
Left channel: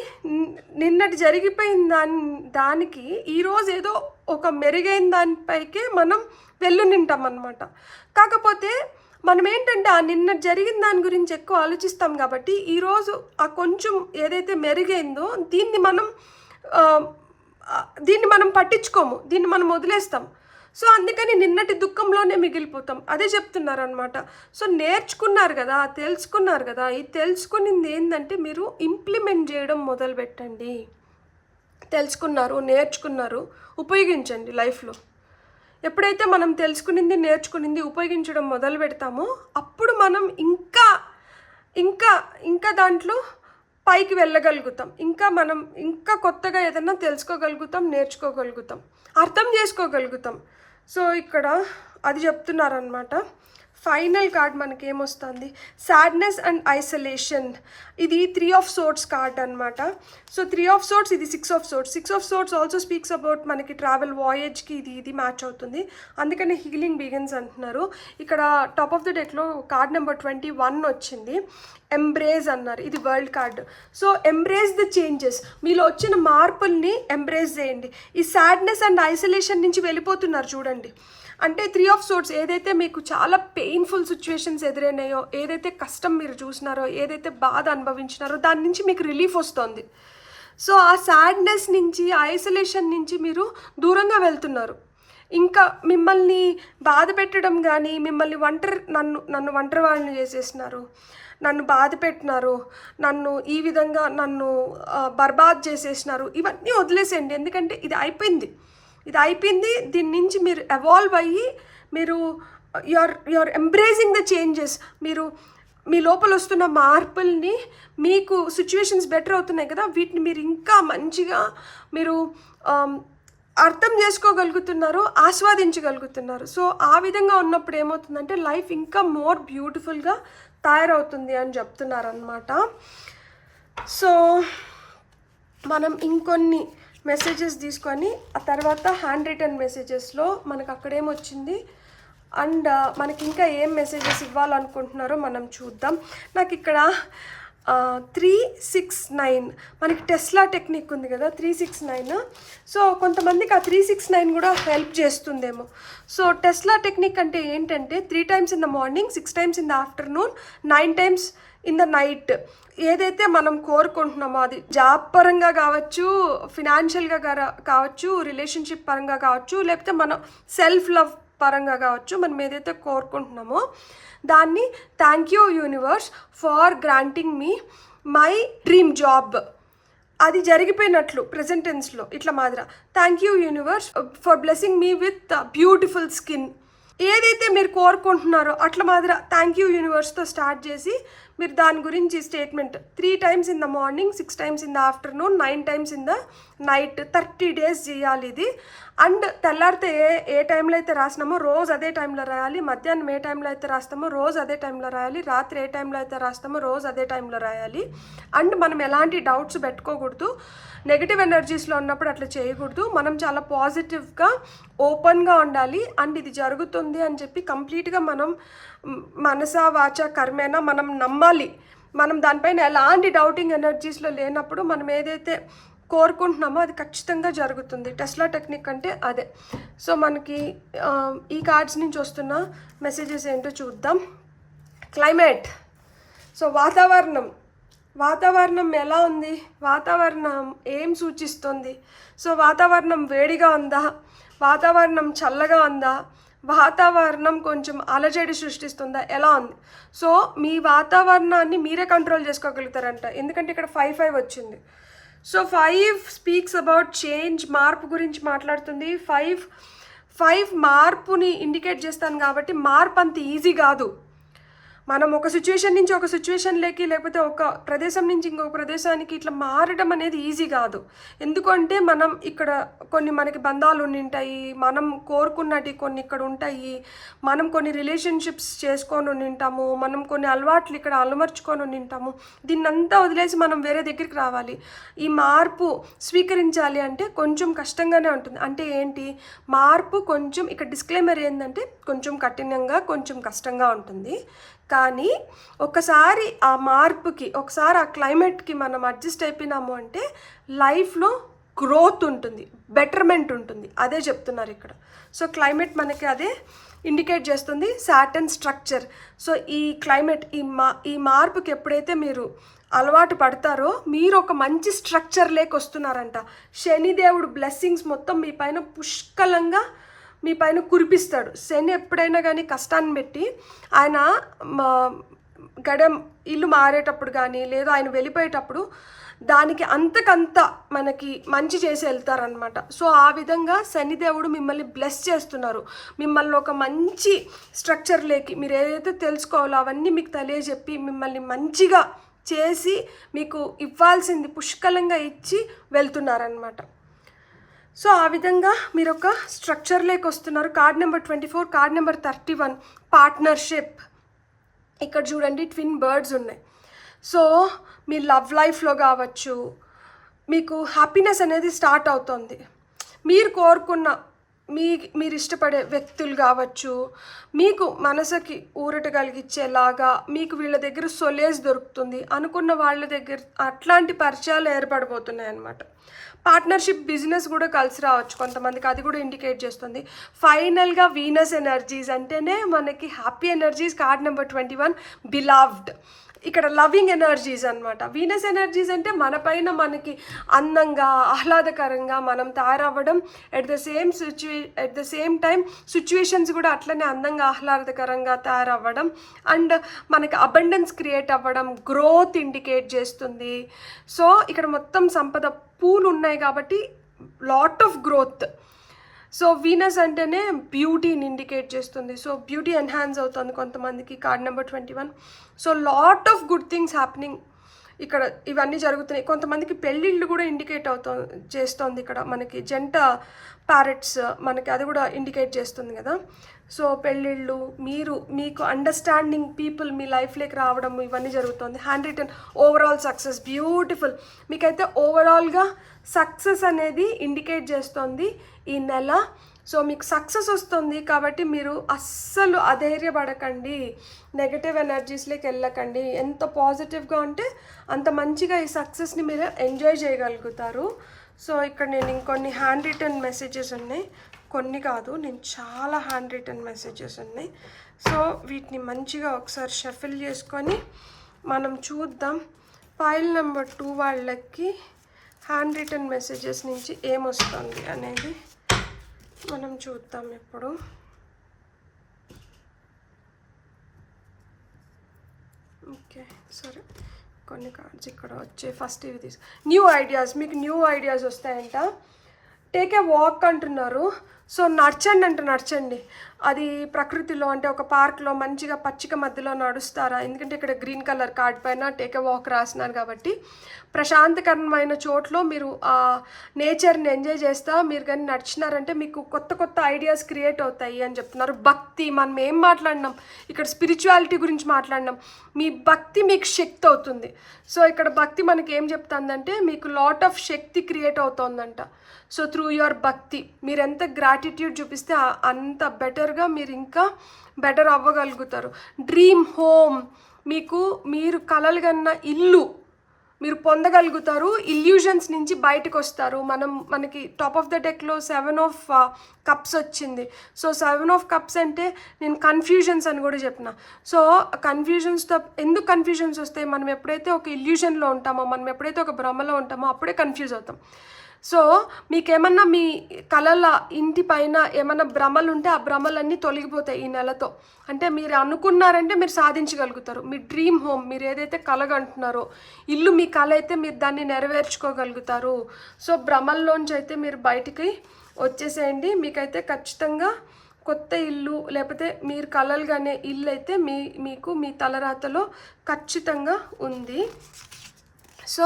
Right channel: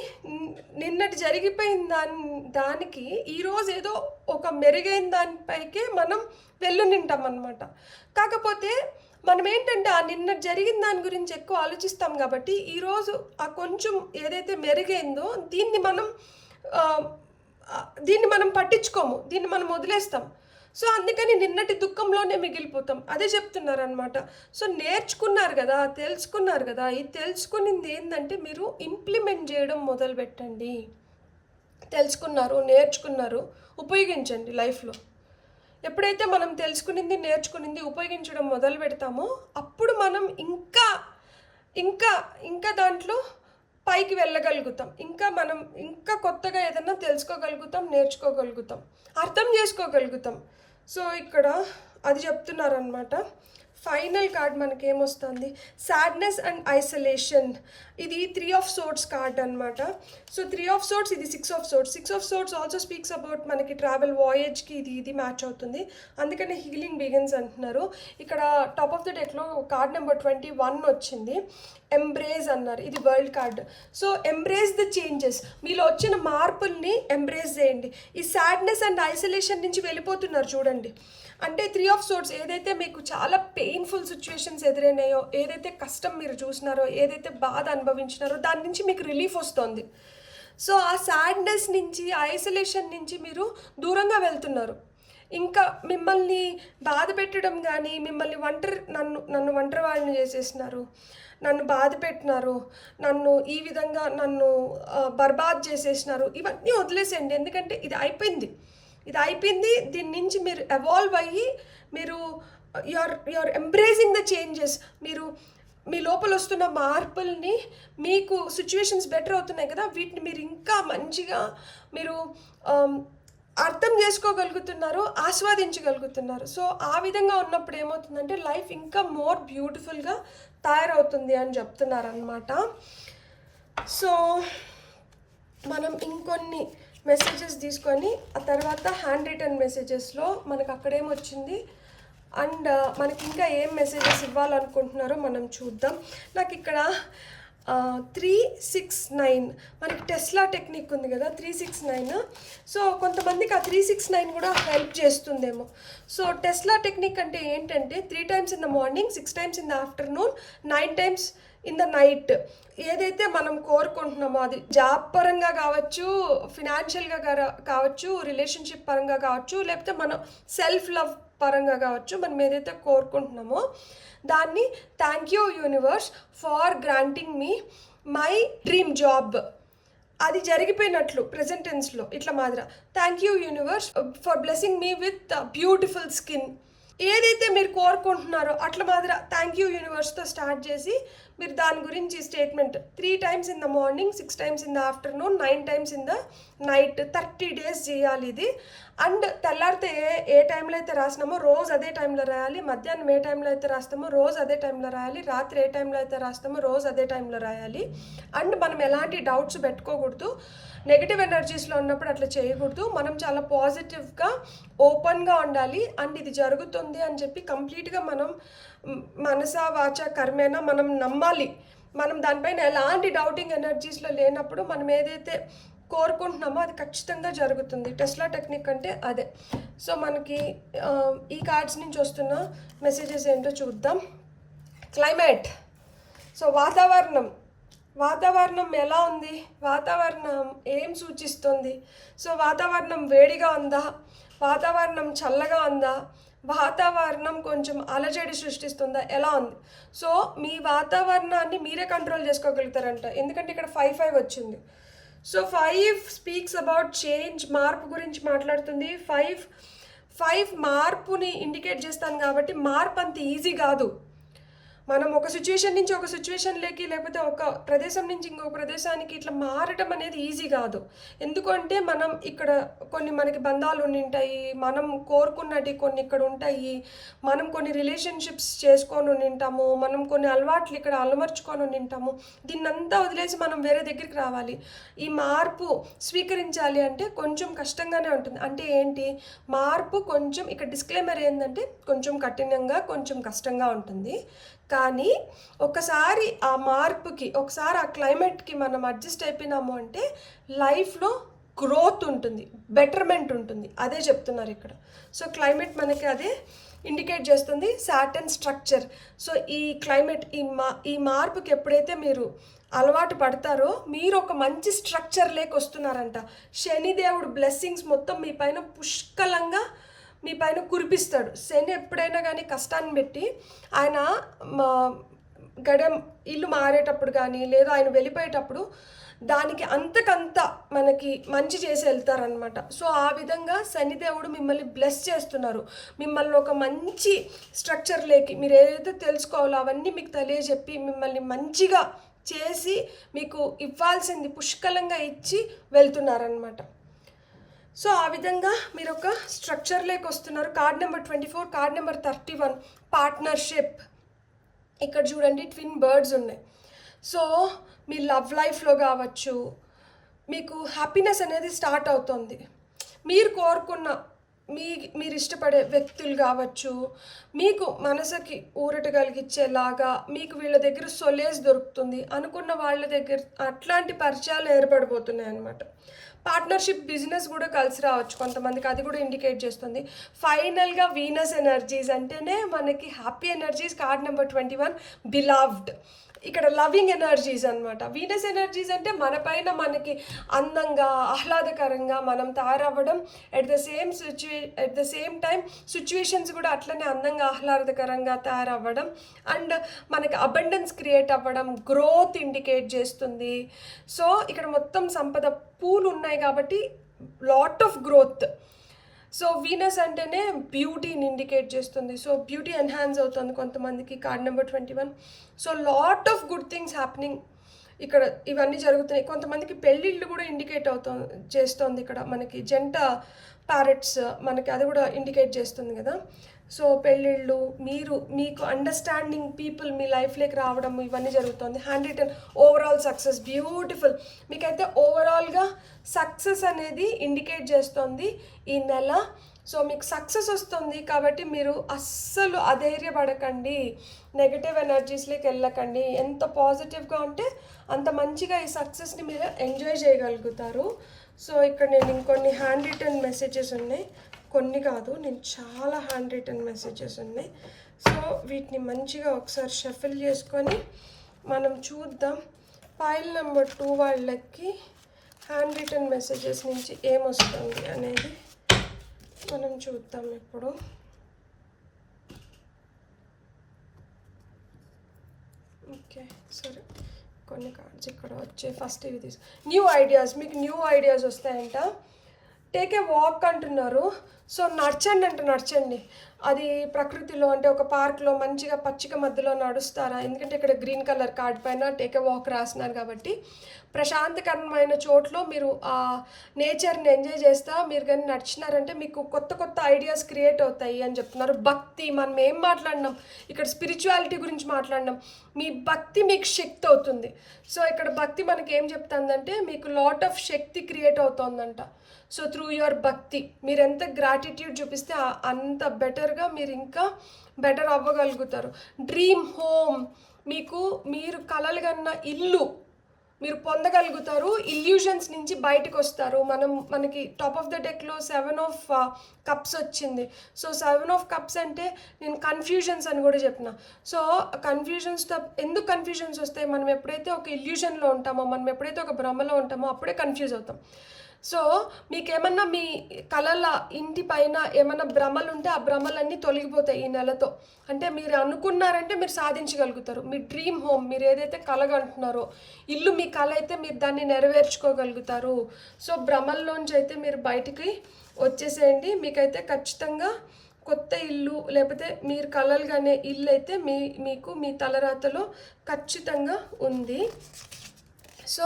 నిన్నటి జరిగిపోయిన దానికి ఈరోజు ఏదో ఒక మెరుగైన దానిపైకే మనం వెళ్ళునింటాం అన్నమాట. కాకపోతే మనం ఏంటంటే ఆ నిన్న జరిగిన దాని గురించి ఎక్కువ ఆలోచిస్తాం కాబట్టి ఈరోజు ఆ కొంచెం ఏదైతే మెరుగైందో దీన్ని మనం పట్టించుకోము, దీన్ని మనం వదిలేస్తాం. సో అందుకని నిన్నటి దుఃఖంలోనే మిగిలిపోతాం. అదే చెప్తున్నారు అనమాట. సో నేర్చుకున్నారు కదా, తెలుసుకున్నారు కదా, ఈ తెలుసుకునింది ఏంటంటే మీరు ఇంప్లిమెంట్ చేయడం మొదలుపెట్టండి. తెలుసుకున్నారు, నేర్చుకున్నారు, ఉపయోగించండి లైఫ్లో. ఎప్పుడైతే మనం తెలుసుకునింది, నేర్చుకునింది ఉపయోగించడం మొదలు పెడతామో అప్పుడు మనం ఇంకా ఇంకా ఇంకా దాంట్లో పైకి వెళ్ళగలుగుతాం. మనం ఇంకా కొత్తగా ఏదైనా తెలుసుకోగలుగుతాం, నేర్చుకోగలుగుతాం, అర్థం చేసుకోగలుగుతాం. సో ఇక్కడ అది చెప్తున్నారనమాట. ఫైనల్ కార్డ్ మనకి ఏమొస్తుంది, సాడ్నెస్ అండ్ ఐసోలేషన్. ఇది 3 of Swords కార్డ్ అనమాట. సో 3 of Swords, ఇది 6 of Swords. 6 of Swords also speaks about మనకి ట్రావెల్, వాయేజ్కి ఇది మ్యాచ్ అవుతుంది. అందుకనే హీలింగ్ బిగిన్స్ అంటున్నారు. ఇక్కడ టాప్ ఆఫ్ ద డెక్లో కార్డ్ నెంబర్ 21 వచ్చింది, ఎంబ్రేజ్ అన్నారు. ఇది world card. So embrace the changes, మీలో వచ్చిన మార్పుల్ని ఎంబ్రేజ్ చేయండి. ఈ సాడ్నెస్ అండ్ ఐసోలేషన్ నుంచి వెళ్ళిపోతున్నారు చూడండి. అంటే 3 of Swords ఏదైతే మీకు చాలా పెయిన్ఫుల్ సిచ్యువేషన్స్ ఎదురైనాయో, ఏదైతే కష్టం మీరు చూసినారో, ఏదైతే బాధ అనుభవించినారో దాని నుంచి మీకు రిలీఫ్ వస్తుంది. సో ఆ సాడ్నెస్ నుంచి, ఐసోలేషన్ నుంచి మీరు దూరంగా వెళ్తున్నారు. ఇంకా మిమ్మల్ని బాధ పెట్టడం కానీ, మిమ్మల్ని నన్ను ఒంటరి వాళ్ళని చేసేసినారు, నన్ను బాధ పెట్టినారు, నన్ను ఈ విధంగా బర్బాద్ చేసేసినారు, ఇవన్నీ వదిలేసేయండి. ఎందుకంటే ఇది అయిపోయింది. దీని నుంచి మీరు ఎవాల్వ్ అయ్యి మీరు యూఆర్ ఎంబ్రేజింగ్ ద చేంజెస్. మీరు మీ లోపల వస్తున్న మార్పుల్ని, మీకు సిచ్యువేషన్స్ బెటర్ అవుతున్నాయి కదా, వీటిని మీరు ఇంకా మంచిగా మీరు అర్థం చేసుకోగలుగుతున్నారు, ఆస్వాదించగలుగుతున్నారు. సో ఆ విధంగా ఉన్నప్పుడు ఏమవుతుందంటే లైఫ్ ఇంకా మోర్ బ్యూటిఫుల్గా తయారవుతుంది అని చెప్తున్నారు అన్నమాట. సో మనం ఇంకొన్ని మెసేజెస్ తీసుకొని ఆ తర్వాత హ్యాండ్ రిటర్న్ మెసేజెస్లో మనకు అక్కడేమొచ్చింది అండ్ మనకి ఇంకా ఏం మెసేజెస్ ఇవ్వాలనుకుంటున్నారో మనం చూద్దాం. నాకు ఇక్కడ 369 మనకి టెస్లా టెక్నిక్ ఉంది కదా, 369. సో కొంతమందికి ఆ 369 కూడా హెల్ప్ చేస్తుందేమో. సో టెస్లా టెక్నిక్ అంటే ఏంటంటే 3 times in the morning, 6 times in the afternoon, 9 times in the night. ఏదైతే మనం కోరుకుంటున్నామో అది జాబ్ పరంగా కావచ్చు, ఫినాన్షియల్గా కావచ్చు, రిలేషన్షిప్ పరంగా కావచ్చు, లేకపోతే మన సెల్ఫ్ లవ్ పరంగా కావచ్చు, మనం ఏదైతే కోరుకుంటున్నామో దాన్ని thank you universe for granting me my dream job, అది జరిగిపోయినట్లు ప్రెజెంట్ టెన్స్లో ఇట్లా మాదిరా. Thank you universe for blessing me with beautiful skin. ఏదైతే మీరు కోరుకుంటున్నారో అట్లా మాదిరా థ్యాంక్ యూ యూనివర్స్తో స్టార్ట్ చేసి మీరు దాని గురించి statement 3 times in the morning, 6 times in the afternoon, 9 times in the night 30 days చేయాలి ఇది. అండ్ తెల్లారితే ఏ టైంలో అయితే రాసినామో రోజు అదే టైంలో రాయాలి, మధ్యాహ్నం ఏ టైంలో అయితే రాస్తామో రోజు అదే టైంలో రాయాలి, రాత్రి ఏ టైంలో అయితే రాస్తామో రోజు అదే టైంలో రాయాలి. అండ్ మనం ఎలాంటి డౌట్స్ పెట్టుకోకూడదు, నెగిటివ్ ఎనర్జీస్లో ఉన్నప్పుడు అట్లా చేయకూడదు. మనం చాలా పాజిటివ్గా ఓపెన్గా ఉండాలి. అండ్ ఇది జరుగుతుంది అని చెప్పి కంప్లీట్గా మనం మనసా వాచ కర్మేనా మనం నమ్మాలి. మనం దానిపైన ఎలాంటి డౌటింగ్ ఎనర్జీస్లో లేనప్పుడు మనం ఏదైతే కోరుకుంటున్నామో అది ఖచ్చితంగా జరుగుతుంది. టెస్లా టెక్నిక్ అంటే అదే. సో మనకి ఈ కార్డ్స్ నుంచి వస్తున్న మెసేజెస్ ఏంటో చూద్దాం. క్లైమేట్. సో వాతావరణం ఎలా ఉంది, వాతావరణం ఏం సూచిస్తుంది. సో వాతావరణం వేడిగా ఉందా, వాతావరణం చల్లగా ఉందా, వాతావరణం కొంచెం అలజడి సృష్టిస్తుందా, ఎలా ఉంది. సో మీ వాతావరణాన్ని మీరే కంట్రోల్ చేసుకోగలుగుతారంట. ఎందుకంటే ఇక్కడ 5 వచ్చింది. సో 5 స్పీక్స్ అబౌట్ చేంజ్, మార్పు గురించి మాట్లాడుతుంది. 5 మార్పుని ఇండికేట్ చేస్తాను కాబట్టి మార్పు అంత ఈజీ కాదు. మనం ఒక సిచ్యువేషన్ నుంచి ఒక సిచ్యువేషన్లోకి, లేకపోతే ఒక ప్రదేశం నుంచి ఇంకొక ప్రదేశానికి ఇట్లా మారడం అనేది ఈజీ కాదు. ఎందుకంటే మనం ఇక్కడ కొన్ని మనకి బంధాలు ఉంటాయి, మనం కోరుకున్నవి కొన్ని ఇక్కడ ఉంటాయి, మనం కొన్ని రిలేషన్షిప్స్ చేసుకొని ఉంటాము, మనం కొన్ని అలవాట్లు ఇక్కడ అలమర్చుకొని ఉంటాము. దీన్నంతా వదిలేసి మనం వేరే దగ్గరికి రావాలి. ఈ మార్పు స్వీకరించాలి అంటే కొంచెం కష్టంగానే ఉంటుంది. అంటే ఏంటి మార్పు కొంచెం, ఇక్కడ డిస్క్లైమర్ ఏంటంటే కొంచెం కఠినంగా, కొంచెం కష్టంగా ఉంటుంది. కానీ ఒకసారి ఆ మార్పుకి, ఒకసారి ఆ క్లైమేట్కి మనం అడ్జస్ట్ అయిపోయినాము అంటే లైఫ్లో గ్రోత్ ఉంటుంది, బెటర్మెంట్ ఉంటుంది. అదే చెప్తున్నారు ఇక్కడ. సో క్లైమేట్ మనకి అదే ఇండికేట్ చేస్తుంది సాటర్న్ స్ట్రక్చర్. సో ఈ క్లైమేట్ ఈ మార్పుకి ఎప్పుడైతే మీరు అలవాటు పడతారో మీరు ఒక మంచి స్ట్రక్చర్ లేక వస్తున్నారంట. శనిదేవుడు బ్లెస్సింగ్స్ మొత్తం మీ పైన పుష్కలంగా మీ పైన కురిపిస్తాడు. శని ఎప్పుడైనా కానీ కష్టాన్ని పెట్టి ఆయన ఇల్లు మారేటప్పుడు కానీ లేదా ఆయన వెళ్ళిపోయేటప్పుడు దానికి అంతకంత మనకి మంచి చేసి వెళ్తారనమాట. సో ఆ విధంగా శనిదేవుడు మిమ్మల్ని బ్లెస్ చేస్తున్నారు. మిమ్మల్ని ఒక మంచి స్ట్రక్చర్ లేకి మీరు ఏదైతే తెలుసుకోవాలో అవన్నీ మీకు తెలియజెప్పి మిమ్మల్ని మంచిగా చేసి మీకు ఇవ్వాల్సింది పుష్కలంగా ఇచ్చి వెళ్తున్నారనమాట. సో ఆ విధంగా మీరు ఒక స్ట్రక్చర్ లేక వస్తున్నారు. Card number 24, card number 31 partnership. ఇక్కడ చూడండి ట్విన్ బర్డ్స్ ఉన్నాయి. సో మీ లవ్ లైఫ్లో కావచ్చు మీకు హ్యాపీనెస్ అనేది స్టార్ట్ అవుతుంది. మీరు కోరుకున్న మీరు ఇష్టపడే వ్యక్తులు కావచ్చు, మీకు మనసుకి ఊరట కలిగించేలాగా మీకు వీళ్ళ దగ్గర సొలేస్ దొరుకుతుంది అనుకున్న వాళ్ళ దగ్గర అట్లాంటి పరిచయాలు ఏర్పడిపోతున్నాయి అన్నమాట. పార్ట్నర్షిప్ బిజినెస్ కూడా కలిసి రావచ్చు కొంతమందికి, అది కూడా ఇండికేట్ చేస్తుంది. ఫైనల్గా వీనస్ ఎనర్జీస్ అంటేనే మనకి happy energies. Card number 21 beloved. ఇక్కడ లవింగ్ ఎనర్జీస్ అనమాట. వీనస్ ఎనర్జీస్ అంటే మన పైన మనకి అందంగా ఆహ్లాదకరంగా మనం తయారవ్వడం, at the same time situations కూడా అట్లనే అందంగా ఆహ్లాదకరంగా తయారవ్వడం అండ్ మనకి అబండెన్స్ క్రియేట్ అవ్వడం, గ్రోత్ ఇండికేట్ చేస్తుంది. సో ఇక్కడ మొత్తం సంపద పూలు ఉన్నాయి కాబట్టి lot of growth. So Venus అంటేనే బ్యూటీని ఇండికేట్ చేస్తుంది. సో బ్యూటీ ఎన్హాన్స్ అవుతుంది కొంతమందికి. Card number 21. So lot of good things happening ఇక్కడ ఇవన్నీ జరుగుతున్నాయి. కొంతమందికి పెళ్ళిళ్ళు కూడా ఇండికేట్ చేస్తుంది. ఇక్కడ మనకి జంట ప్యారెట్స్ మనకి అది కూడా ఇండికేట్ చేస్తుంది కదా. సో పెళ్ళిళ్ళు, మీకు అండర్స్టాండింగ్ పీపుల్ మీ లైఫ్లోకి రావడం ఇవన్నీ జరుగుతుంది. Hand written overall success, beautiful. మీకైతే ఓవరాల్గా సక్సెస్ అనేది ఇండికేట్ చేస్తుంది ఈ నెల. సో మీకు సక్సెస్ వస్తుంది కాబట్టి మీరు అస్సలు అధైర్యపడకండి, నెగటివ్ ఎనర్జీస్లోకి వెళ్ళకండి. ఎంత పాజిటివ్గా ఉంటే అంత మంచిగా ఈ సక్సెస్ని మీరు ఎంజాయ్ చేయగలుగుతారు. సో ఇక్కడ నేను ఇంకొన్ని హ్యాండ్ రిటన్ మెసేజెస్ ఉన్నాయి, కొన్ని కాదు, నేను చాలా హ్యాండ్ రిటన్ మెసేజెస్ ఉన్నాయి. సో వీటిని మంచిగా ఒకసారి షఫిల్ చేసుకొని మనం చూద్దాం. ఫైల్ నెంబర్ 2 వాళ్ళకి హ్యాండ్ రిటన్ మెసేజెస్ నుంచి ఏమొస్తుంది అనేది మనం చూద్దాం ఇప్పుడు. ఓకే సరే, కొన్ని కార్డ్స్ ఇక్కడ వచ్చే ఫస్ట్ ఇవి తీసు. న్యూ ఐడియాస్, మీకు న్యూ ఐడియాస్ వస్తాయంట. టేక్ ఏ వాక్ అంటున్నారు. సో నడచండి. అది ప్రకృతిలో అంటే ఒక పార్క్లో మంచిగా పచ్చిక మధ్యలో నడుస్తారా, ఎందుకంటే ఇక్కడ గ్రీన్ కలర్ కార్డ్ పైన టేక్ ఏ వాక్ రాసినారు కాబట్టి ప్రశాంతకరమైన చోట్లో మీరు ఆ నేచర్ని ఎంజాయ్ చేస్తా మీరు కానీ నడిచినారంటే మీకు కొత్త ఐడియాస్ క్రియేట్ అవుతాయి అని చెప్తున్నారు. భక్తి, మనం ఏం మాట్లాడినాం ఇక్కడ, స్పిరిచువాలిటీ గురించి మాట్లాడినాం. మీ భక్తి మీకు శక్తి అవుతుంది. సో ఇక్కడ భక్తి మనకి ఏం చెప్తుందంటే మీకు లాట్ ఆఫ్ శక్తి క్రియేట్ అవుతుందంట. సో త్రూ యువర్ భక్తి మీరు ఎంత గ్రాటిట్యూడ్ చూపిస్తే అంత బెటర్గా మీరు ఇంకా బెటర్ అవ్వగలుగుతారు. డ్రీమ్ హోమ్, మీరు కలలు కన్న ఇల్లు మీరు పొందగలుగుతారు. ఇల్యూజన్స్ నుంచి బయటకు వస్తారు. మనకి టాప్ ఆఫ్ ద డెక్లో 7 of Cups వచ్చింది. సో 7 of Cups అంటే నేను కన్ఫ్యూజన్స్ అని కూడా చెప్పిన. సో ఎందుకు కన్ఫ్యూజన్స్ వస్తాయి, మనం ఎప్పుడైతే ఒక ఇల్యూజన్లో ఉంటామో, మనం ఎప్పుడైతే ఒక భ్రమలో ఉంటామో అప్పుడే కన్ఫ్యూజ్ అవుతాం. సో మీకేమన్నా మీ కళల ఇంటి పైన ఏమన్నా భ్రమలు ఉంటే ఆ భ్రమలన్నీ తొలగిపోతాయి ఈ నెలతో. అంటే మీరు అనుకున్నారంటే మీరు సాధించగలుగుతారు. మీ డ్రీమ్ హోమ్, మీరు ఏదైతే కలగంటున్నారో ఇల్లు, మీ కళ అయితే మీరు దాన్ని నెరవేర్చుకోగలుగుతారు. సో భ్రమల్లోంచి అయితే మీరు బయటికి వచ్చేసేయండి. మీకైతే ఖచ్చితంగా కొత్త ఇల్లు లేకపోతే మీరు కలలుగానే ఇల్లు అయితే మీకు మీ తలరాతలో ఖచ్చితంగా ఉంది. సో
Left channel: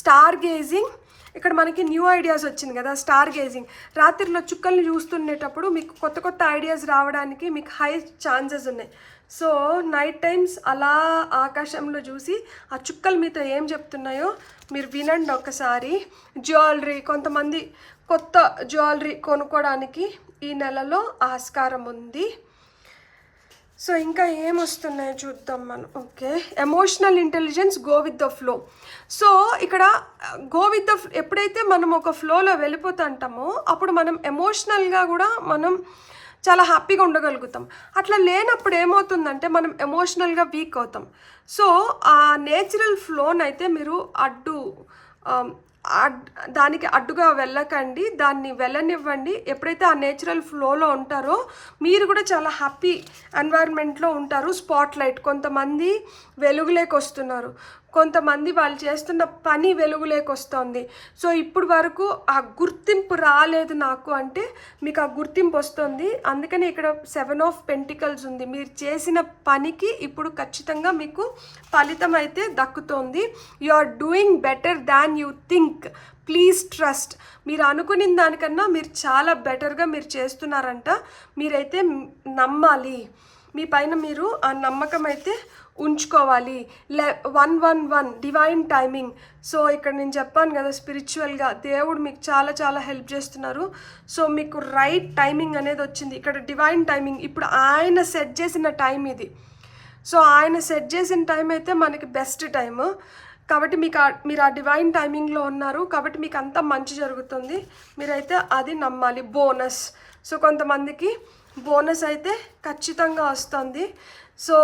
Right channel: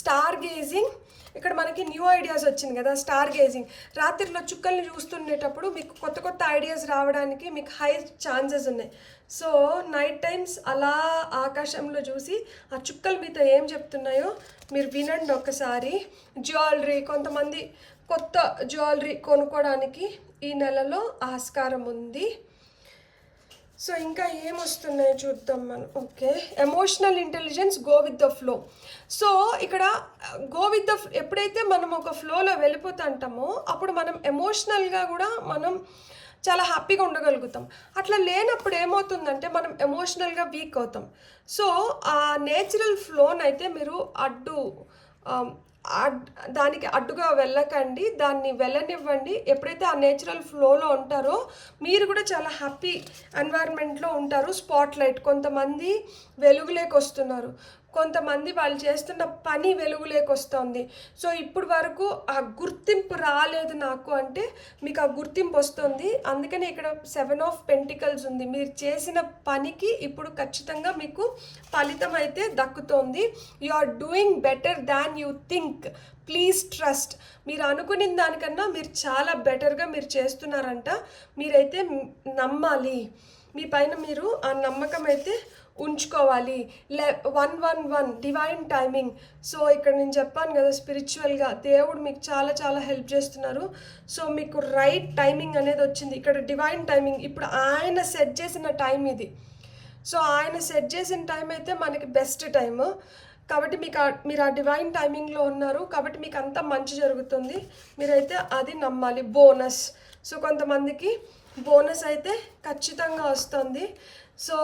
స్టార్ గేజింగ్, ఇక్కడ మనకి న్యూ ఐడియాస్ వచ్చింది కదా. స్టార్ గేజింగ్, రాత్రిలో చుక్కల్ని చూస్తుండేటప్పుడు మీకు కొత్త ఐడియాస్ రావడానికి మీకు హై ఛాన్సెస్ ఉన్నాయి. సో నైట్ టైమ్స్ అలా ఆకాశంలో చూసి ఆ చుక్కలు మీతో ఏం చెప్తున్నాయో మీరు వినండి ఒకసారి. జ్యువెలరీ, కొంతమంది కొత్త జ్యువెలరీ కొనుక్కోవడానికి ఈ నెలలో ఆస్కారం ఉంది. సో ఇంకా ఏమొస్తున్నాయో చూద్దాం మనం. Okay, emotional intelligence, go with the flow. So ఇక్కడ గో విత్ ద, ఎప్పుడైతే మనం ఒక ఫ్లోలో వెళ్ళిపోతుంటామో అప్పుడు మనం ఎమోషనల్గా కూడా మనం చాలా హ్యాపీగా ఉండగలుగుతాం. అట్లా లేనప్పుడు ఏమవుతుందంటే మనం ఎమోషనల్గా వీక్ అవుతాం. సో ఆ నేచురల్ ఫ్లోనైతే మీరు దానికి అడ్డుగా వెళ్ళకండి, దాన్ని వెళ్ళనివ్వండి. ఎప్పుడైతే ఆ నేచురల్ ఫ్లోలో ఉంటారో మీరు కూడా చాలా హ్యాపీ ఎన్వైర్న్మెంట్లో ఉంటారు. స్పాట్ లైట్, కొంతమంది వెలుగులోకి వస్తున్నారు, కొంతమంది వాళ్ళు చేస్తున్న పని వెలుగులోకి వస్తుంది. సో ఇప్పుడు వరకు ఆ గుర్తింపు రాలేదు నాకు అంటే మీకు ఆ గుర్తింపు వస్తుంది. అందుకని ఇక్కడ 7 ఆఫ్ పెంటికల్స్ ఉంది. మీరు చేసిన పనికి ఇప్పుడు ఖచ్చితంగా మీకు ఫలితం అయితే దక్కుతోంది. You are doing better than you think. Please trust. మీరు అనుకున్న దానికన్నా మీరు చాలా బెటర్గా మీరు చేస్తున్నారంట. మీరైతే నమ్మాలి, మీ పైన మీరు ఆ నమ్మకం అయితే ఉంచుకోవాలి. 111 డివైన్ టైమింగ్. సో ఇక్కడ నేను చెప్పాను కదా, స్పిరిచువల్గా దేవుడు మీకు చాలా చాలా హెల్ప్ చేస్తున్నారు. సో మీకు రైట్ టైమింగ్ అనేది వచ్చింది. ఇక్కడ డివైన్ టైమింగ్, ఇప్పుడు ఆయన సెట్ చేసిన టైం ఇది. సో ఆయన సెట్ చేసిన టైం అయితే మనకి బెస్ట్ టైము. కాబట్టి మీరు ఆ డివైన్ టైమింగ్లో ఉన్నారు, కాబట్టి మీకు అంతా మంచి జరుగుతుంది. మీరైతే అది నమ్మాలి. బోనస్, సో కొంతమందికి బోనస్ అయితే ఖచ్చితంగా వస్తుంది. సో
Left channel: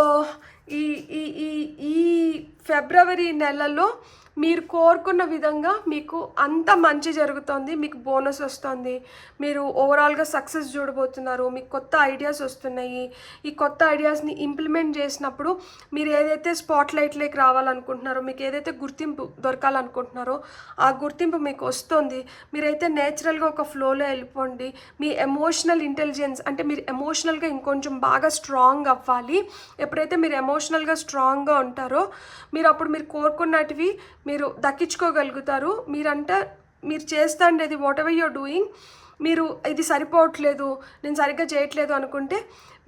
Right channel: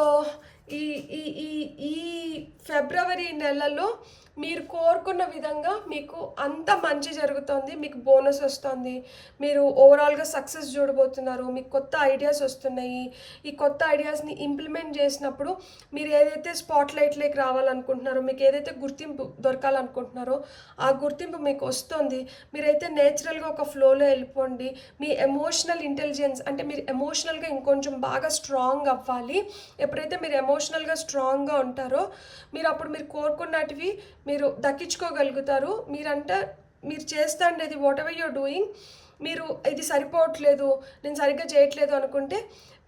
ఈ ఈ ఈ ఈ ఫిబ్రవరి నెలలో మీరు కోరుకున్న విధంగా మీకు అంత మంచి జరుగుతుంది. మీకు బోనస్ వస్తుంది, మీరు ఓవరాల్గా సక్సెస్ చూడబోతున్నారు, మీకు కొత్త ఐడియాస్ వస్తున్నాయి. ఈ కొత్త ఐడియాస్ని ఇంప్లిమెంట్ చేసినప్పుడు మీరు ఏదైతే స్పాట్ లైట్లోకి రావాలనుకుంటున్నారో, మీకు ఏదైతే గుర్తింపు దొరకాలనుకుంటున్నారో ఆ గుర్తింపు మీకు వస్తుంది. మీరైతే నేచురల్గా ఒక ఫ్లోలో వెళ్ళిపోండి. మీ ఎమోషనల్ ఇంటెలిజెన్స్ అంటే మీరు ఎమోషనల్గా ఇంకొంచెం బాగా స్ట్రాంగ్ అవ్వాలి. ఎప్పుడైతే మీరు ఎమోషనల్గా స్ట్రాంగ్గా ఉంటారో మీరు అప్పుడు మీరు కోరుకున్నటివి మీరు దక్కించుకోగలుగుతారు. మీరు చేస్తాండేది వాట్ ఎవర్ యూర్ డూయింగ్, మీరు ఇది సరిపోవట్లేదు, నేను సరిగ్గా చేయట్లేదు అనుకుంటే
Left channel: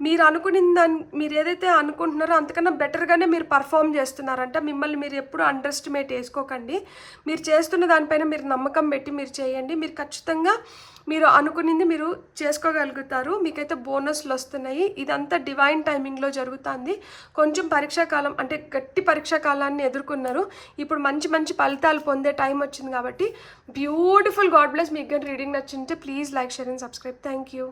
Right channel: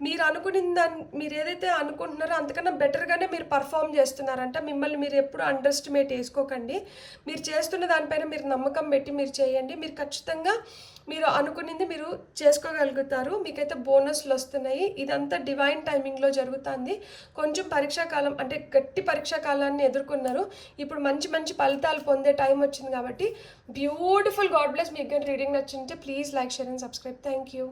మీరు అనుకున్న దాన్ని మీరు ఏదైతే అనుకుంటున్నారో అంతకన్నా బెటర్గానే మీరు పర్ఫామ్ చేస్తున్నారంట. మిమ్మల్ని మీరు ఎప్పుడు అండర్ ఎస్టిమేట్ చేసుకోకండి. మీరు చేస్తున్న దానిపైన మీరు నమ్మకం పెట్టి మీరు చేయండి. మీరు ఖచ్చితంగా మీరు అనుకునింది మీరు చేసుకోగలుగుతారు. మీకైతే బోనస్లు వస్తున్నాయి. ఇదంతా డివైన్ టైమింగ్లో జరుగుతుంది. కొంచెం పరీక్షాకాలం అంటే గట్టి పరీక్షాకాలాన్ని ఎదుర్కొన్నారు. ఇప్పుడు మంచి మంచి ఫలితాలు పొందే టైం వచ్చింది కాబట్టి బ్యూటిఫుల్. God bless. మీకు రీడింగ్ నచ్చింటే please like, share and subscribe. Thank you.